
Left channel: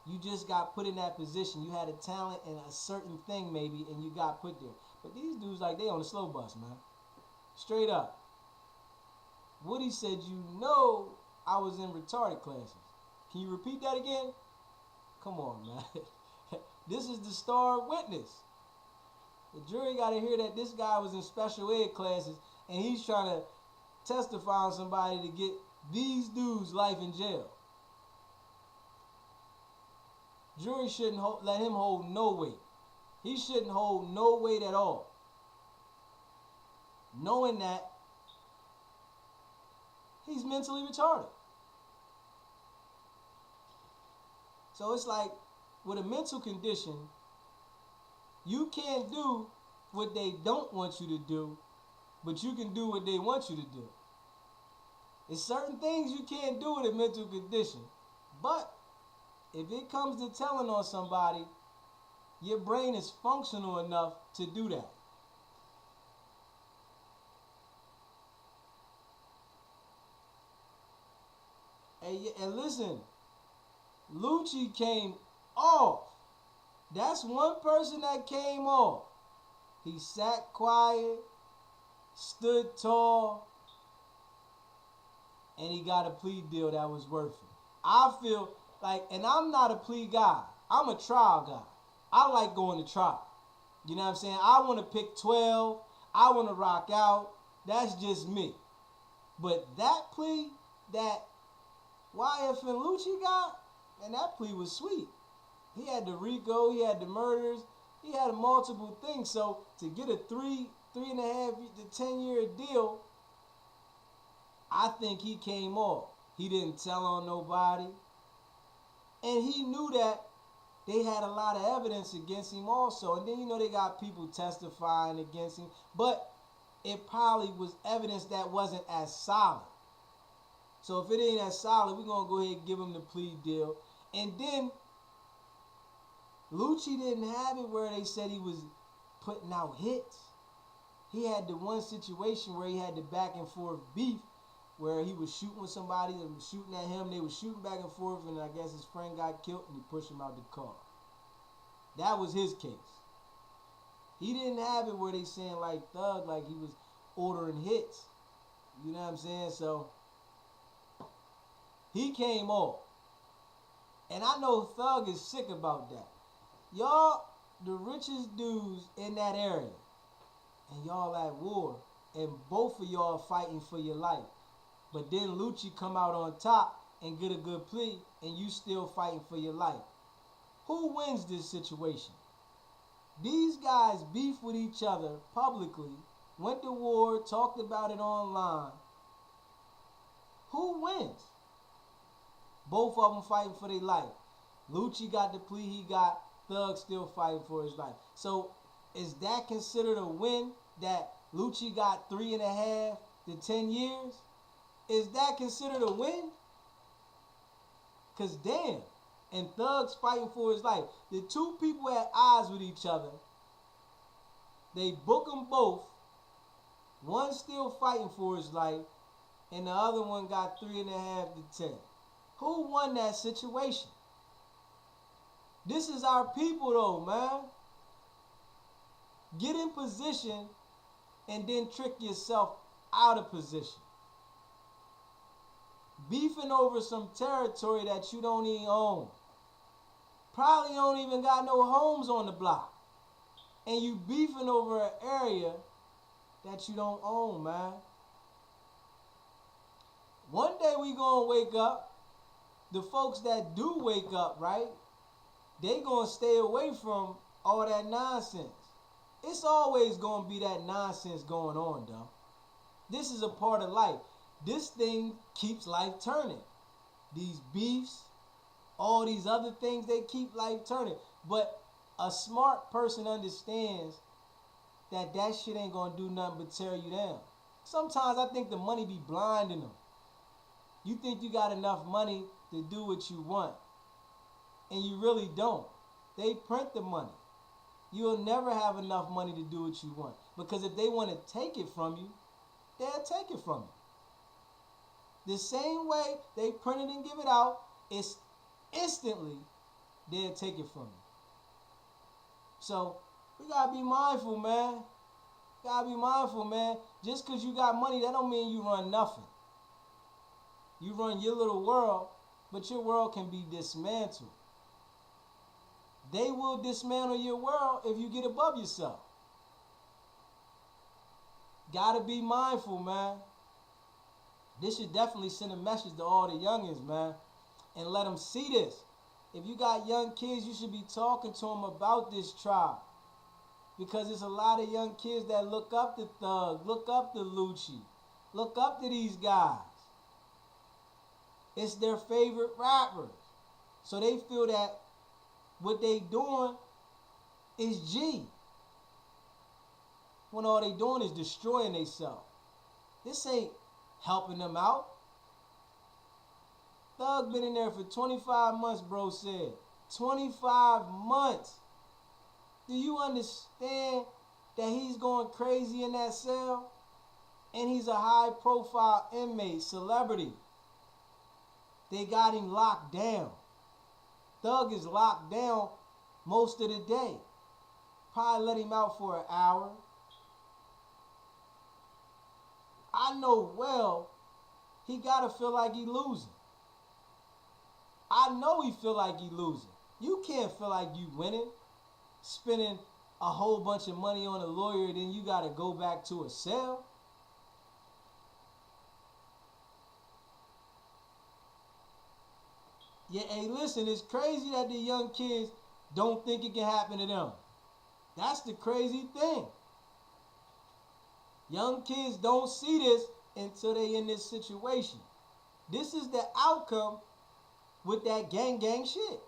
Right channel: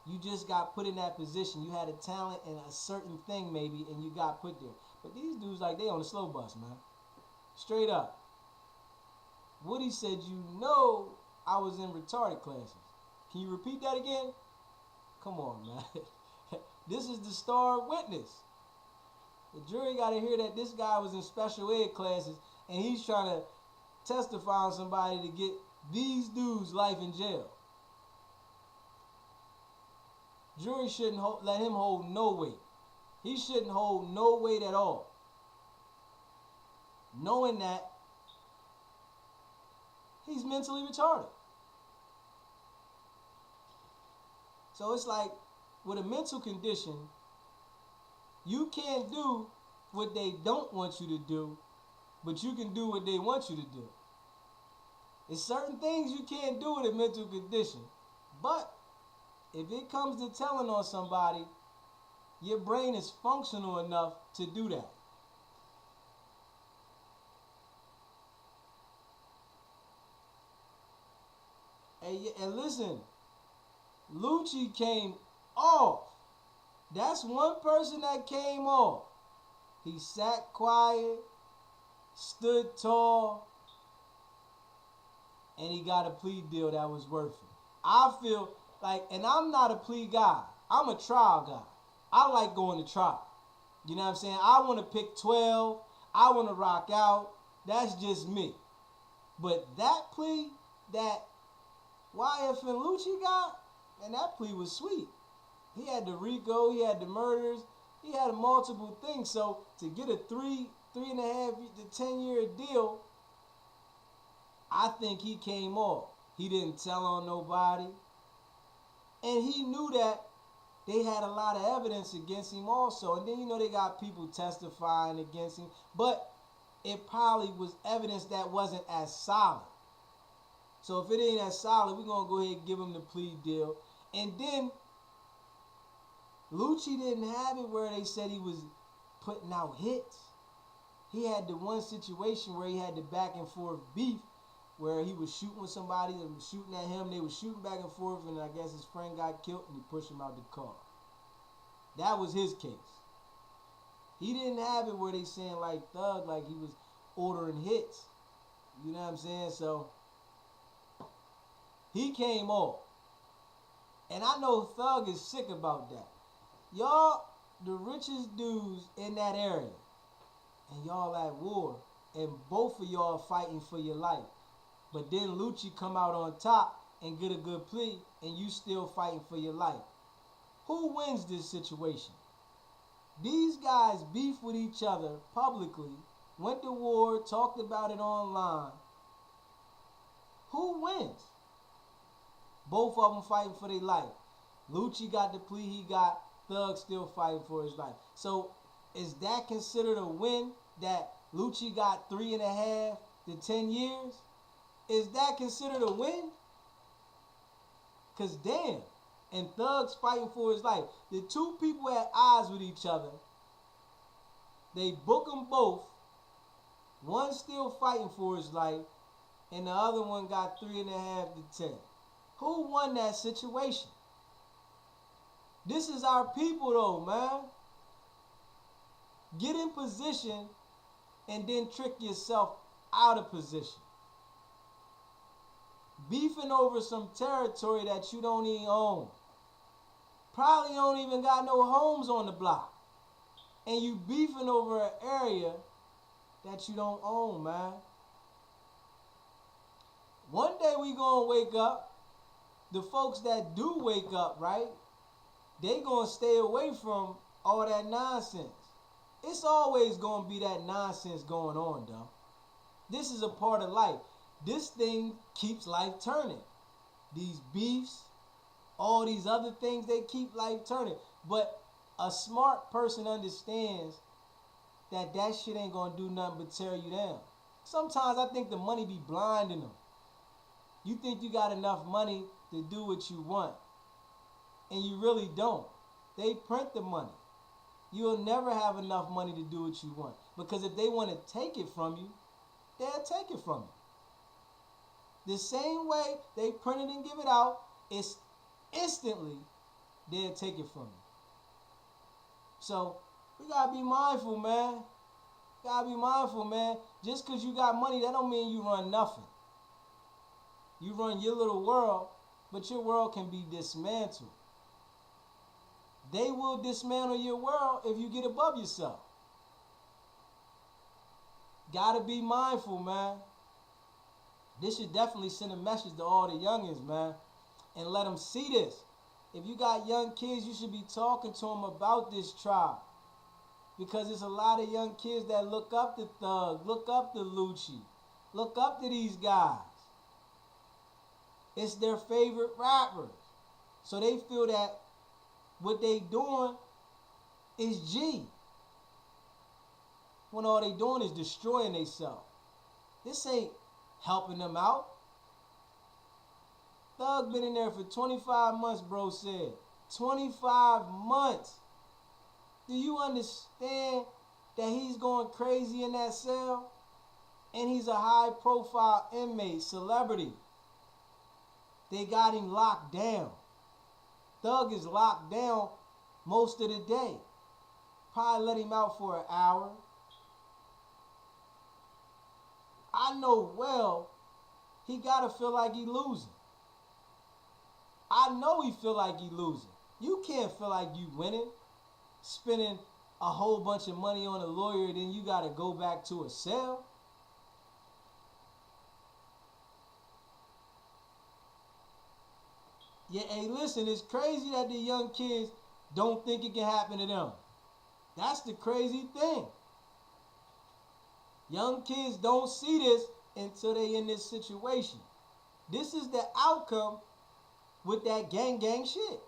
You just got put in that position. You had a talent and a certain thing maybe, and you got put there. But these dudes, like, they on the slow bus, man. Straight up. Woody said, you know I was in retarded classes. Can you repeat that again? Come on, man. This is the star witness. The jury got to hear that this guy was in special ed classes and he's trying to testify on somebody to get these dudes life in jail. Jury shouldn't let him hold no weight. He shouldn't hold no weight at all. Knowing that he's mentally retarded. So it's like, with a mental condition, you can't do what they don't want you to do, but you can do what they want you to do. There's certain things you can't do with a mental condition, but if it comes to telling on somebody, your brain is functional enough to do that. And listen, Lucci came off. That's one person that came off. He sat quiet, stood tall, and he got a plea deal that was worth it. I feel like, and I'm not a plea guy. I'm a trial guy. I like going to trial. You know what I'm saying? I want to pick 12. I want to rock out. That's just me. But that plea that YF and Lucci got, and that plea was sweet. He had the RICO, he had the murders, he had multiple things. So to get a 3.5 to 10-year deal, I think he came off. He didn't tell on nobody. And he knew that they had a lot of evidence against him also. And then, you know, they got people testifying against him. But it probably was evidence that wasn't as solid. So if it ain't as solid, we're going to go ahead and give him the plea deal. And then Lucci didn't have it where they said he was putting out hits. He had the one situation where he had the back and forth beef where he was shooting with somebody and was shooting at him. They were shooting back and forth, and I guess his friend got killed and he pushed him out the car. That was his case. He didn't have it where they saying like Thug, like he was ordering hits. You know what I'm saying? So he came off. And I know Thug is sick about that. Y'all, the richest dudes in that area, and y'all at war, and both of y'all fighting for your life. But then Lucci come out on top and get a good plea, and you still fighting for your life. Who wins this situation? These guys beef with each other publicly, went to war, talked about it online. Who wins? Both of them fighting for their life. Lucci got the plea he got, Thug still fighting for his life. So is that considered a win that Lucci got 3.5 to 10 years? Is that considered a win? Because damn, and Thug's fighting for his life. The two people had eyes with each other. They book them both. One still fighting for his life, and the other one got 3.5 to 10. Who won that situation? This is our people though, man. Get in position and then trick yourself out of position. Beefing over some territory that you don't even own. Probably don't even got no homes on the block. And you beefing over an area that you don't own, man. One day we gonna wake up. The folks that do wake up, right? They gonna stay away from all that nonsense. It's always gonna be that nonsense going on, though. This is a part of life. This thing keeps life turning. These beefs, all these other things, they keep life turning. But a smart person understands that that shit ain't gonna do nothing but tear you down. Sometimes I think the money be blinding them. You think you got enough money to do what you want, and you really don't. They print the money. You'll never have enough money to do what you want, because if they want to take it from you, they'll take it from you. The same way they print it and give it out, it's instantly they'll take it from you. So we gotta be mindful, man. Gotta be mindful, man. Just because you got money, that don't mean you run nothing. You run your little world, but your world can be dismantled. They will dismantle your world if you get above yourself. Gotta be mindful, man. This should definitely send a message to all the youngins, man, and let them see this. If you got young kids, you should be talking to them about this tribe. Because there's a lot of young kids that look up to Thug, look up to Lucci, look up to these guys. It's their favorite rappers. So they feel that what they doing is G. When all they doing is destroying themselves. This ain't helping them out. Thug been in there for 25 months, bro said. 25 months. Do you understand that he's going crazy in that cell? And he's a high-profile inmate, celebrity. They got him locked down. Thug is locked down most of the day. Probably let him out for an hour. I know well he gotta feel like he losing. I know he feel like he losing. You can't feel like you winning, spending a whole bunch of money on a lawyer, then you gotta go back to a cell. Yeah, hey, listen, it's crazy that the young kids don't think it can happen to them. That's the crazy thing. Young kids don't see this until they in this situation. This is the outcome with that gang shit.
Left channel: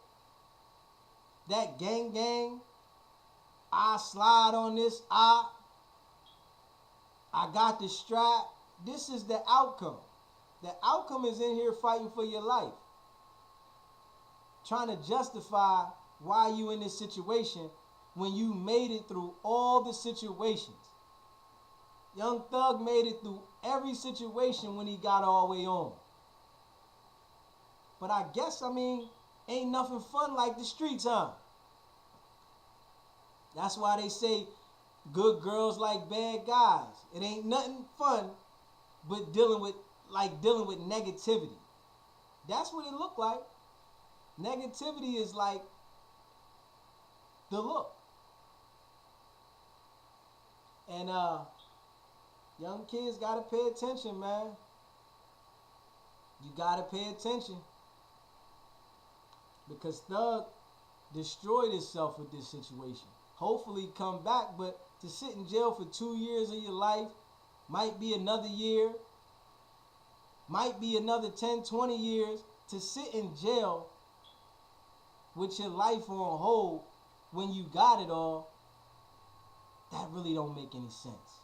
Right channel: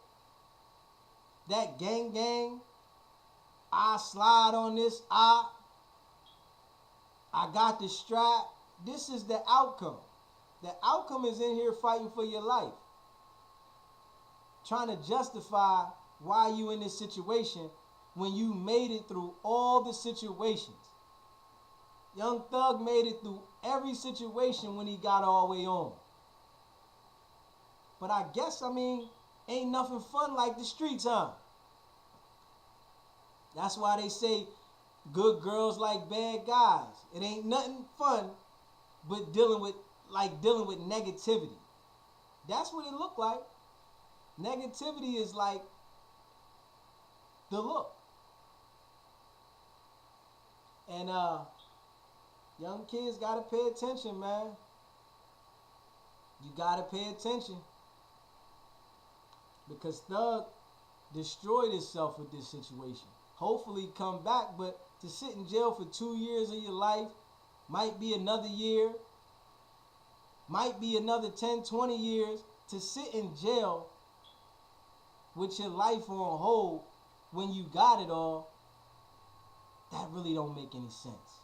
That gang, I slide on this, I got the strap. This is the outcome. The outcome is in here fighting for your life. Trying to justify why you in this situation when you made it through all the situations. Young Thug made it through every situation when he got all the way on. But I guess, ain't nothing fun like the streets, huh? That's why they say good girls like bad guys. It ain't nothing fun but dealing with negativity. That's what it looked like. Negativity is like the look. And young kids gotta pay attention, man. You gotta pay attention. Because Thug destroyed himself with this situation. Hopefully come back, but to sit in jail for 2 years of your life, might be another year, might be another 10, 20 years, to sit in jail with your life on hold when you got it all, that really don't make any sense.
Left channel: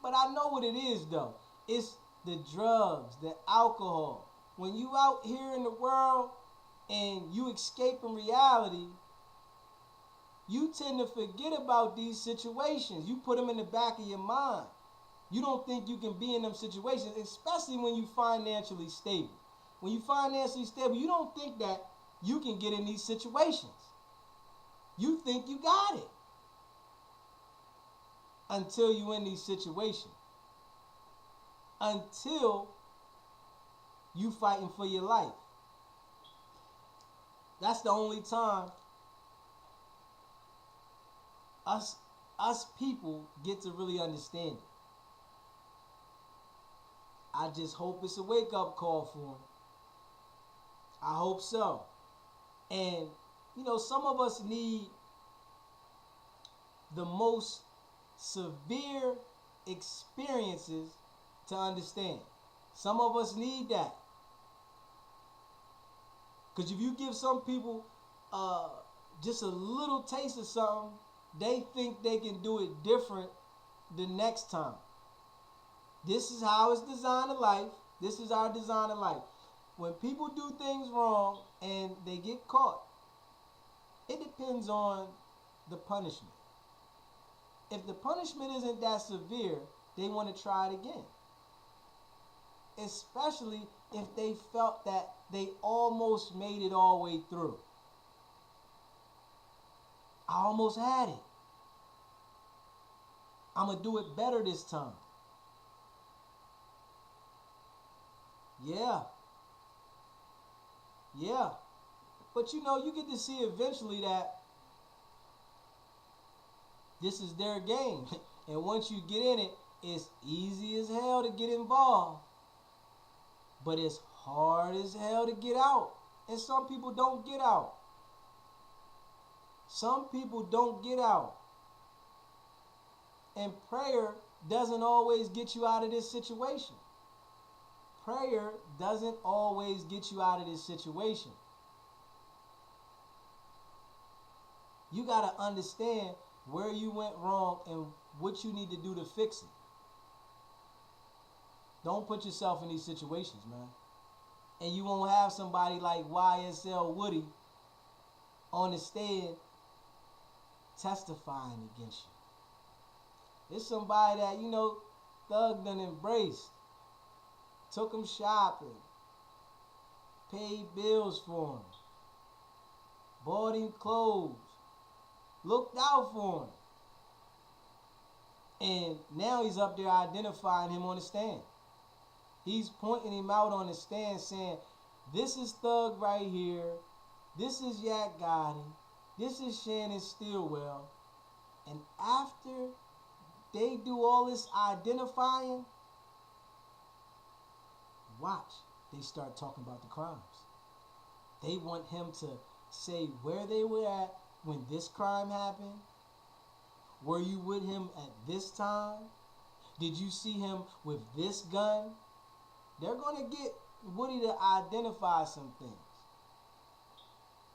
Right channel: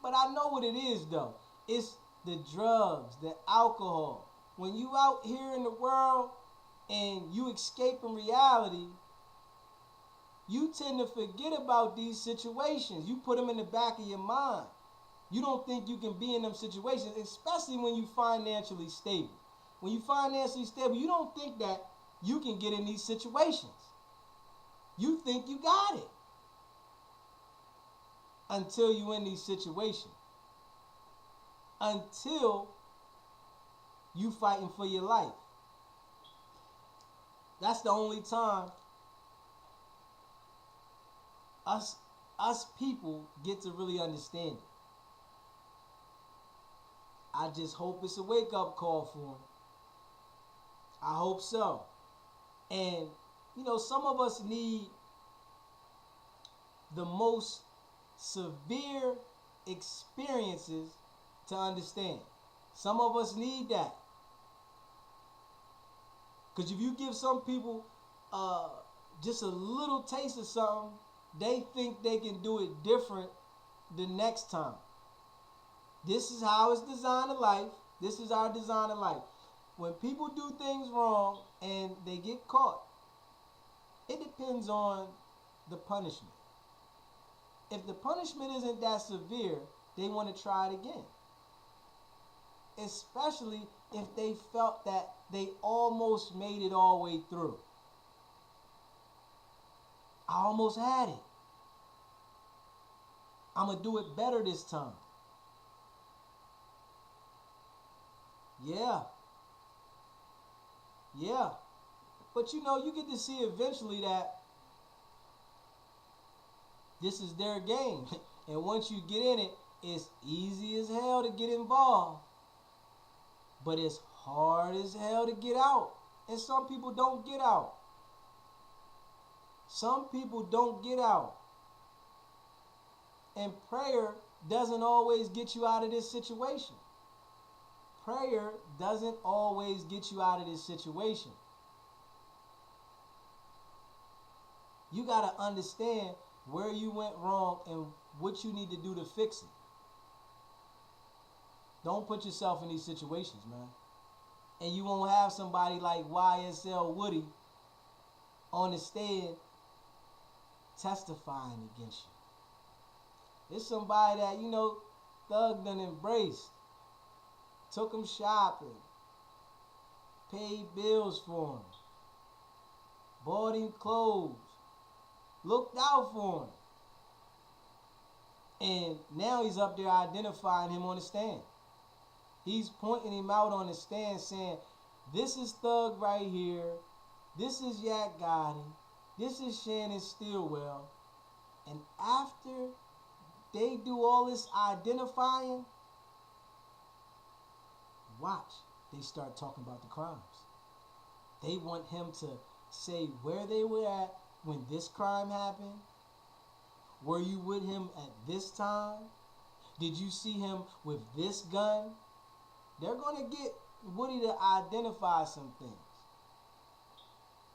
But I know what it is though. It's the drugs, the alcohol. When you out here in the world and you escaping reality, you tend to forget about these situations. You put them in the back of your mind. You don't think you can be in them situations, especially when you financially stable. When you financially stable, you don't think that you can get in these situations. You think you got it. Until you in these situations. Until you fighting for your life. That's the only time us people get to really understand it. I just hope it's a wake-up call for him. I hope so. And, some of us need the most severe experiences to understand. Some of us need that. Because if you give some people just a little taste of something, they think they can do it different the next time. This is how it's designed in life. This is our design in life. When people do things wrong and they get caught, it depends on the punishment. If the punishment isn't that severe, they want to try it again. Especially if they felt that they almost made it all the way through. I almost had it. I'm going to do it better this time. Yeah. Yeah. But you know, you get to see eventually that this is their game. And once you get in it, it's easy as hell to get involved. But it's hard as hell to get out. And some people don't get out. Some people don't get out. And prayer doesn't always get you out of this situation. Prayer doesn't always get you out of this situation. You got to understand where you went wrong and what you need to do to fix it. Don't put yourself in these situations, man. And you won't have somebody like YSL Woody on the stand testifying against you. It's somebody that, you know, Thug done embraced. Took him shopping. Paid bills for him. Bought him clothes. Looked out for him. And now he's up there identifying him on the stand. He's pointing him out on the stand saying, this is Thug right here. This is Yak Gotti. This is Shannon Stillwell. And after they do all this identifying, watch, they start talking about the crimes. They want him to say where they were at when this crime happened. Were you with him at this time? Did you see him with this gun? They're going to get Woody to identify some things.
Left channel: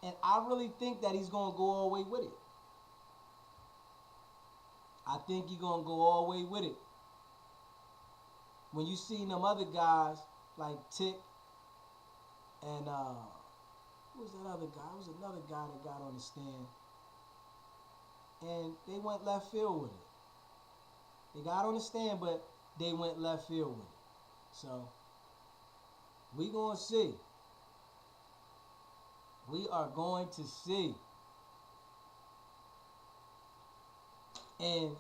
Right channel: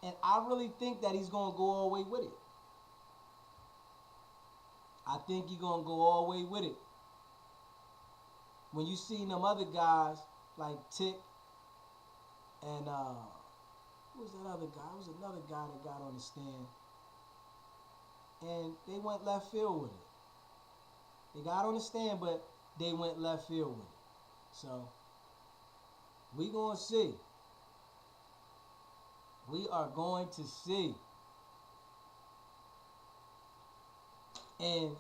And I really think that he's going to go all the way with it. I think he's going to go all the way with it. When you see them other guys like Tick and who was that other guy? It was another guy that got on the stand. And they went left field with it. They got on the stand, but they went left field with it. So, we going to see. We are going to see. And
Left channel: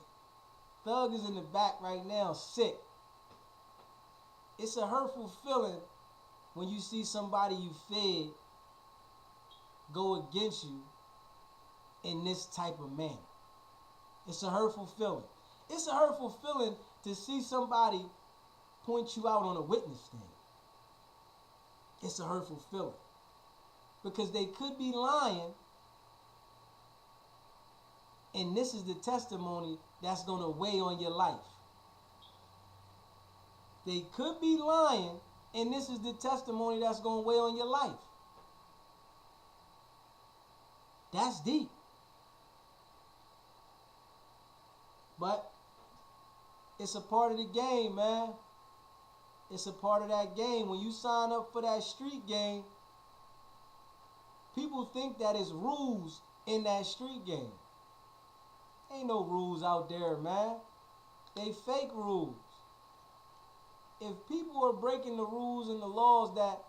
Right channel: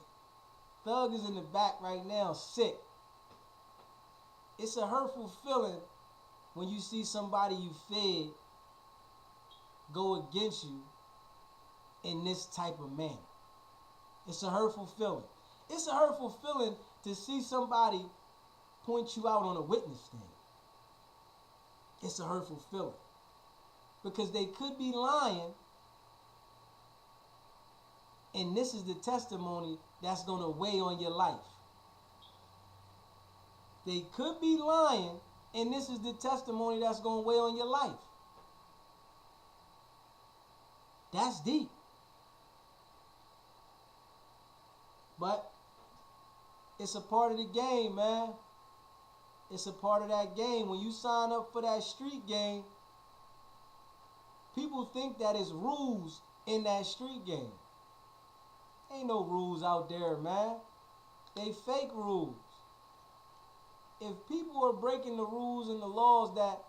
Thug is in the back right now, sick. It's a hurtful feeling when you see somebody you fed go against you in this type of manner. It's a hurtful feeling. It's a hurtful feeling to see somebody point you out on a witness stand. It's a hurtful feeling. Because they could be lying, and this is the testimony that's going to weigh on your life. They could be lying, and this is the testimony that's going to weigh on your life. That's deep. But it's a part of the game, man. It's a part of that game. When you sign up for that street game, people think that it's rules in that street game. Ain't no rules out there, man. They fake rules. If people are breaking the rules and the laws that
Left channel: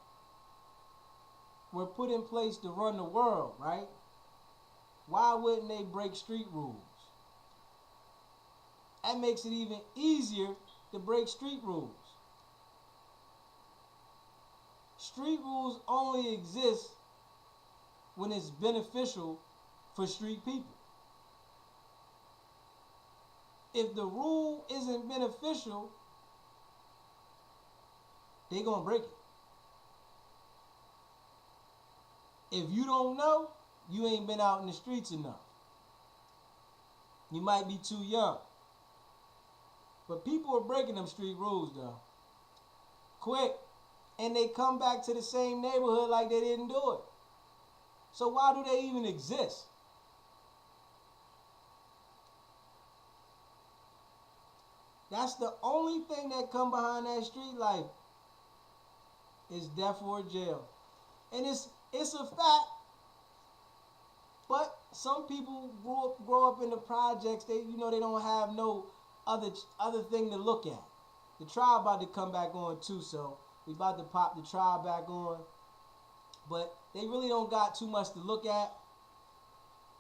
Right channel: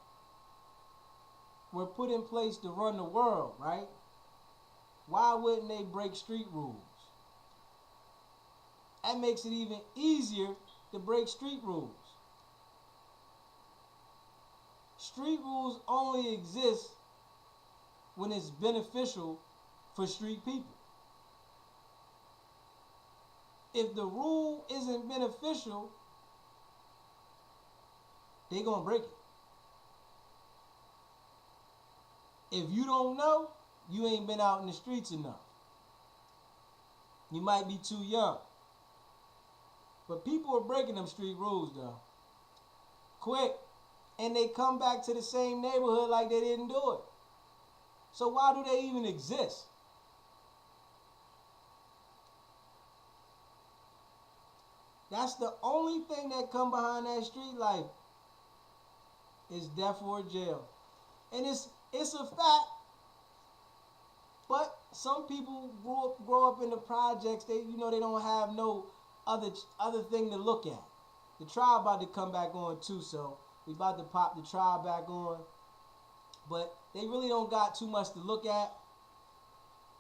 were put in place to run the world, right? Why wouldn't they break street rules? That makes it even easier to break street rules. Street rules only exist when it's beneficial for street people. If the rule isn't beneficial, they're going to break it. If you don't know, you ain't been out in the streets enough. You might be too young. But people are breaking them street rules, though. Quick. And they come back to the same neighborhood like they didn't do it. So why do they even exist? That's the only thing that come behind that street life is death or jail. And it's a fact. But some people grow up in the projects. They don't have no other thing to look at. The trial about to come back on too, so we about to pop the trial back on. But they really don't got too much to look at.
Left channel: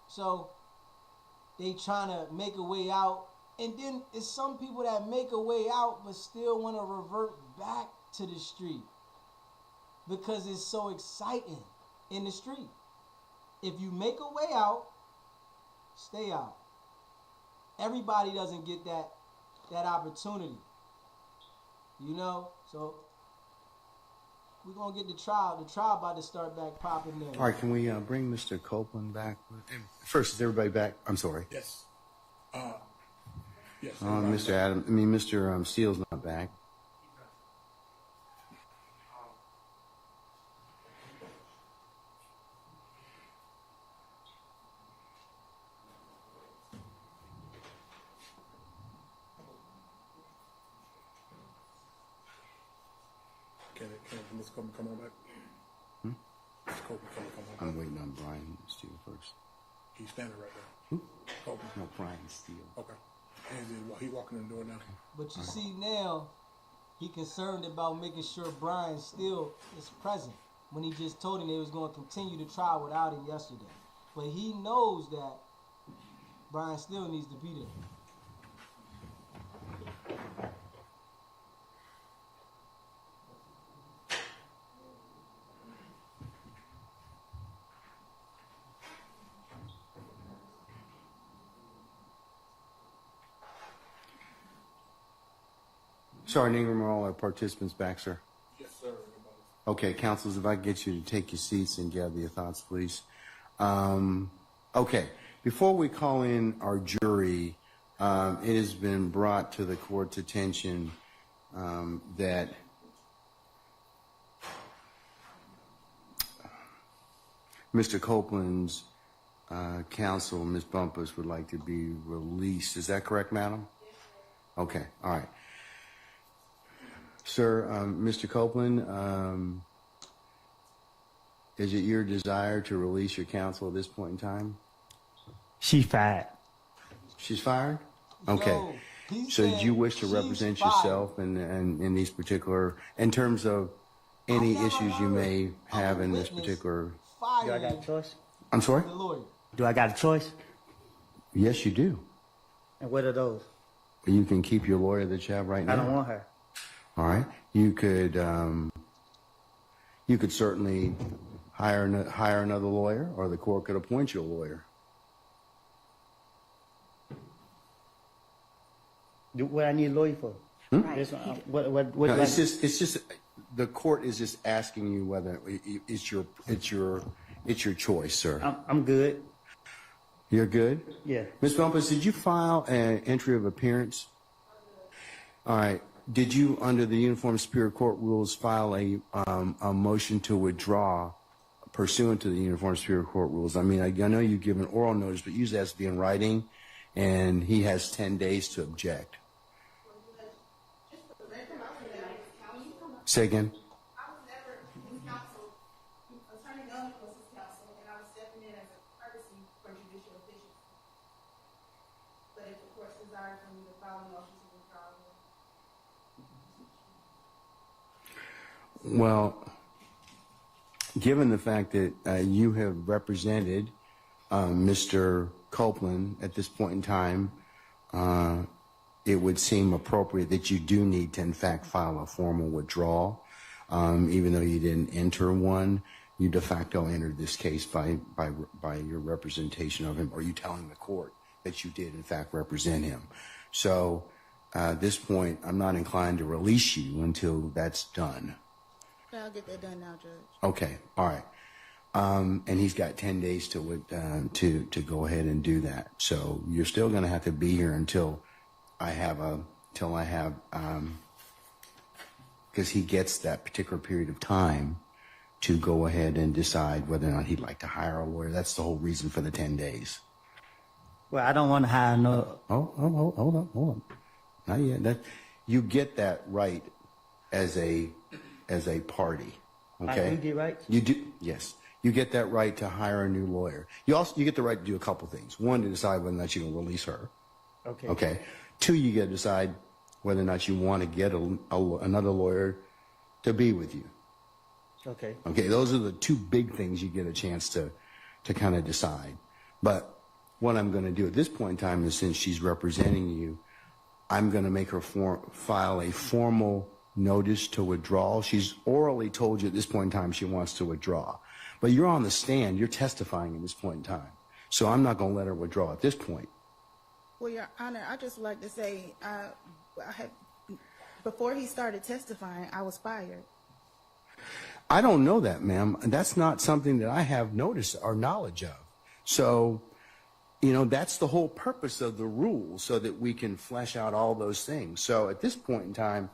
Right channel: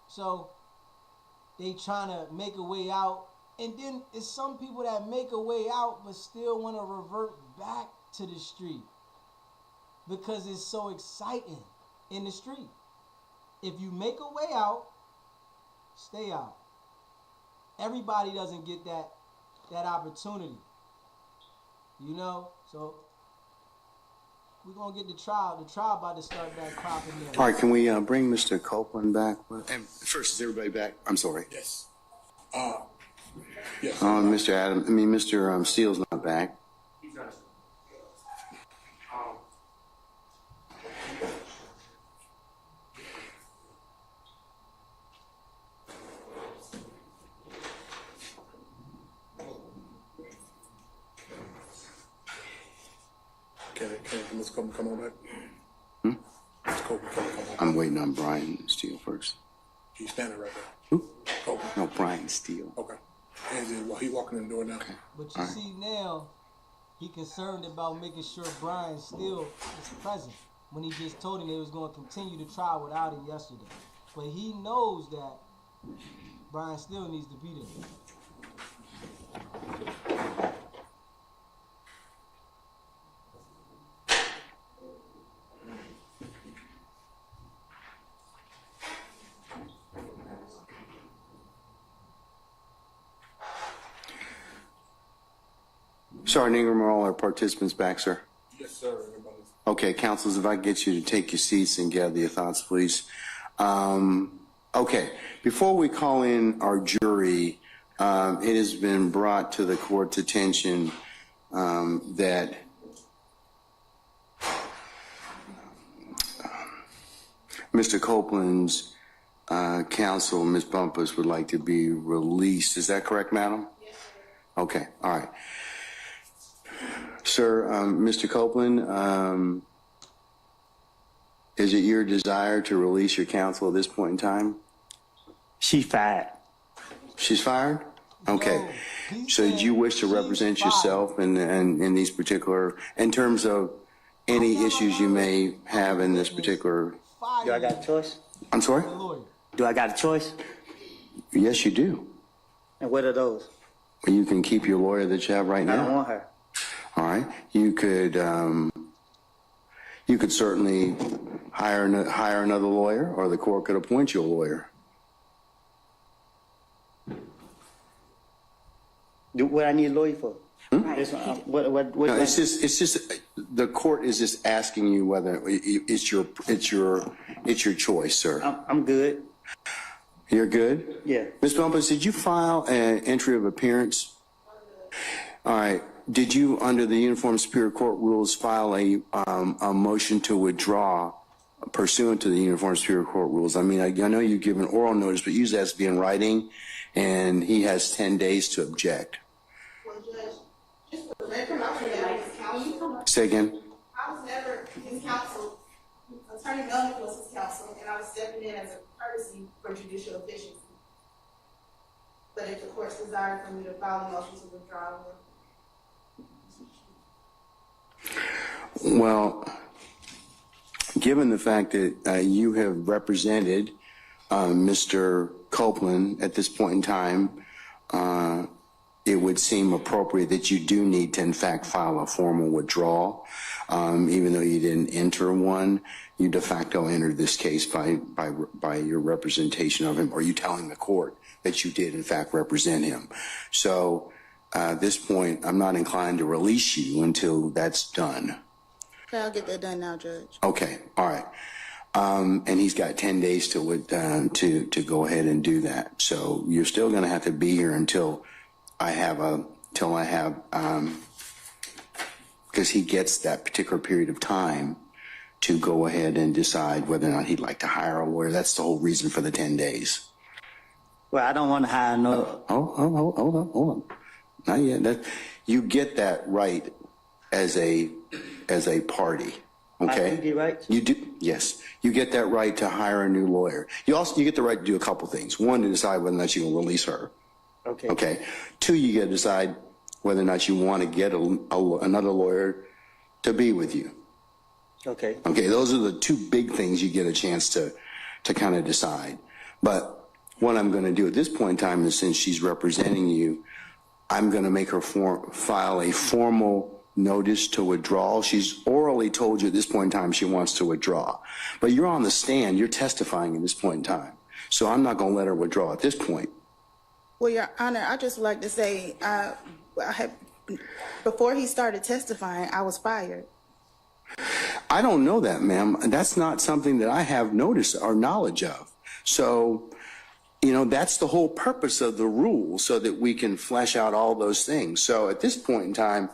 So they trying to make a way out. And then it's some people that make a way out but still want to revert back to the street. because it's so exciting in the street. If you make a way out, stay out. Everybody doesn't get that opportunity. You know? So we're gonna get the trial. The trial about to start back popping there. All right, can we bring Mr. Copeland back? And first, is everybody back? I'm sorry. Yes. Yes. Mr. Steele's not back. He's not. Can Mr. Copeland come on back? Mr. Copeland, come on. I'm waiting on Brian Steele first. He's standing right there. Who? Copeland. No, Brian Steele. Okay. He walking in the door now. Okay. But you see now, he concerned about making sure Brian still is present when he just told him they was going to continue the trial without him yesterday. But he knows that Brian still needs to be there. Sergeant Ingram, are all our participants back, sir? Yes, sir. Everybody. Okay, councilors, if I could get you to take your seats and gather your thoughts, please. Okay, before we call in our jury, it has been brought to the court's attention that Mr. Copeland's counsel, Ms. Bumpus, would like to be released. Is that correct, madam? Yes, sir. Okay, all right. Sir, Mr. Copeland, is it your desire to release your counsel at this point in time? She fired. She's fired? Okay. He So said do you wish to she's represent fired. yourself in these particular, in terms of any issues you may have in this particular? Do I got a choice? I'm sorry? The lawyer. Do I got a choice? Yes, you do. And what are those? You can keep your lawyer that you have right I don't now. want her. All right. You could certainly hire another lawyer, or the court could appoint you a lawyer. What I need a lawyer for? This, what No, it's just the court is just asking you whether it's your choice, sir. I'm good. You're good? Yeah. Ms. Bumpus, did you file an entry of appearance? All right. Did you, under the Uniform Superior Court rules, file a motion to withdraw pursuant to the Uniform Superior Court rules? I mean, I know you give an oral notice, but usually it has to be in writing, and he has 10 days to object. Well, Judge, just for the record, I was never his counsel. Say again? I was never his counsel. Attorney Melnick was his counsel, and I was stepping in as a courtesy for judicial efficiency. But if the court's desire for me to file a motion to withdraw, Well, given the fact that you have represented Mr. Copeland at this point in time, it would seem appropriate that you do need to, in fact, file a formal withdrawal. Even though you didn't enter one, you de facto entered this case by your representation of him, or you telling the court that you did, in fact, represent him. So at this point, I'm not inclined to release you until that's done. I'll get that done now, Judge. Okay, all right. And he's got 10 days to go ahead and do that. So you're still going to have to be here until because he gets that particular period of time to go ahead and decide whether or not he'd like to hire a lawyer. That's the whole reason for the 10 days. Well, I don't want to hire no. Hold on. Not yet. You get that right as a party. Okay. I do get right. You do, yes. You get that right to hire a new lawyer. You get the right to do a couple things. One, to decide whether or not you can release her. Okay. Okay. Two, you get to decide whether or not you want to get another lawyer to be with you. Okay. Okay. Those are the two big things you get a chance to kind of decide. But what I'm going to do at this point in time is, since she's representing you, I'm going to make her file a formal notice to withdraw. She's orally told you at this point in time she wants to withdraw. But you're on the stand, you're testifying at this point in time. So I'm not going to let her withdraw at this point. Well, Your Honor, I just would like to say, before he started testifying, I was fired. I don't know that, ma'am. That's not something that I have notice or knowledge of. So, you know, that's the whole purpose of the rule, so that we can flesh out all those things. So at this point in time,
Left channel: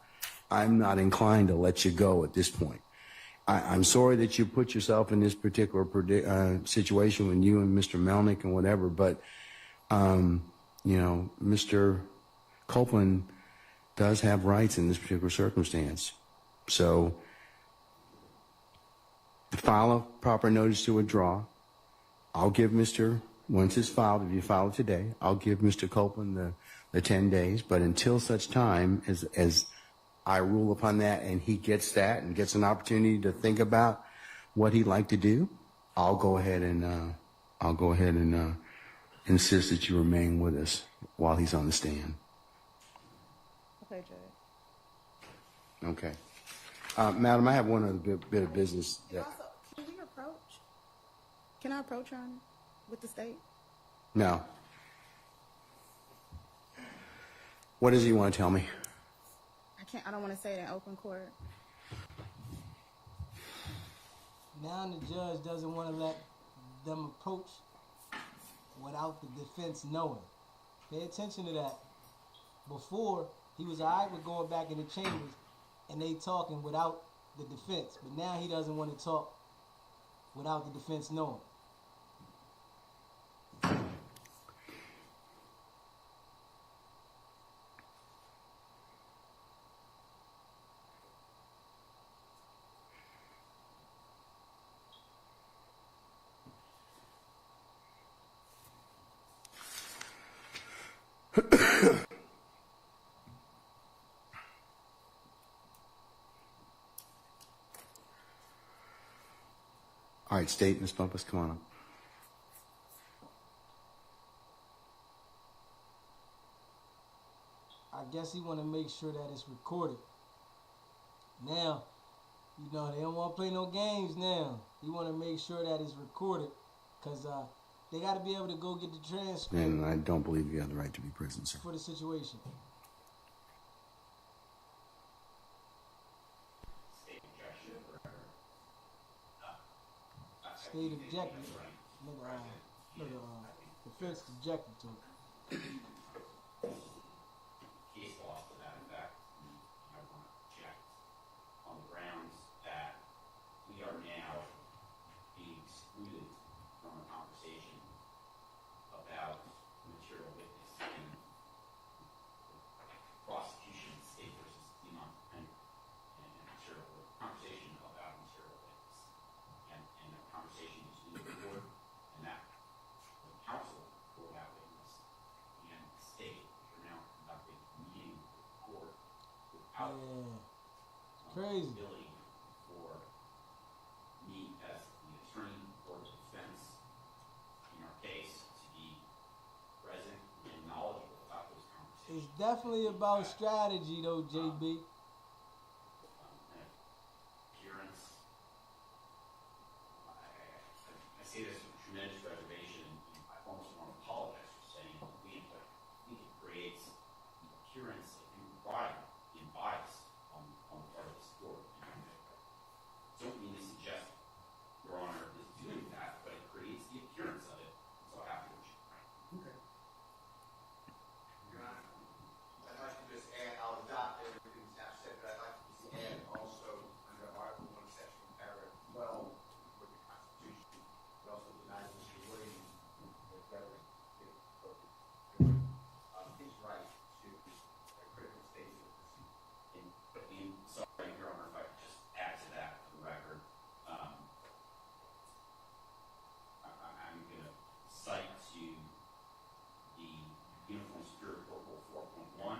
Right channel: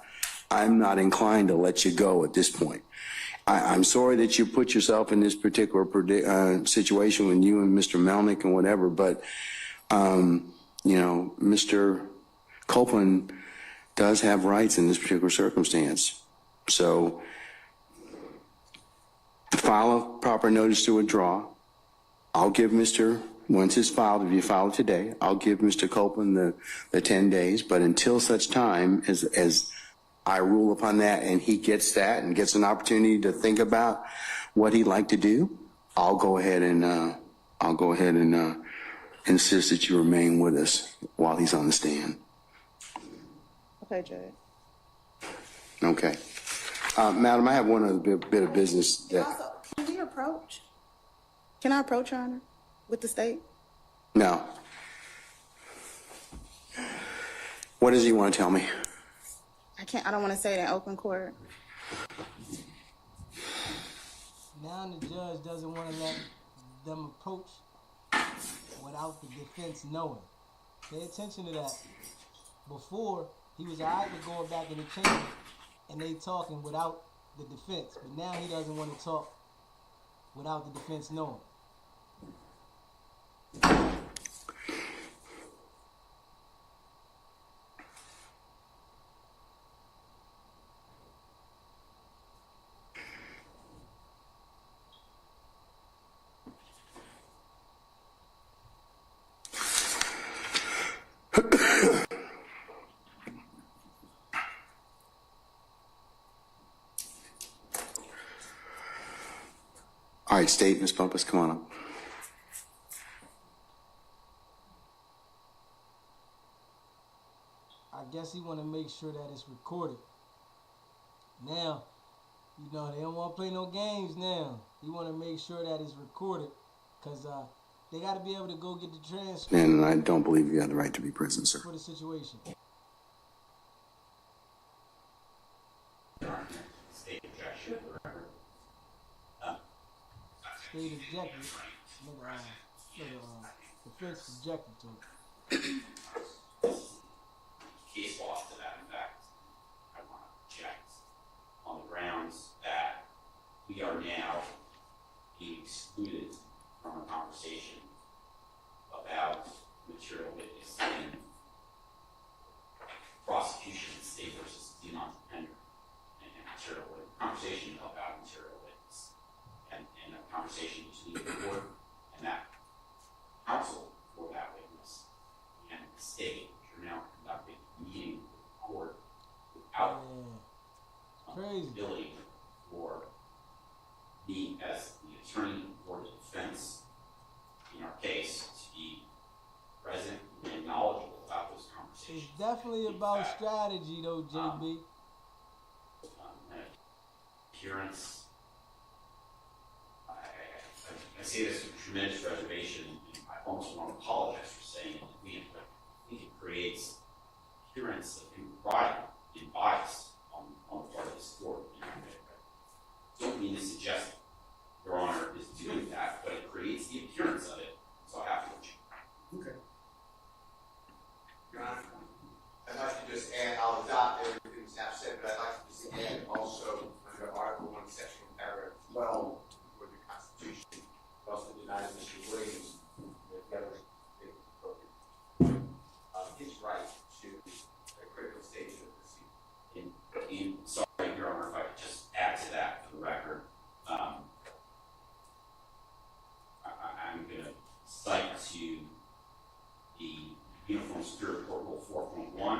I'm not inclined to let you go at this point. I'm sorry that you put yourself in this particular situation with you and Mr. Melnick and whatever, but, you know, Mr. Copeland does have rights in this particular circumstance. So file a proper notice to withdraw. I'll give once it's filed, if you file it today, I'll give Mr. Copeland the 10 days, but until such time as I rule upon that and he gets that and gets an opportunity to think about what he'd like to do, I'll go ahead and insist that you remain with us while he's on the stand. Okay, Judge. Okay. Madam, I have one other bit of business that... Also, can we approach? Can I approach, Your Honor, with the state? No. What does he want to tell me? I don't want to say it in open court. Now the judge doesn't want to let them approach without the defense knowing. Pay attention to that. Before, he was all right with going back in the chambers and they talking without the defense. But now he doesn't want to talk without the defense knowing. All right, State, Ms. Bumpus, come on up. I guess he want to make sure that it's recorded. Now, you know, they don't want to play no games now. He want to make sure that it's recorded because they got to be able to go get the transcript. And I don't believe you have the right to be present, sir. For the situation. State objected. Defense objected to it. Case law to that effect. I want to object on the grounds that we are now being excluded from a conversation about material witness in prosecution state versus Demont Pender and material witness, conversation about material witness and a conversation between the court and that counsel for that witness and the state. You're now conducting a meeting with the court without crazy ability for me as the attorney for the defense in our case to be present and knowledgeable about those conversations. It's definitely about strategy though, JB. Appearance. I say this with tremendous reservation, and I almost want to apologize for saying it. I think it creates appearance of impropriety and bias on the part of this court. I don't mean to suggest Your Honor is doing that, but it creates the appearance of it, so I have to let you know. Okay. Your Honor, I'd like to just add, I'll adopt everything staff said, but I'd like to just add also under Article 1, Section Paragraph 12 for the Constitution, it also denies Mr. Williams his right to a critical stage of the proceeding. And sorry, Your Honor, if I could just add to that for the record. I'm going to cite to the Uniform Security Court Rule 4.1,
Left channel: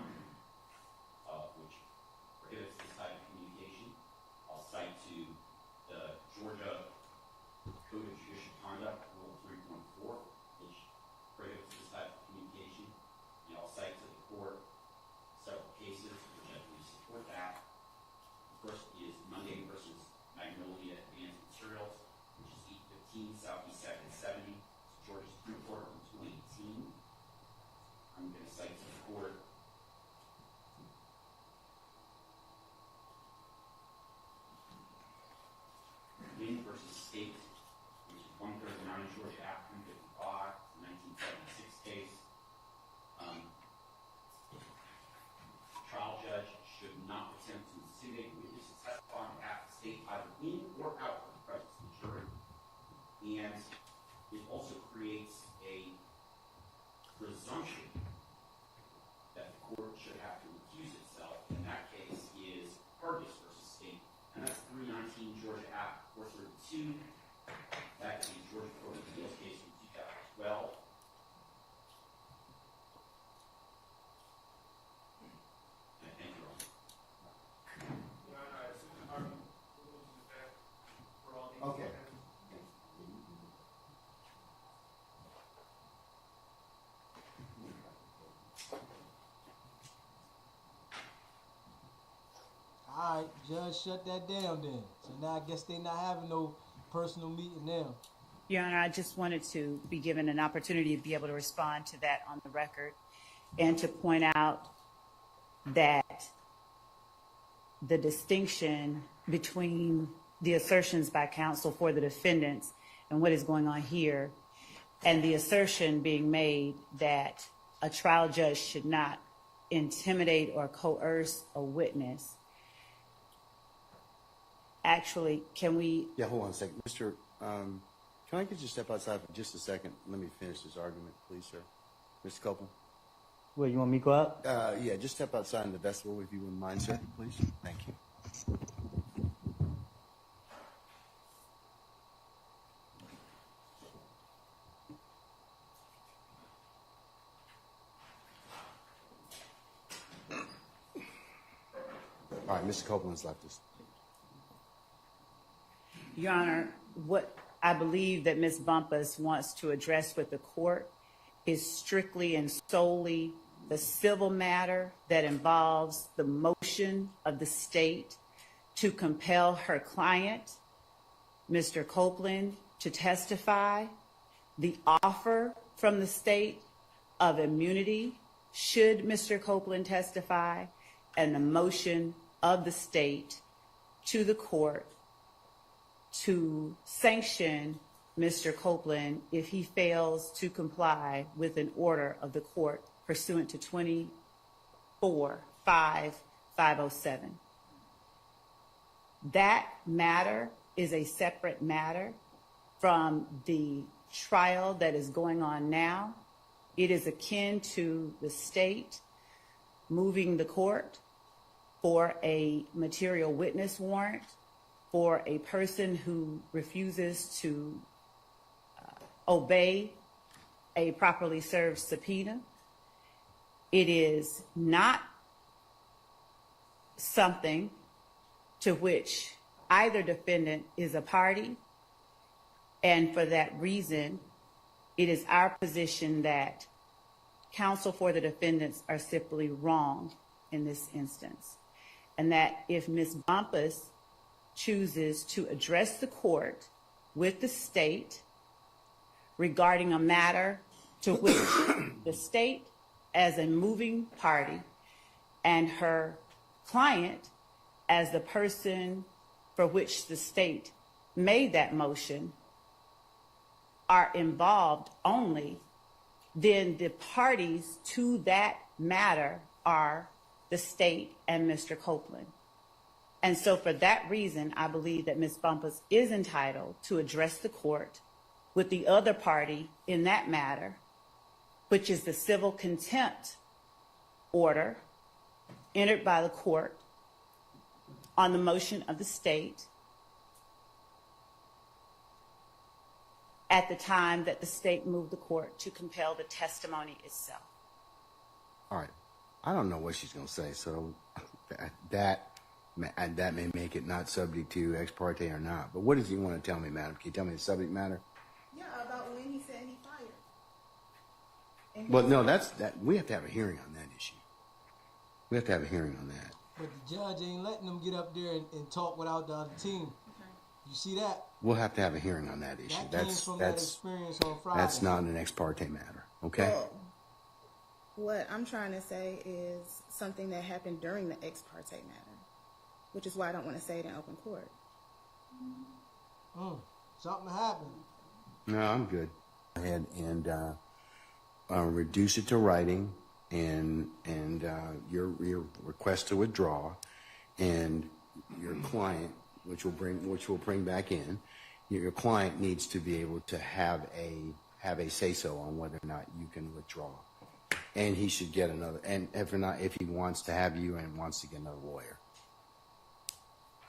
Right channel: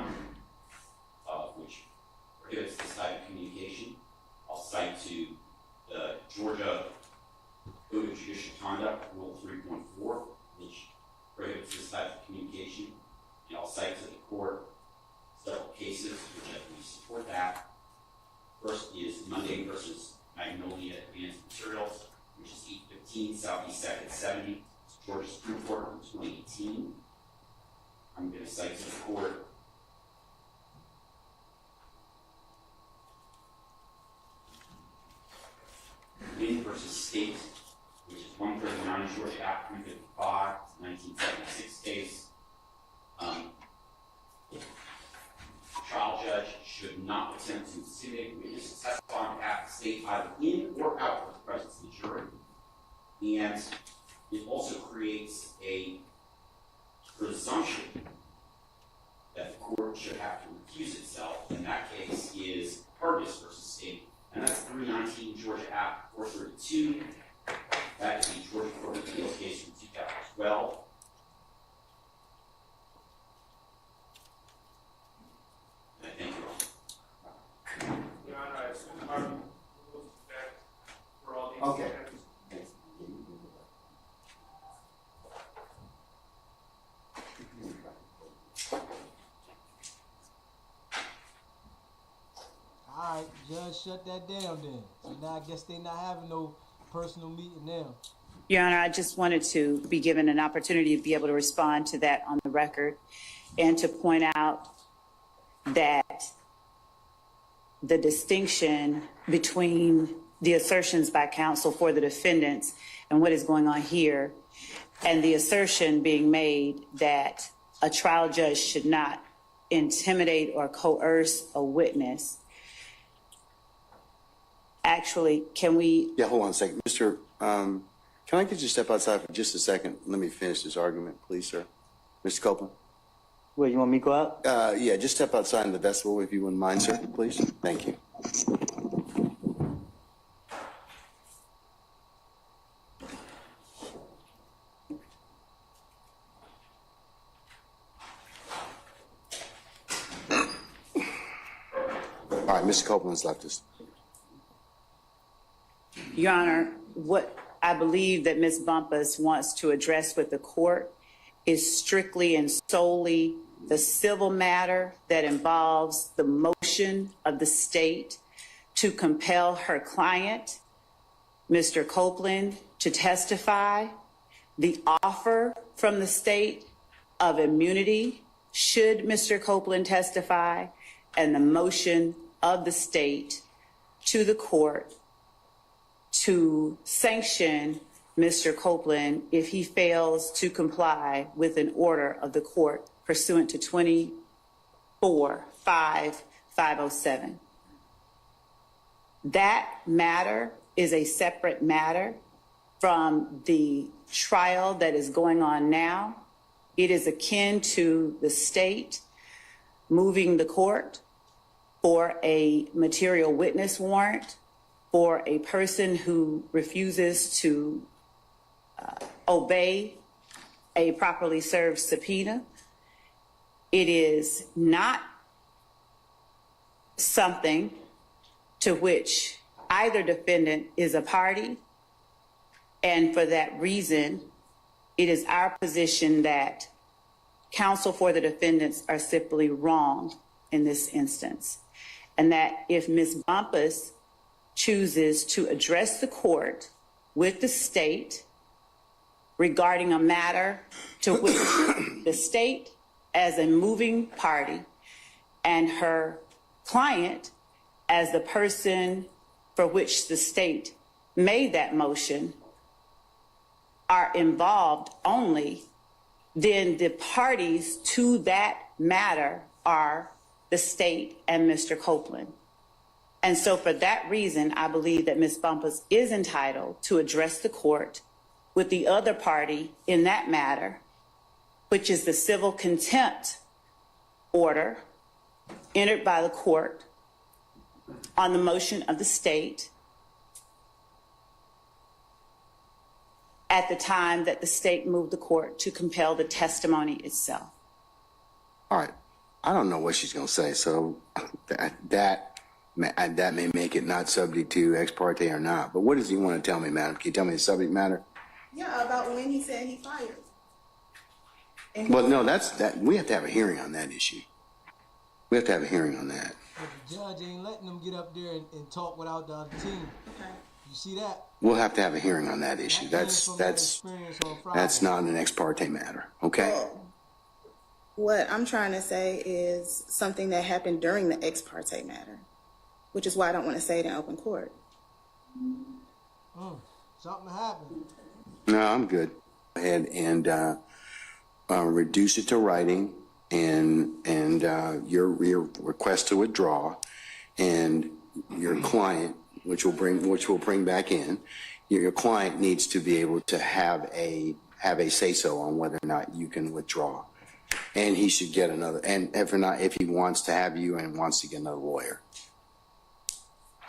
which prohibits this type of communication. I'll cite to the Georgia Code of Judicial Conduct Rule 3.4, which prohibits this type of communication. And I'll cite to the court several cases which I believe support that. should not attempt to intimidate a witness to testify on behalf of the state either in or out of the presence of the jury. And it also creates a presumption that the court should have to recuse itself. In that case is Hargis versus State, and that's 319 Georgia Act 432. That is the Georgia Court of Appeals case from 2012. Thank you all. Your Honor, I assume the Department will be back for all these. Okay. matters. All right, Judge, shut that down then. So now I guess they not having no personal meeting now. Your Honor, I just wanted to be given an opportunity to be able to respond to that on the record and to point out that the distinction between the assertions by counsel for the defendants and what is going on here, and the assertion being made that a trial judge should not intimidate or coerce a witness. Actually, can we? Yeah, hold on a second. Mr. Can I get you to step outside for just a second? Let me finish this argument, please, sir. Mr. Copeland? Where, you want me to go out? Yeah, just step outside in the vestibule if you wouldn't mind, sir, please. Thank you. All right, Mr. Copeland's left us. Your Honor, what I believe that Ms. Bumpus wants to address with the court is strictly and solely the civil matter that involves the motion of the state to compel her client, Mr. Copeland, to testify, the offer from the state of immunity should Mr. Copeland testify, and the motion of the state to the court to sanction Mr. Copeland if he fails to comply with an order of the court pursuant to 24-5-507. That matter is a separate matter from the trial that is going on now. It is akin to the state moving the court for a material witness warrant for a person who refuses to obey a properly served subpoena. It is not something to which either defendant is a party, and for that reason, it is our position that counsel for the defendants are simply wrong in this instance, and that if Ms. Bumpus chooses to address the court with the state regarding a matter to which the state as a moving party and her client as the person for which the state made that motion are involved only, then the parties to that matter are the state and Mr. Copeland. And so for that reason, I believe that Ms. Bumpus is entitled to address the court with the other party in that matter, which is the civil contempt order entered by the court on the motion of the state at the time that the state moved the court to compel the testimony itself. All right. I don't know what she's going to say, so that may make it not subject to ex parte or not. But what does he want to tell me, madam? Can you tell me the subject matter? Yeah, about when he said he fired. And Well, no, we have to have a hearing on that issue. We have to have a hearing on that. But the judge ain't letting them get up there and talk without the other team. Okay. You see that? We'll have to have a hearing on that issue. That came from that experience on Friday. That's not an ex parte matter, okay? Well, what I'm trying to say is something that happened during the ex parte matter, which is why I don't want to say it in open court. Something happened. No, I'm good. Go ahead and reduce it to writing and your request to withdraw, and your client, which will bring back in, your client needs to be able to have a say so on whether or not you can withdraw, and he should get another. And if he wants to have you and wants to get another lawyer,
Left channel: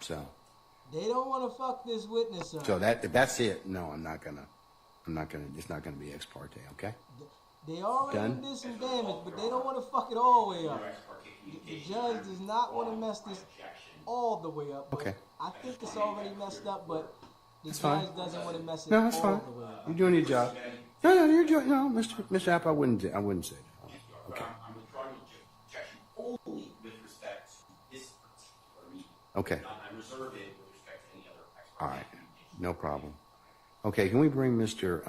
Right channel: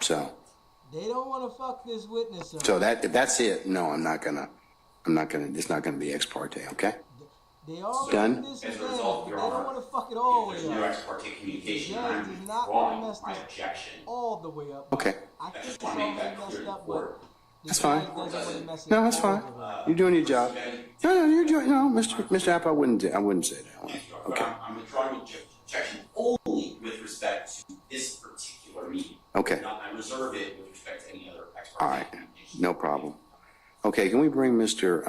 so. They don't want to fuck this witness up. So that's it. No, I'm not gonna. It's not gonna be ex parte. Okay. They already Done. did some damage, but they don't want to fuck it all the way Your up. ex parte The communication. judge does not want to mess my this objection. all the way up. Okay. I think it's already messed up, but the That's judge fine. doesn't want to mess it No, that's all fine. the way up. You're doing your job. No, Mr. App, I wouldn't say that. Okay. I'm withdrawing objection only with respect to this particular meeting. Okay. I reserve it with respect to any other ex All parte. right. No problem. Okay. Can we bring Mr.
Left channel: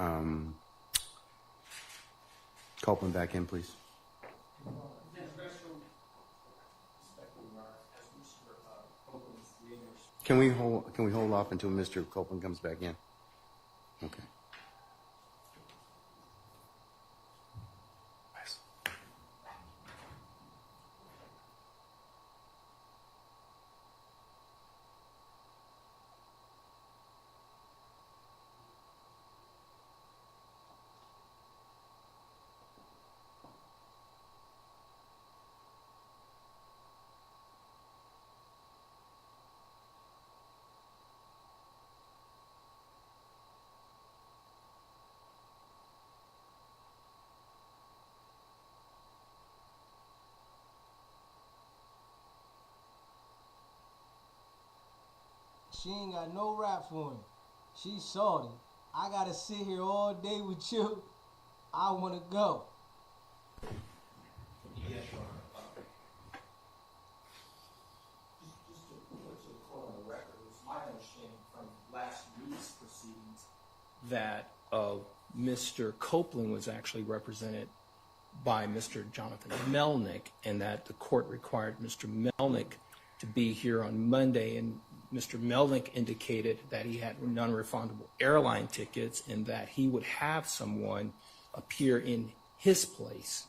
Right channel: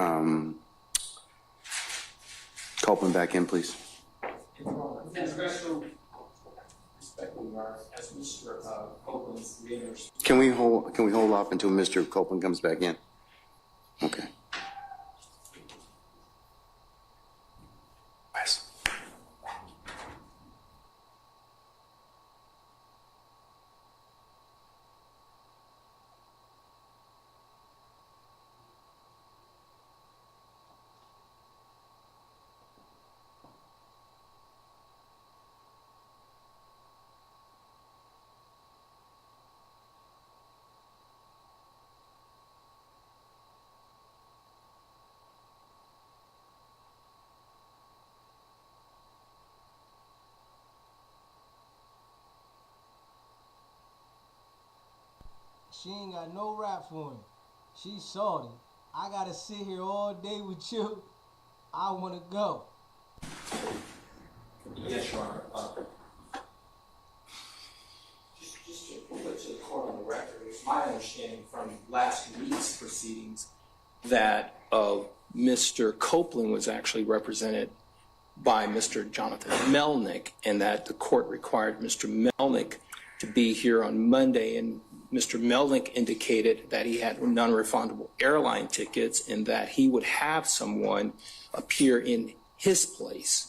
Copeland back in, please? Can we hold off until Mr. Copeland comes back in? Okay. Wes. She ain't got no rap for him. She's salty. I gotta sit here all day with you. I wanna go. Yes, Your Honor. Just to put to the court on the record, it's my understanding from last week's proceedings that Mr. Copeland was actually represented by Mr. Jonathan Melnick, and that the court required Mr. Melnick to be here on Monday, and Mr. Melnick indicated that he had non-refundable airline tickets and that he would have someone appear in his place.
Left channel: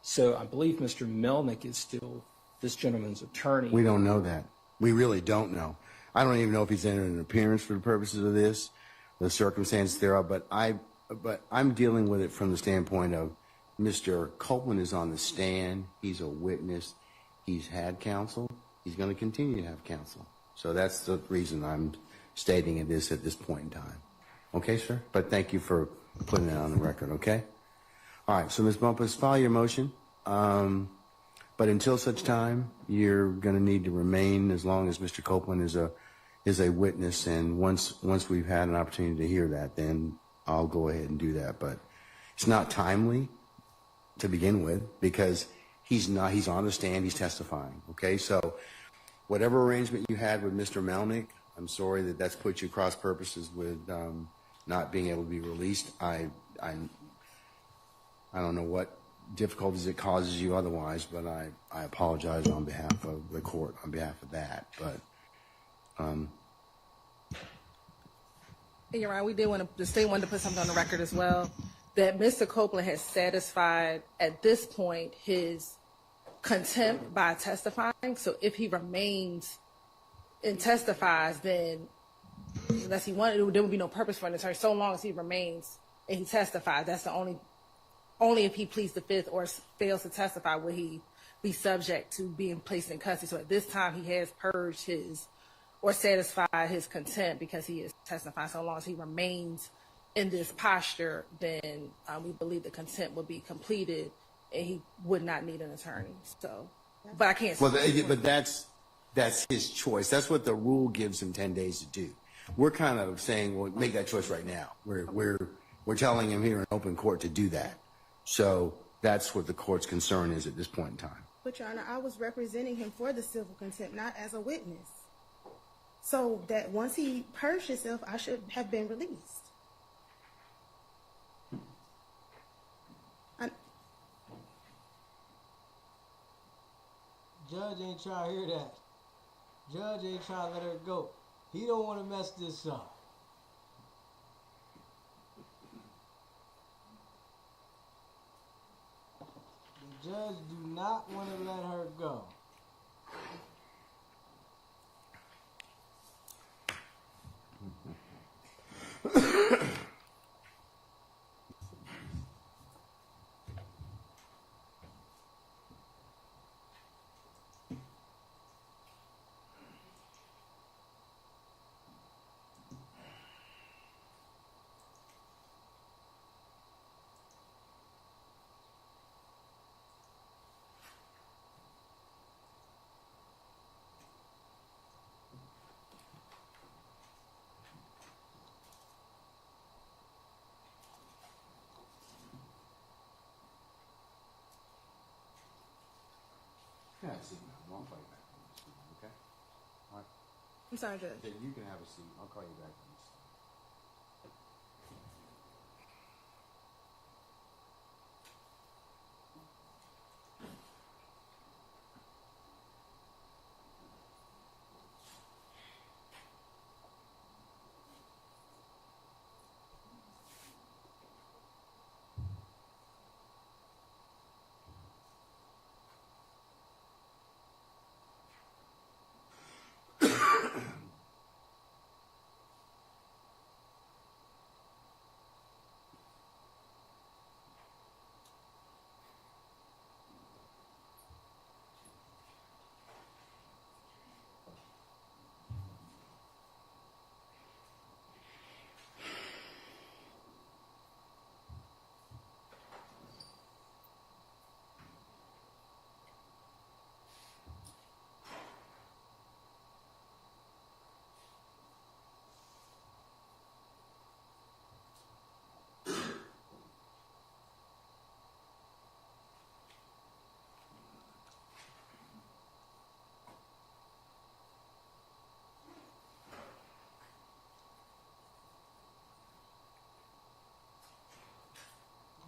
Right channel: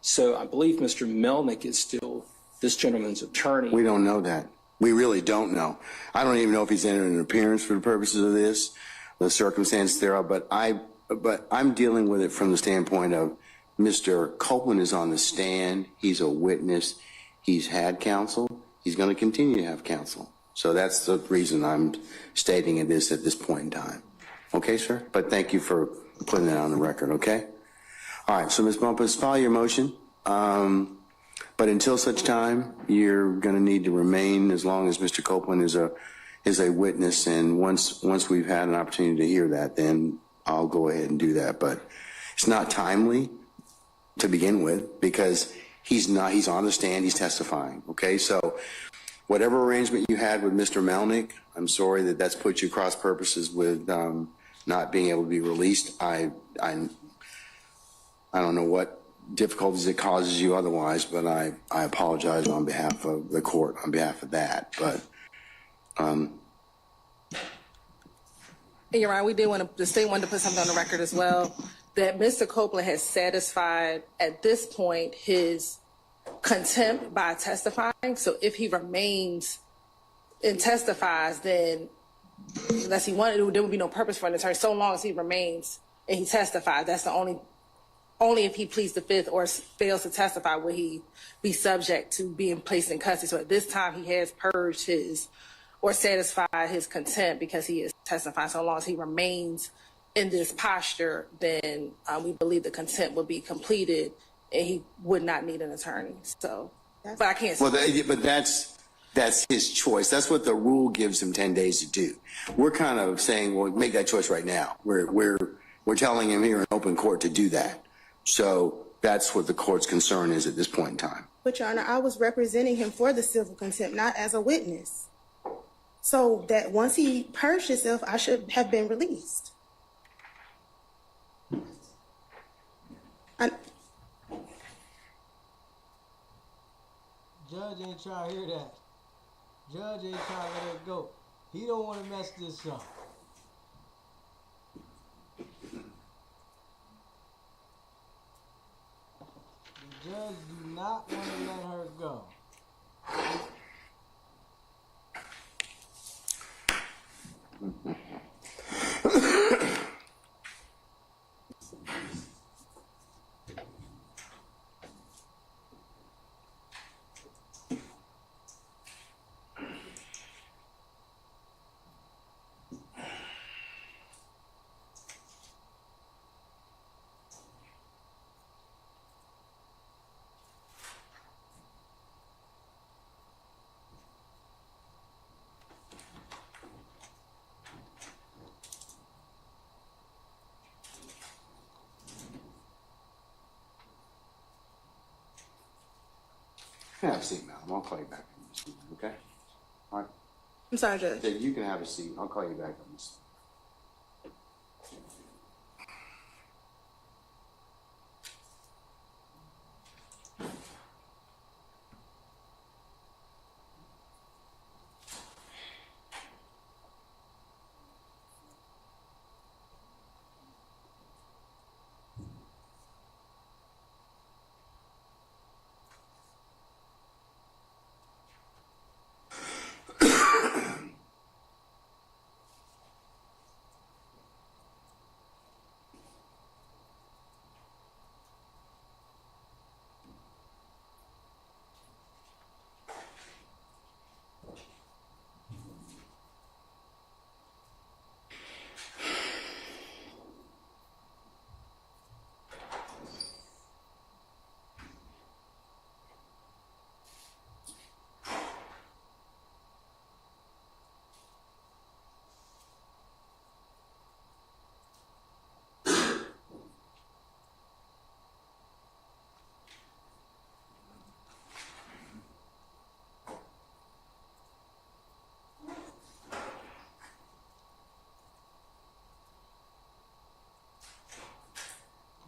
So I believe Mr. Melnick is still this gentleman's attorney. We don't know that. We really don't know. I don't even know if he's entered an appearance for the purposes of this, the circumstances thereof, but I'm dealing with it from the standpoint of Mr. Copeland is on the stand. He's a witness. He's had counsel. He's going to continue to have counsel. So that's the reason I'm stating this at this point in time. Okay, sir? But thank you for putting that on the record, okay? All right, so Ms. Bumpus, file your motion. But until such time, you're going to need to remain as long as Mr. Copeland is a witness. And once we've had an opportunity to hear that, then I'll go ahead and do that. But it's not timely to begin with because he's on the stand, he's testifying, okay? So whatever arrangement you had with Mr. Melnick, I'm sorry that that's put you cross purposes with not being able to be released. I don't know what difficulties it causes you otherwise, but I apologize on behalf of the court, on behalf of that. But You're right. We did want to, the state wanted to put something on the record as well, that Mr. Copeland has satisfied at this point his contempt by testifying. So if he remains and testifies, then unless he wanted, there would be no purpose for an attorney. So long as he remains and he testifies, that's the only if he pleads the fifth or fails to testify will he be subject to being placed in custody. So at this time, he has purged his or satisfied his contempt because he is testifying. So long as he remains in this posture, then we believe the contempt will be completed and he would not need an attorney. So, but I can't. Well, but that's his choice. That's what the rule gives him 10 days to do. We're kind of saying, well, make that choice right now. We're telling him here in open court to do that. So that's what the court's concern is at this point in time. But Your Honor, I was representing him for the civil contempt, not as a witness. So that once he purged himself, I should have been released. Judge ain't trying to hear that. Judge ain't trying to let her go. He don't want to mess this up. The Judge do not want to let her go. You can have a seat, madam. I'll call you back on this, okay? All right. I'm sorry, Judge. Yeah, you can have a seat. I'll call you back on this.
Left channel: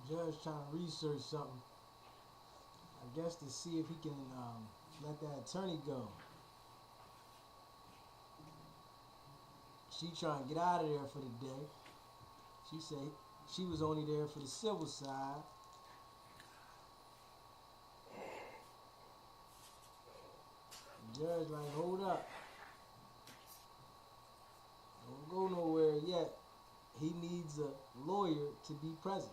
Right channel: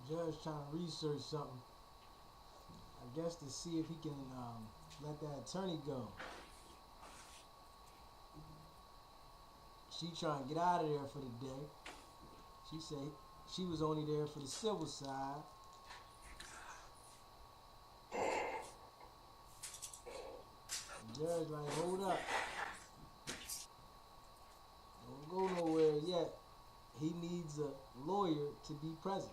Judge trying to research something. I guess to see if he can let that attorney go. She trying to get out of there for the day. She said she was only there for the civil side. The judge like, hold up. Don't go nowhere yet. He needs a lawyer to be present.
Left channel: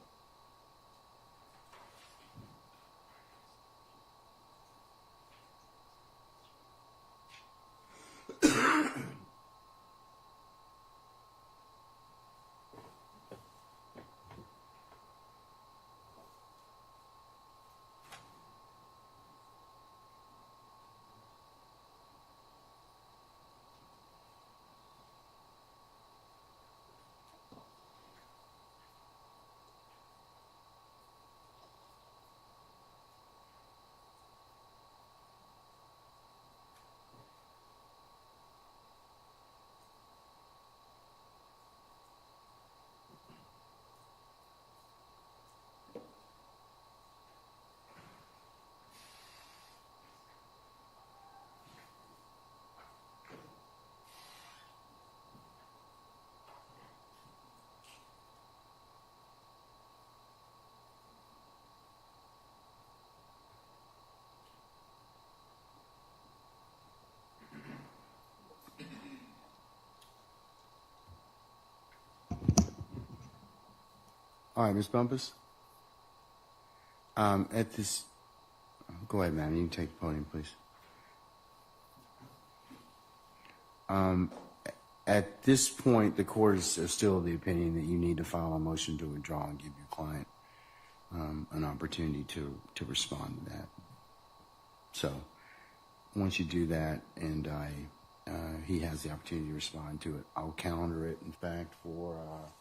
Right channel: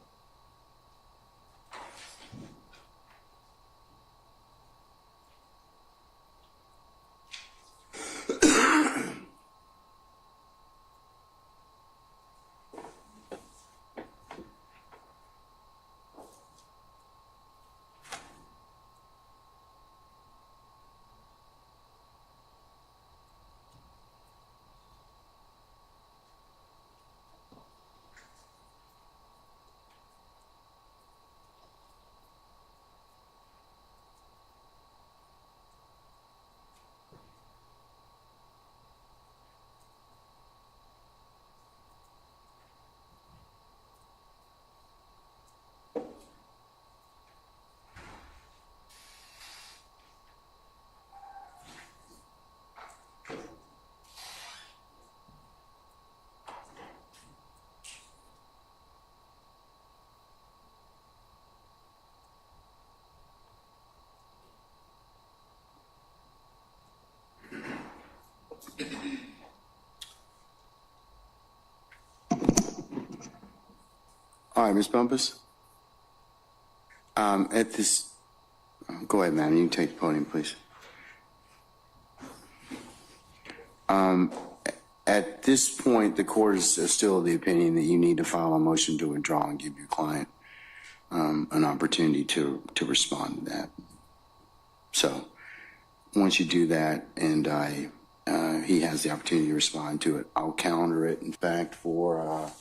All right, Ms. Bumpus. At this, go ahead, man. You can take the podium, please. At this point, the court is still of the opinion that you need to file a motion to withdraw and give your client an opportunity to respond to that. So once you do that, and he has the opportunity to respond to it, I'll calendar it, in fact, for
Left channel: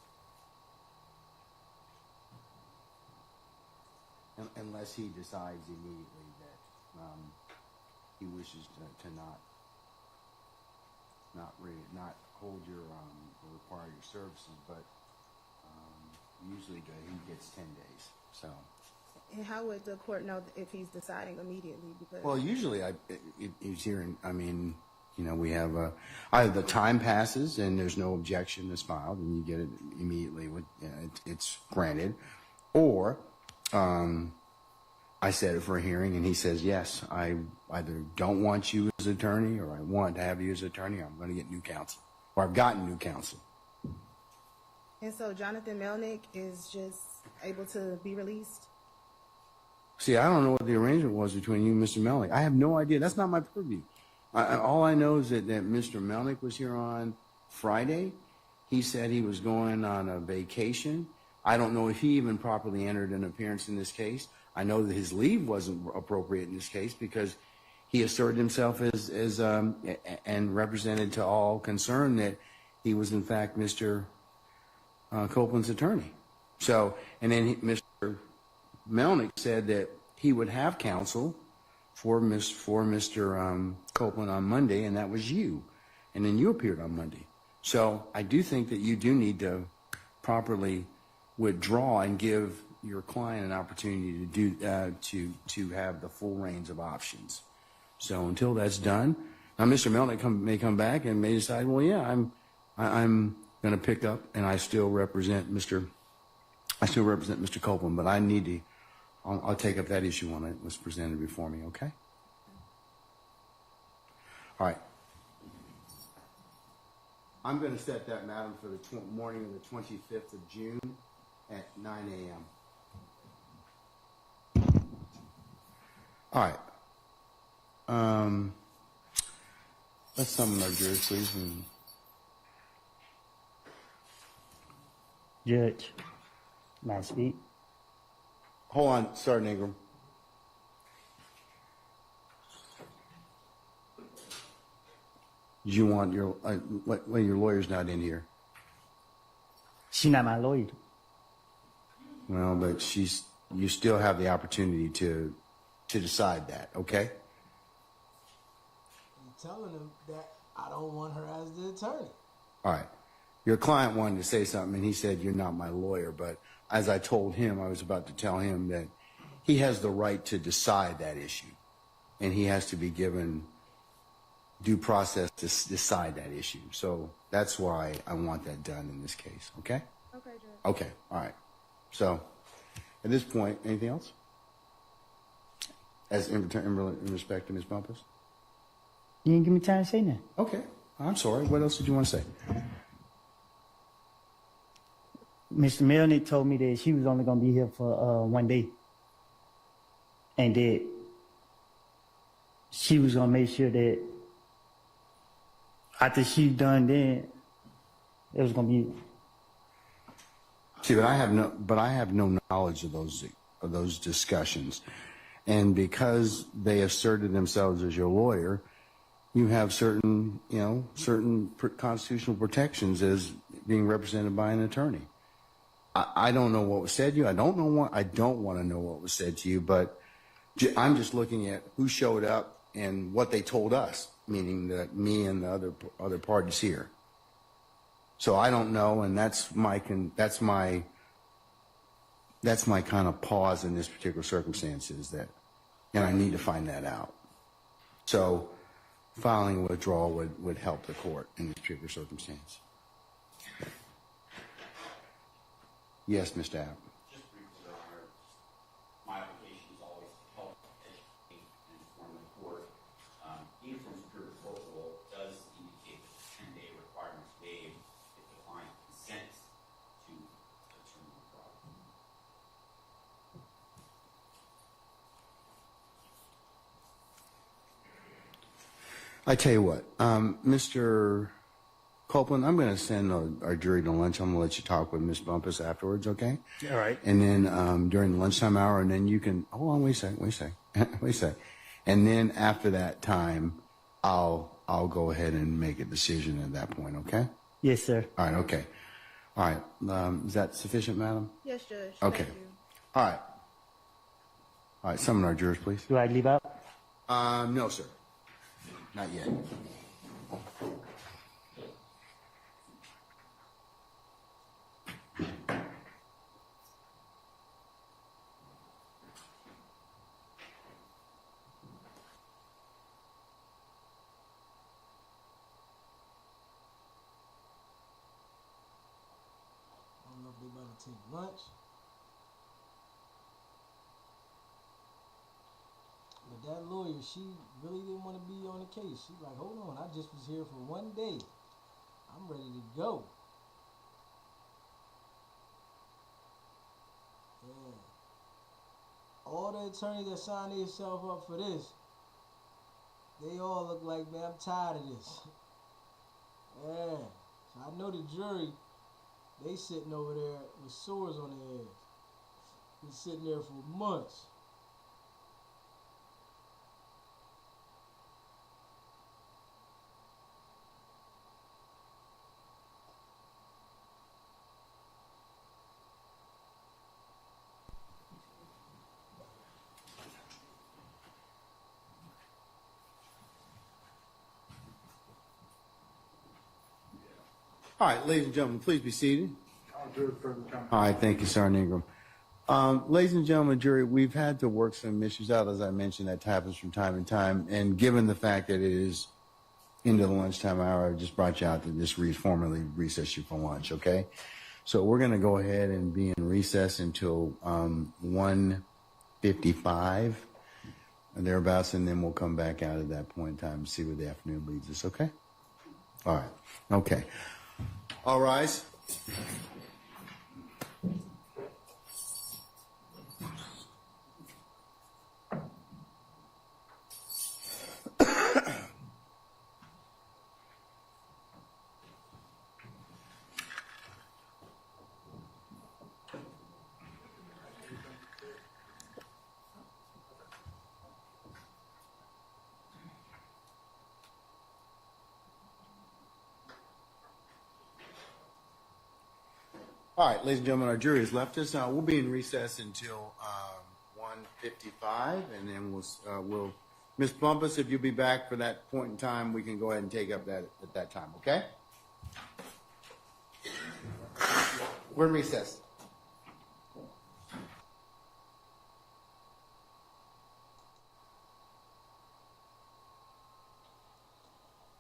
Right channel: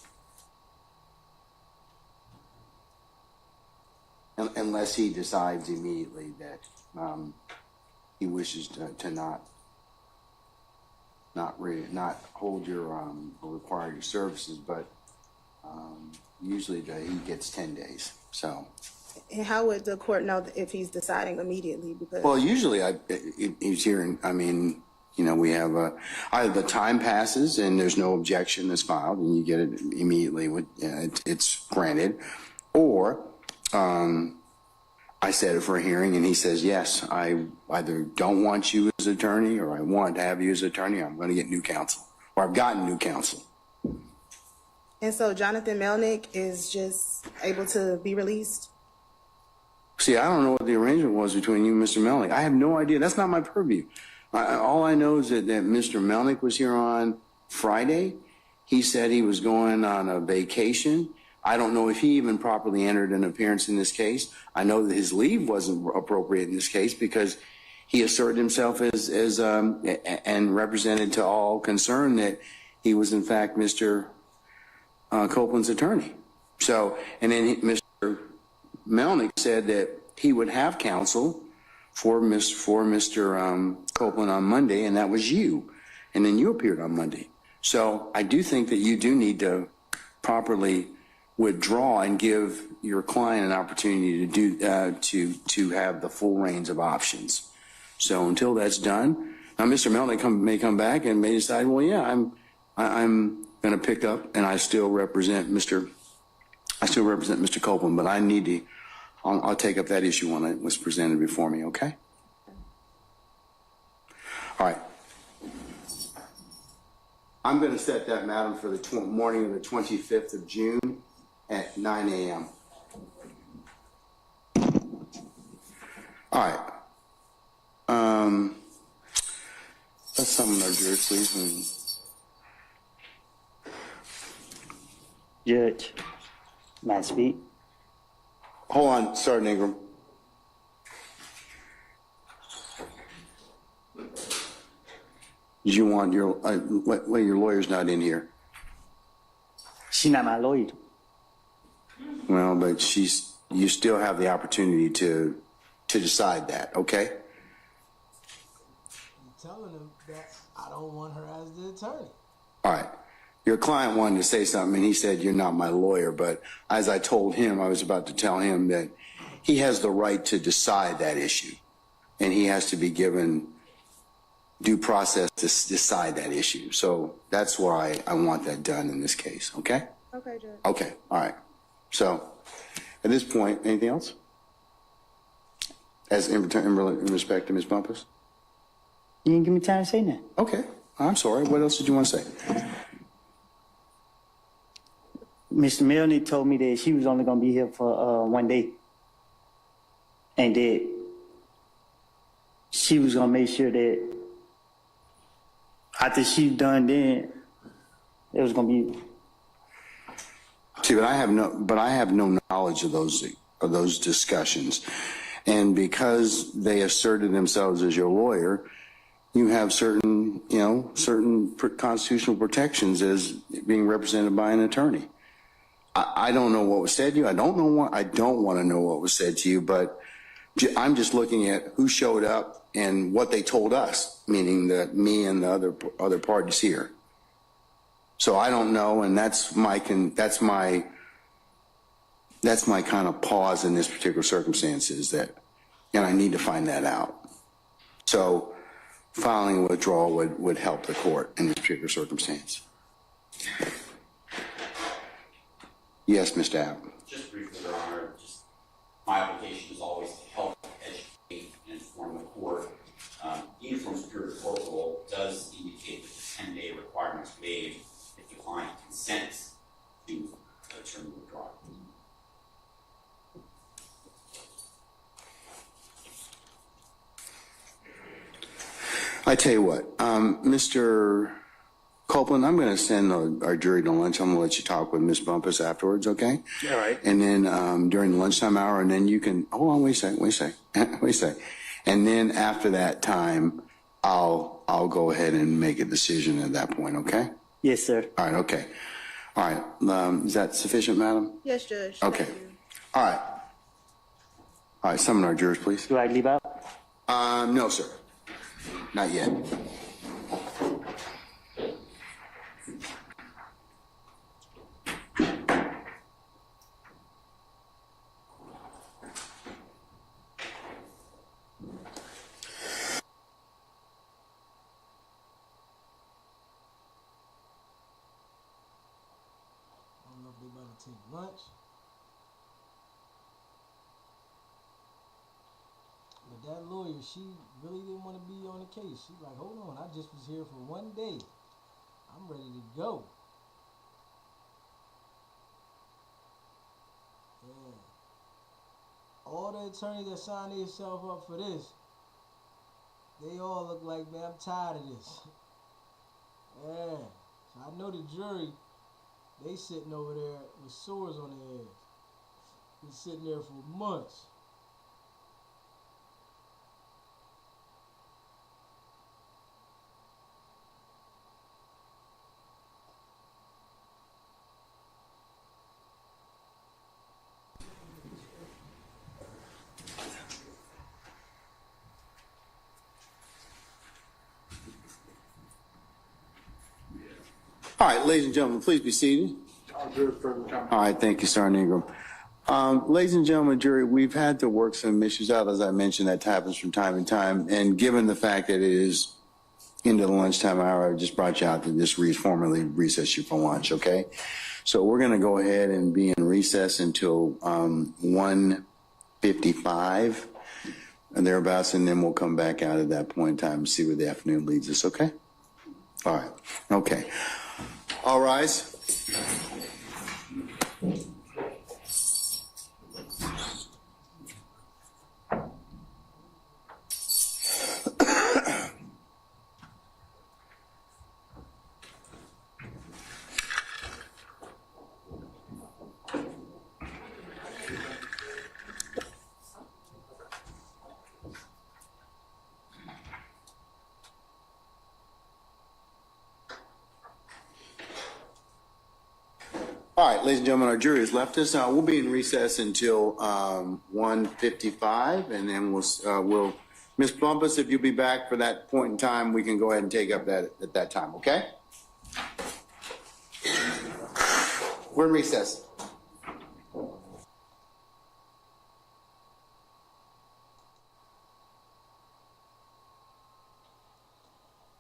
unless he decides immediately that he wishes to not hold your or require your services, but usually he gets 10 days. So. And how would the court know if he's deciding immediately? Because Well, usually he's hearing. I mean, you know, we have either the time passes and there's no objection that's filed, and you get it immediately. It's granted, or I set it for a hearing, and he says, yes, I either don't want you as attorney or I want to have you as attorney. I'm going to get new counsel, or I've gotten new counsel. And so Jonathan Melnick is just able to be released? See, I don't know what the arrangement was between you and Mr. Melnick. I have no idea. That's not my purview. All I know is that Mr. Melnick was here on Friday. He said he was going on a vacation. I don't know if he even properly entered an appearance in this case. I know that his leave wasn't appropriate in this case because he asserted himself and represented to all concerned that he was in fact Mr. Copeland's attorney. So, and then Mr. Melnick said that he would have counsel for Mr. Copeland on Monday, and that was you. And then you appeared on Monday. So I do think that you do need to properly withdraw and give your client an opportunity to have the full range of options. So until that's done, now Mr. Melnick may come back and may decide, well, yeah, I'm going to pick up, and I still represent Mr. Copeland, but I need to. I'll take up that issue when it was presented before me. Okay. All right. I'm going to set that, madam, for the morning of the 25th of June at 9 a.m. All right. Let's summon our jurors, please. Judge, may I speak? Hold on, Sergeant Ingram. You want your your lawyer's not in here. She's not my lawyer. Well, but you still have the opportunity to decide that, okay? You're telling him that I don't want her as the attorney. All right. Your client wanted to say something, and he said, you're not my lawyer. But as I told him, I was about to tell him that he has the right to decide that issue, and he has to be given due process to decide that issue. So that's why I want that done in this case, okay? Okay, Judge. Okay, all right. So at this point, anything else? As in respect to Ms. Bumpus? You didn't give me time to say that. Okay, I'm sorry. What else did you want to say? Mr. Melnick told me that she was only going to be here for 1 day. And that she was going to make sure that after she done then, it was going to be... See, but I have no knowledge of those discussions. And because they asserted themselves as your lawyer, you have certain constitutional protections as being represented by an attorney. I don't know what was said to you. I don't want to know what was said to you, but I'm just looking at who showed up and what they told us, meaning that me and the other parties here. So I don't know, and that's my kind of pause in this particular circumstance is that, and I need to find that out. So filing a withdrawal would help the court in this particular circumstance. Yes, Mr. Abb. Just briefly, Your Honor, my obligation is always to help educate and inform the court. Uniform Superior Court rule does indicate that the 10-day requirement is waived if the client consents to attorney withdrawal. I tell you what, Mr. Copeland, I'm going to send our jury to lunch. I'm going to let you talk with Ms. Bumpus afterwards, okay? All right. And then during the lunchtime hour, and then you can, hold on, wait a second. And then after that time, I'll go ahead and make a decision at that point, okay? Yes, sir. All right, okay. All right, is that sufficient, madam? Yes, Judge. Okay. Thank you. All right. All right, summon our jurors, please. Do I leave out? No, sir. Not yet. I don't know if they about to take lunch. But that lawyer, she really didn't want to be on the case. She's like, hold on, I just was here for one day. I'm ready to go. Yeah. All the attorneys that signed themselves up for this, they all look like, man, I'm tired of this. Yeah. So I know the jury, they sitting over there with sores on their heads. Been sitting there for months. All right, ladies and gentlemen, please be seated. All right, thank you, Sergeant Ingram. Ladies and gentlemen, jury, we've had to work some issues out, as I mentioned, that happens from time to time. And given the fact that it is into the lunchtime hour, I just brought you out to just formally recess you for lunch, okay? So we're going to go ahead and be in recess until 1:55 and thereabouts, and then we'll come back out at that point in time and see where the afternoon leads us, okay? All right, okay. All rise. All right, ladies and gentlemen, our jury has left us. We'll be in recess until 1:55, and then we'll Ms. Plumpus, if you'll be back for that point in time, we can go ahead and take up that at that time, okay? We're in recess.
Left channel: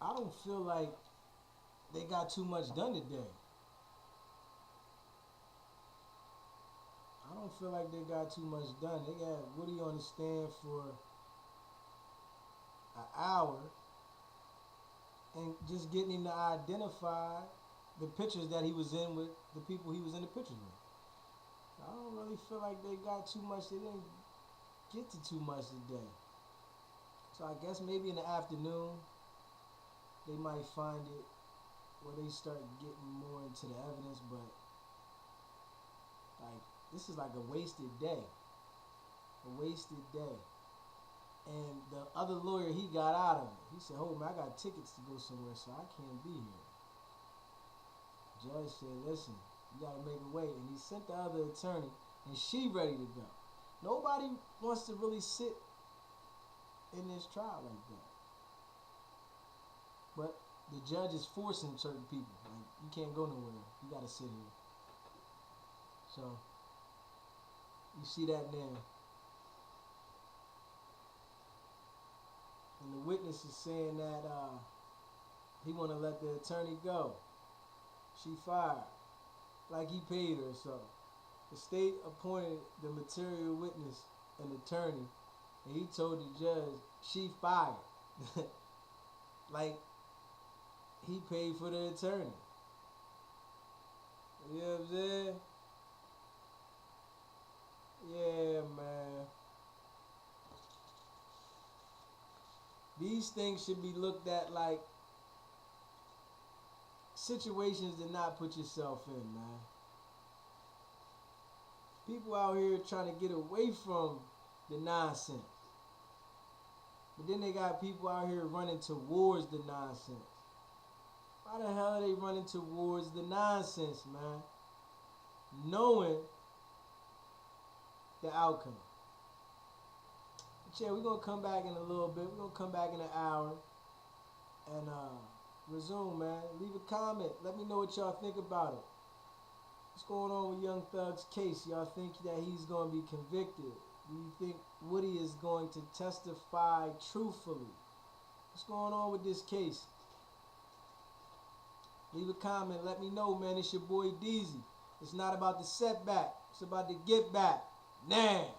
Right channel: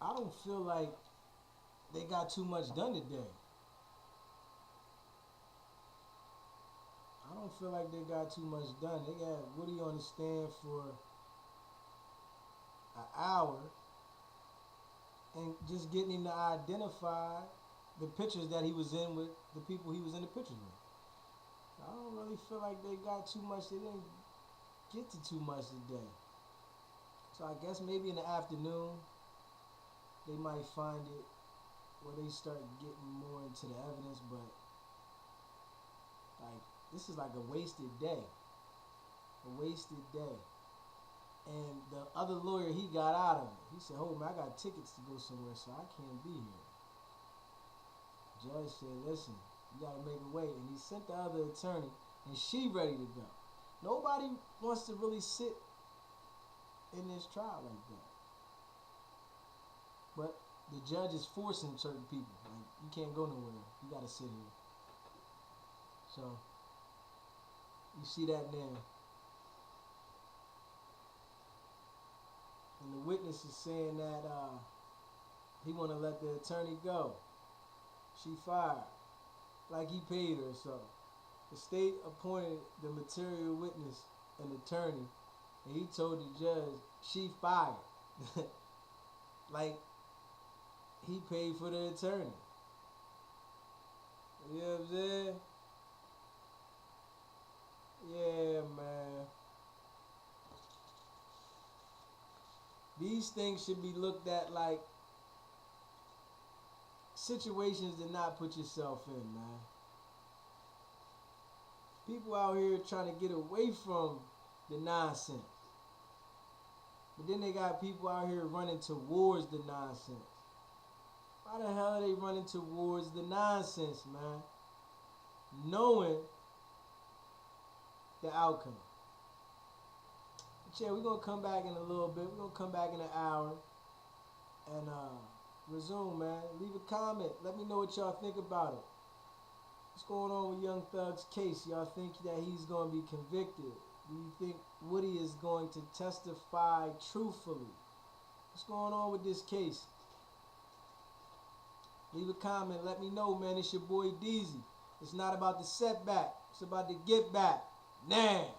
I don't feel like they got too much done today. I don't feel like they got too much done. They got Woody on the stand for an hour and just getting him to identify the pictures that he was in with the people he was in the pictures with. I don't really feel like they got too much. They didn't get to too much today. So I guess maybe in the afternoon they might find it where they start getting more into the evidence, but like this is like a wasted day. A wasted day. And the other lawyer, he got out of it. He said, oh man, I got tickets to go somewhere, so I can't be here. Judge said, listen, you gotta make a way. And he sent the other attorney, and she ready to go. Nobody wants to really sit in this trial like that. But the judge is forcing certain people. Like, you can't go nowhere. You gotta sit here. So, you see that now. And the witness is saying that he want to let the attorney go. She fired. Like he paid her or so. The state appointed the material witness an attorney, and he told the judge she fired. Like he paid for the attorney. You know what I'm saying? Yeah, man. These things should be looked at like situations to not put yourself in, man. People out here trying to get away from the nonsense. But then they got people out here running towards the nonsense. Why the hell are they running towards the nonsense, man? Knowing the outcome. But yeah, we're going to come back in a little bit. We're going to come back in an hour and resume, man. Leave a comment. Let me know what y'all think about it. What's going on with Young Thug's case? Y'all think that he's going to be convicted? Do you think Woody is going to testify truthfully? What's going on with this case? Leave a comment. Let me know, man. It's your boy Deezy. It's not about the setback. It's about the get back. Now.